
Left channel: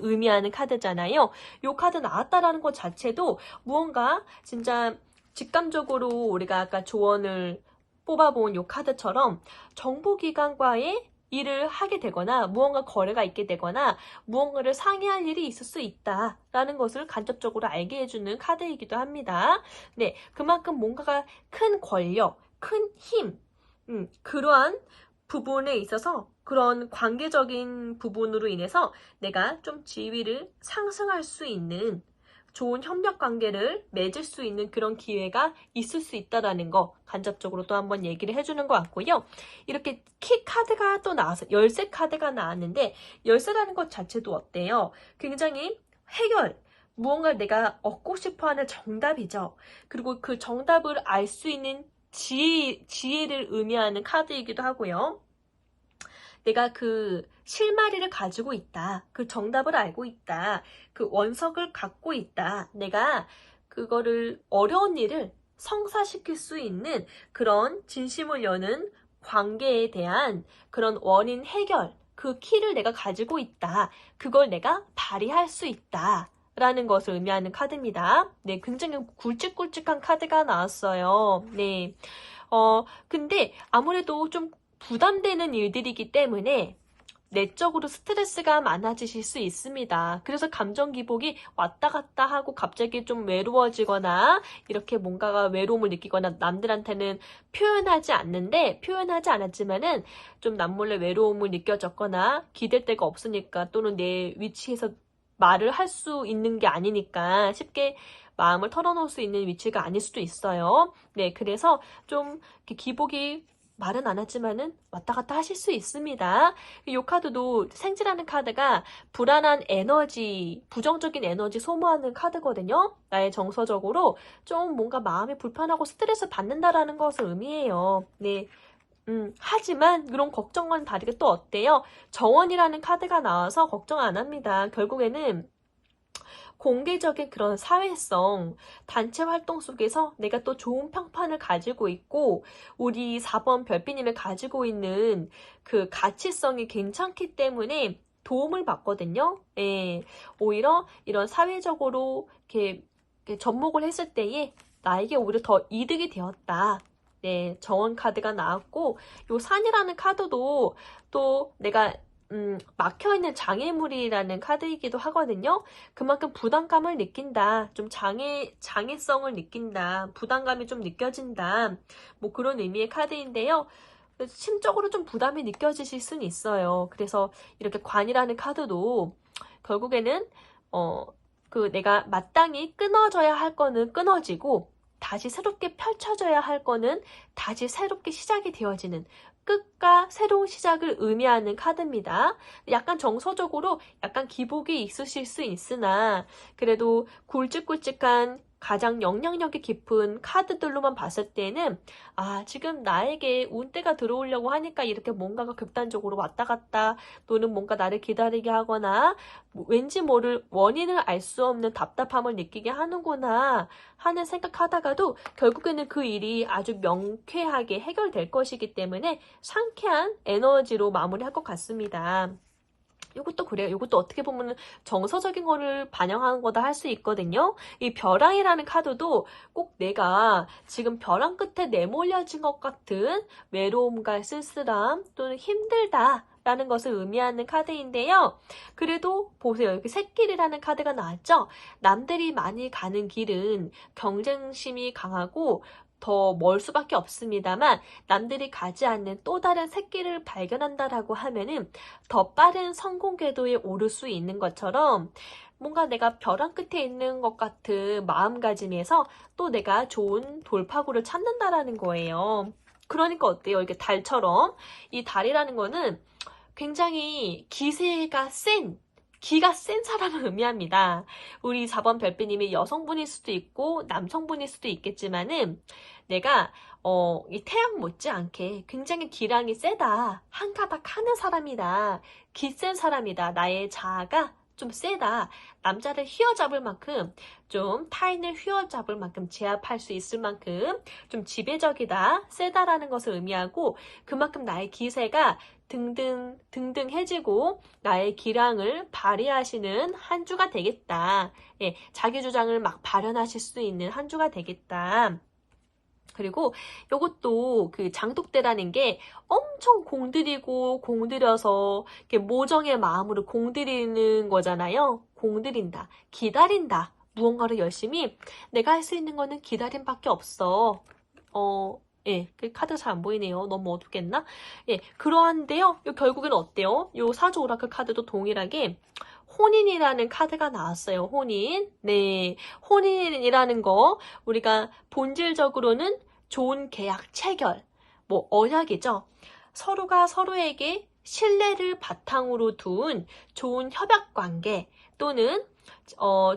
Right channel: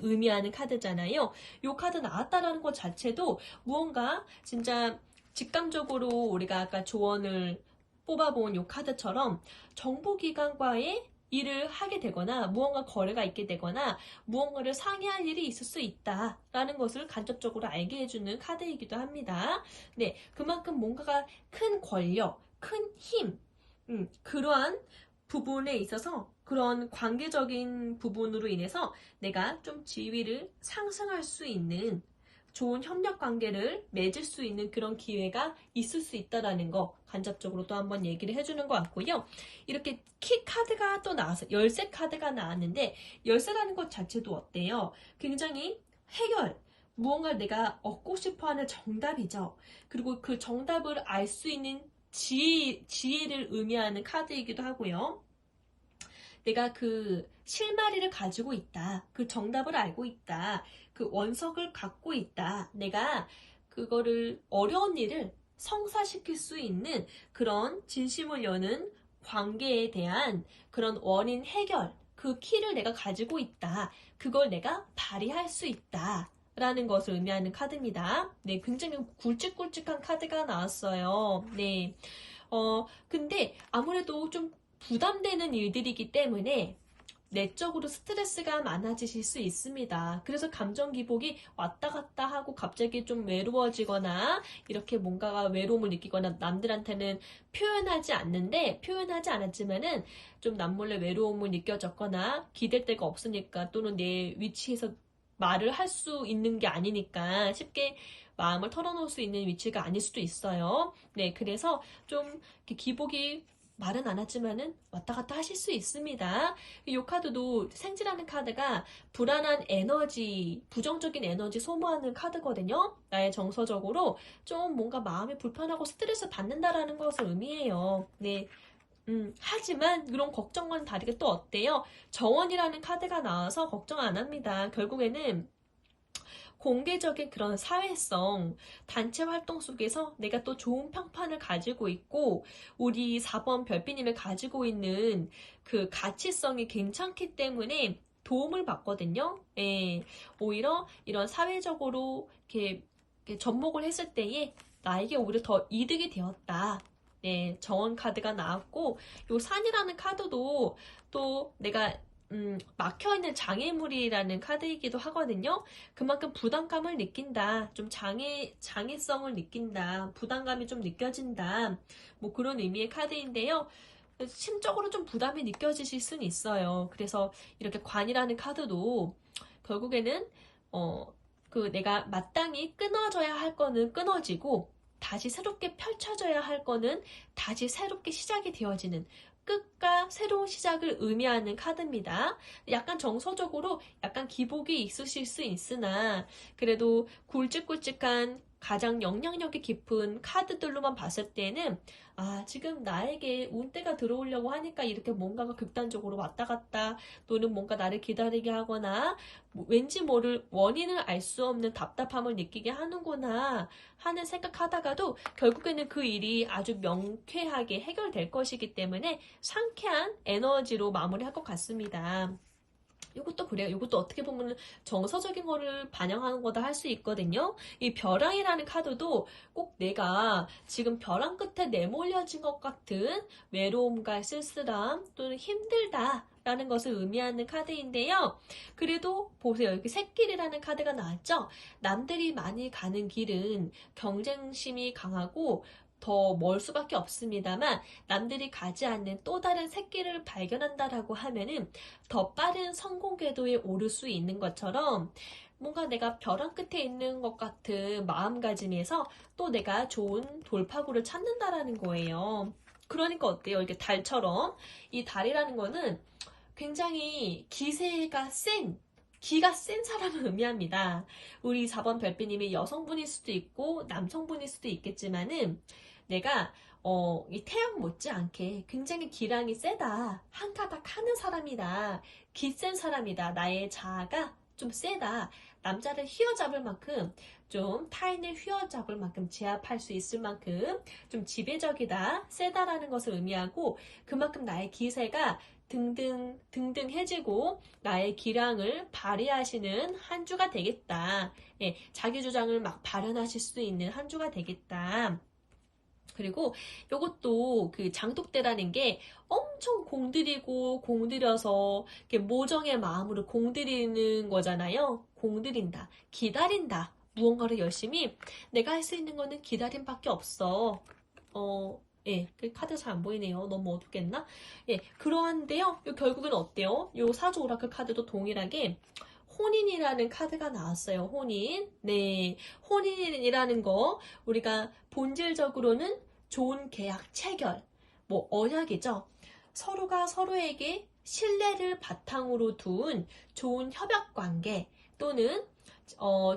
의미하는 카드잖아요. 이 카드 나왔다라는 것 자체도 무언가 진짜 직감적으로 우리가 아까 조언을 뽑아본 이 카드처럼 정보기관과의 일을 하게 되거나 무언가 거래가 있게 되거나 무언가를 상의할 일이 있을 수 있다라는 것을 간접적으로 알게 해주는 카드이기도 합니다. 네, 그만큼 뭔가가 큰 권력, 큰 힘, 그러한 부분에 있어서 그런 관계적인 부분으로 인해서 내가 좀 지위를 상승할 수 있는 좋은 협력 관계를 맺을 수 있는 그런 기회가 있을 수 있다라는 거 간접적으로 또 한번 얘기를 해주는 것 같고요. 이렇게 키 카드가 또 나와서 열쇠 카드가 나왔는데 열쇠라는 것 자체도 어때요? 굉장히 해결, 무언가 내가 얻고 싶어하는 정답이죠. 그리고 그 정답을 알 수 있는 지혜를 의미하는 카드이기도 하고요. 내가 그 실마리를 가지고 있다. 그 정답을 알고 있다. 그 원석을 갖고 있다. 내가 그거를 어려운 일을 성사시킬 수 있는 그런 진심을 여는 관계에 대한 그런 원인 해결, 그 키를 내가 가지고 있다. 그걸 내가 발휘할 수 있다. 라는 것을 의미하는 카드입니다. 네, 굉장히 굵직굵직한 카드가 나왔어요. 네. 근데 아무래도 좀 부담되는 일들이기 때문에 내적으로 스트레스가 많아지실 수 있습니다. 그래서 감정 기복이 왔다 갔다 하고 갑자기 좀 외로워지거나 이렇게 뭔가가 외로움을 느끼거나 남들한테는 표현하지 않았지만은 좀 남몰래 외로움을 느껴졌거나 기댈 데가 없으니까 또는 내 위치에서 말을 할 수 있는 게 아니니까 쉽게 마음을 털어놓을 수 있는 위치가 아닐 수도 있어요. 네, 그래서 좀 기복이 말은 안 하지만은 왔다 갔다 하실 수 있습니다. 이 카드도 생지라는 카드가 불안한 에너지, 부정적인 에너지 소모하는 카드거든요. 나의 정서적으로 좀 뭔가 마음이 불편하고 스트레스 받는다라는 것을 의미해요. 네. 하지만 그런 걱정과는 다르게 또 어때요? 정원이라는 카드가 나와서 걱정 안 합니다. 결국에는 공개적인 그런 사회성, 단체 활동 속에서 내가 또 좋은 평판을 가지고 있고 우리 4번 별비님을 가지고 있는 그 가치성이 괜찮기 때문에 도움을 받거든요. 예, 오히려 이런 사회적으로 이렇게 접목을 했을 때에 나에게 오히려 더 이득이 되었다. 네, 정원 카드가 나왔고 요 산이라는 카드도 또 내가 막혀있는 장애물이라는 카드이기도 하거든요. 그만큼 부담감을 느낀다. 좀 장애성을 느낀다. 부담감이 좀 느껴진다. 뭐 그런 의미의 카드인데요. 심적으로 좀 부담이 느껴지실 수는 있어요. 그래서 이렇게 관이라는 카드도 결국에는 내가 마땅히 끊어져야 할 거는 끊어지고 다시 새롭게 펼쳐져야 할 거는 다시 새롭게 시작이 되어지는 끝과 새로운 시작을 의미하는 카드입니다. 약간 정서적으로 약간 기복이 있으실 수 있으나 그래도 굵직굵직한 가장 영향력이 깊은 카드들로만 봤을 때는 지금 나에게 운대가 들어오려고 하니까 이렇게 뭔가가 극단적으로 왔다 갔다 또는 뭔가 나를 기다리게 하거나 왠지 모를 원인을 알 수 없는 답답함을 느끼게 하는구나 하는 생각하다가도 결국에는 그 일이 아주 명쾌하게 해결될 것이기 때문에 상쾌한 에너지로 마무리할 것 같습니다. 이것도 그래요. 이것도 어떻게 보면 정서적인 거를 반영한 거다 할 수 있거든요. 이 벼랑이라는 카드도 꼭 내가 지금 벼랑 끝에 내몰려진 것 같은 외로움과 쓸쓸함 또는 힘들다 라는 것을 의미하는 카드인데요. 그래도 보세요. 이렇게 샛길이라는 카드가 나왔죠. 남들이 많이 가는 길은 경쟁심이 강하고 더 멀 수밖에 없습니다만 남들이 가지 않는 또 다른 샛길을 발견한다라고 하면은 더 빠른 성공 궤도에 오를 수 있는 것처럼 뭔가 내가 벼랑 끝에 있는 것 같은 마음가짐에서 또 내가 좋은 돌파구를 찾는다라는 거예요. 그러니까 어때요? 이렇게 달처럼 이 달이라는 거는 굉장히 기가 센 사람을 의미합니다. 우리 4번 별빛님이 여성분일 수도 있고 남성분일 수도 있겠지만은 내가 이 태양 못지않게 굉장히 기량이 세다. 한 가닥 하는 사람이다. 기센 사람이다. 나의 자아가 좀 세다. 남자를 휘어잡을 만큼 좀 타인을 휘어잡을 만큼 제압할 수 있을 만큼 좀 지배적이다. 세다라는 것을 의미하고 그만큼 나의 기세가 등등해지고 나의 기량을 발휘하시는 한 주가 되겠다. 예, 자기 주장을 막 발현하실 수 있는 한 주가 되겠다. 그리고 이것도 그 장독대라는 게 엄청 공들여서 이렇게 모정의 마음으로 공들이는 거잖아요. 공들인다, 기다린다. 무언가를 열심히 내가 할 수 있는 거는 기다림밖에 없어. 예, 그 카드 잘 안 보이네요. 너무 어둡겠나? 예, 그러한데요. 결국에는 어때요? 요 사주 오라클 카드도 동일하게 혼인이라는 카드가 나왔어요. 혼인. 네, 혼인이라는 거 우리가 본질적으로는 좋은 계약 체결, 뭐 언약이죠. 서로가 서로에게 신뢰를 바탕으로 둔 좋은 협약 관계 또는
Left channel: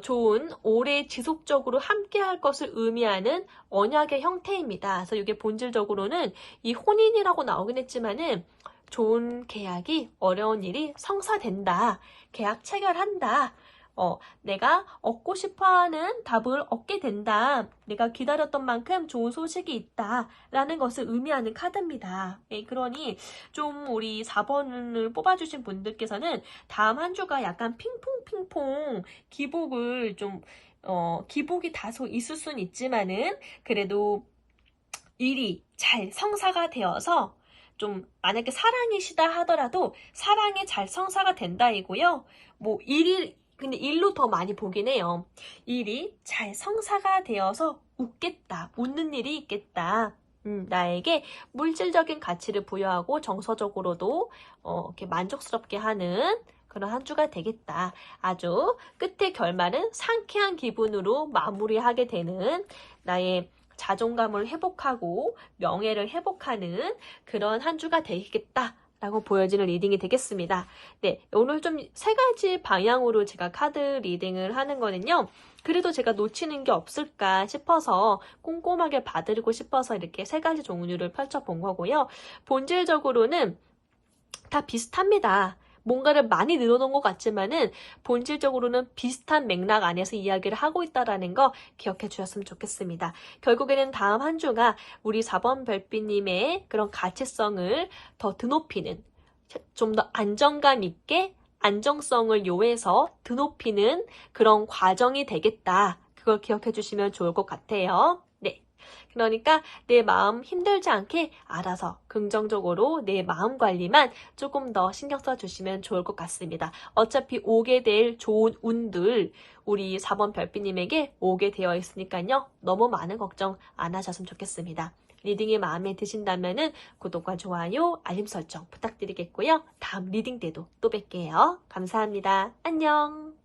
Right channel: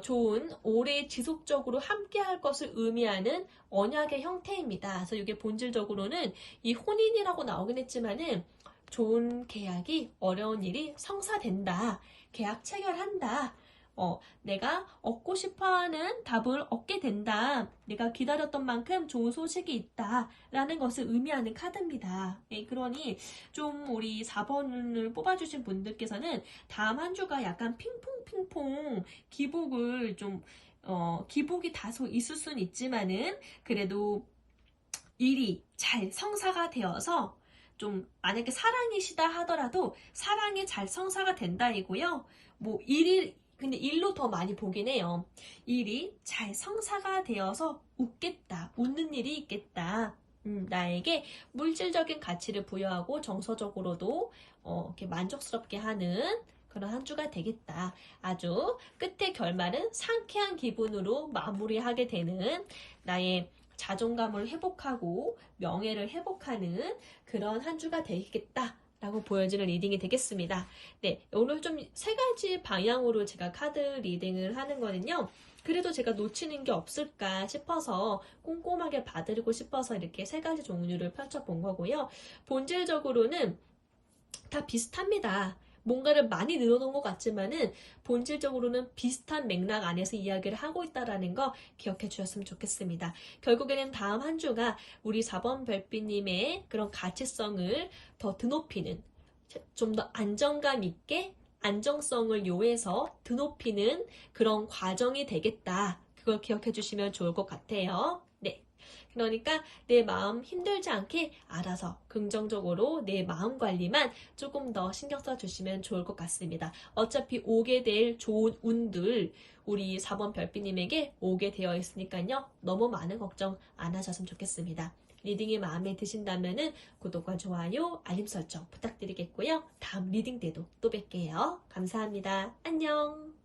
좋은 오래 지속적으로 함께 할 것을 의미하는 언약의 형태입니다. 그래서 이게 본질적으로는 이 혼인이라고 나오긴 했지만은 좋은 계약이 어려운 일이 성사된다. 계약 체결한다. 내가 얻고 싶어하는 답을 얻게 된다. 내가 기다렸던 만큼 좋은 소식이 있다. 라는 것을 의미하는 카드입니다. 네, 그러니 좀 우리 4번을 뽑아주신 분들께서는 다음 한 주가 약간 핑퐁핑퐁 기복이 다소 있을 수는 있지만은 그래도 일이 잘 성사가 되어서 좀 만약에 사랑이시다 하더라도 사랑이 잘 성사가 된다이고요. 뭐 근데 일로 더 많이 보긴 해요. 일이 잘 성사가 되어서 웃는 일이 있겠다. 나에게 물질적인 가치를 부여하고 정서적으로도 이렇게 만족스럽게 하는 그런 한 주가 되겠다. 아주 끝의 결말은 상쾌한 기분으로 마무리하게 되는 나의 자존감을 회복하고 명예를 회복하는 그런 한 주가 되겠다라고 보여지는 리딩이 되겠습니다. 네, 오늘 좀 세 가지 방향으로 제가 카드 리딩을 하는 거는요. 그래도 제가 놓치는 게 없을까 싶어서 꼼꼼하게 봐드리고 싶어서 이렇게 세 가지 종류를 펼쳐본 거고요. 본질적으로는 다 비슷합니다. 뭔가를 많이 늘어놓은 것 같지만은 본질적으로는 비슷한 맥락 안에서 이야기를 하고 있다는 거 기억해 주셨으면 좋겠습니다. 결국에는 다음 한 주가 우리 4번 별빛님의 그런 가치성을 더 드높이는 좀 더 안정감 있게 안정성을 요해서 드높이는 그런 과정이 되겠다. 그걸 기억해 주시면 좋을 것 같아요. 네. 그러니까 내 마음 힘들지 않게 알아서 긍정적으로 내 마음 관리만 조금 더 신경 써주시면 좋을 것 같습니다. 어차피 오게 될 좋은 운들 우리 4번 별빛님에게 오게 되어 있으니까요. 너무 많은 걱정 안 하셨으면 좋겠습니다. 리딩이 마음에 드신다면 구독과 좋아요, 알림 설정 부탁드리겠고요. 다음 리딩 때도 또 뵐게요. 감사합니다. 안녕.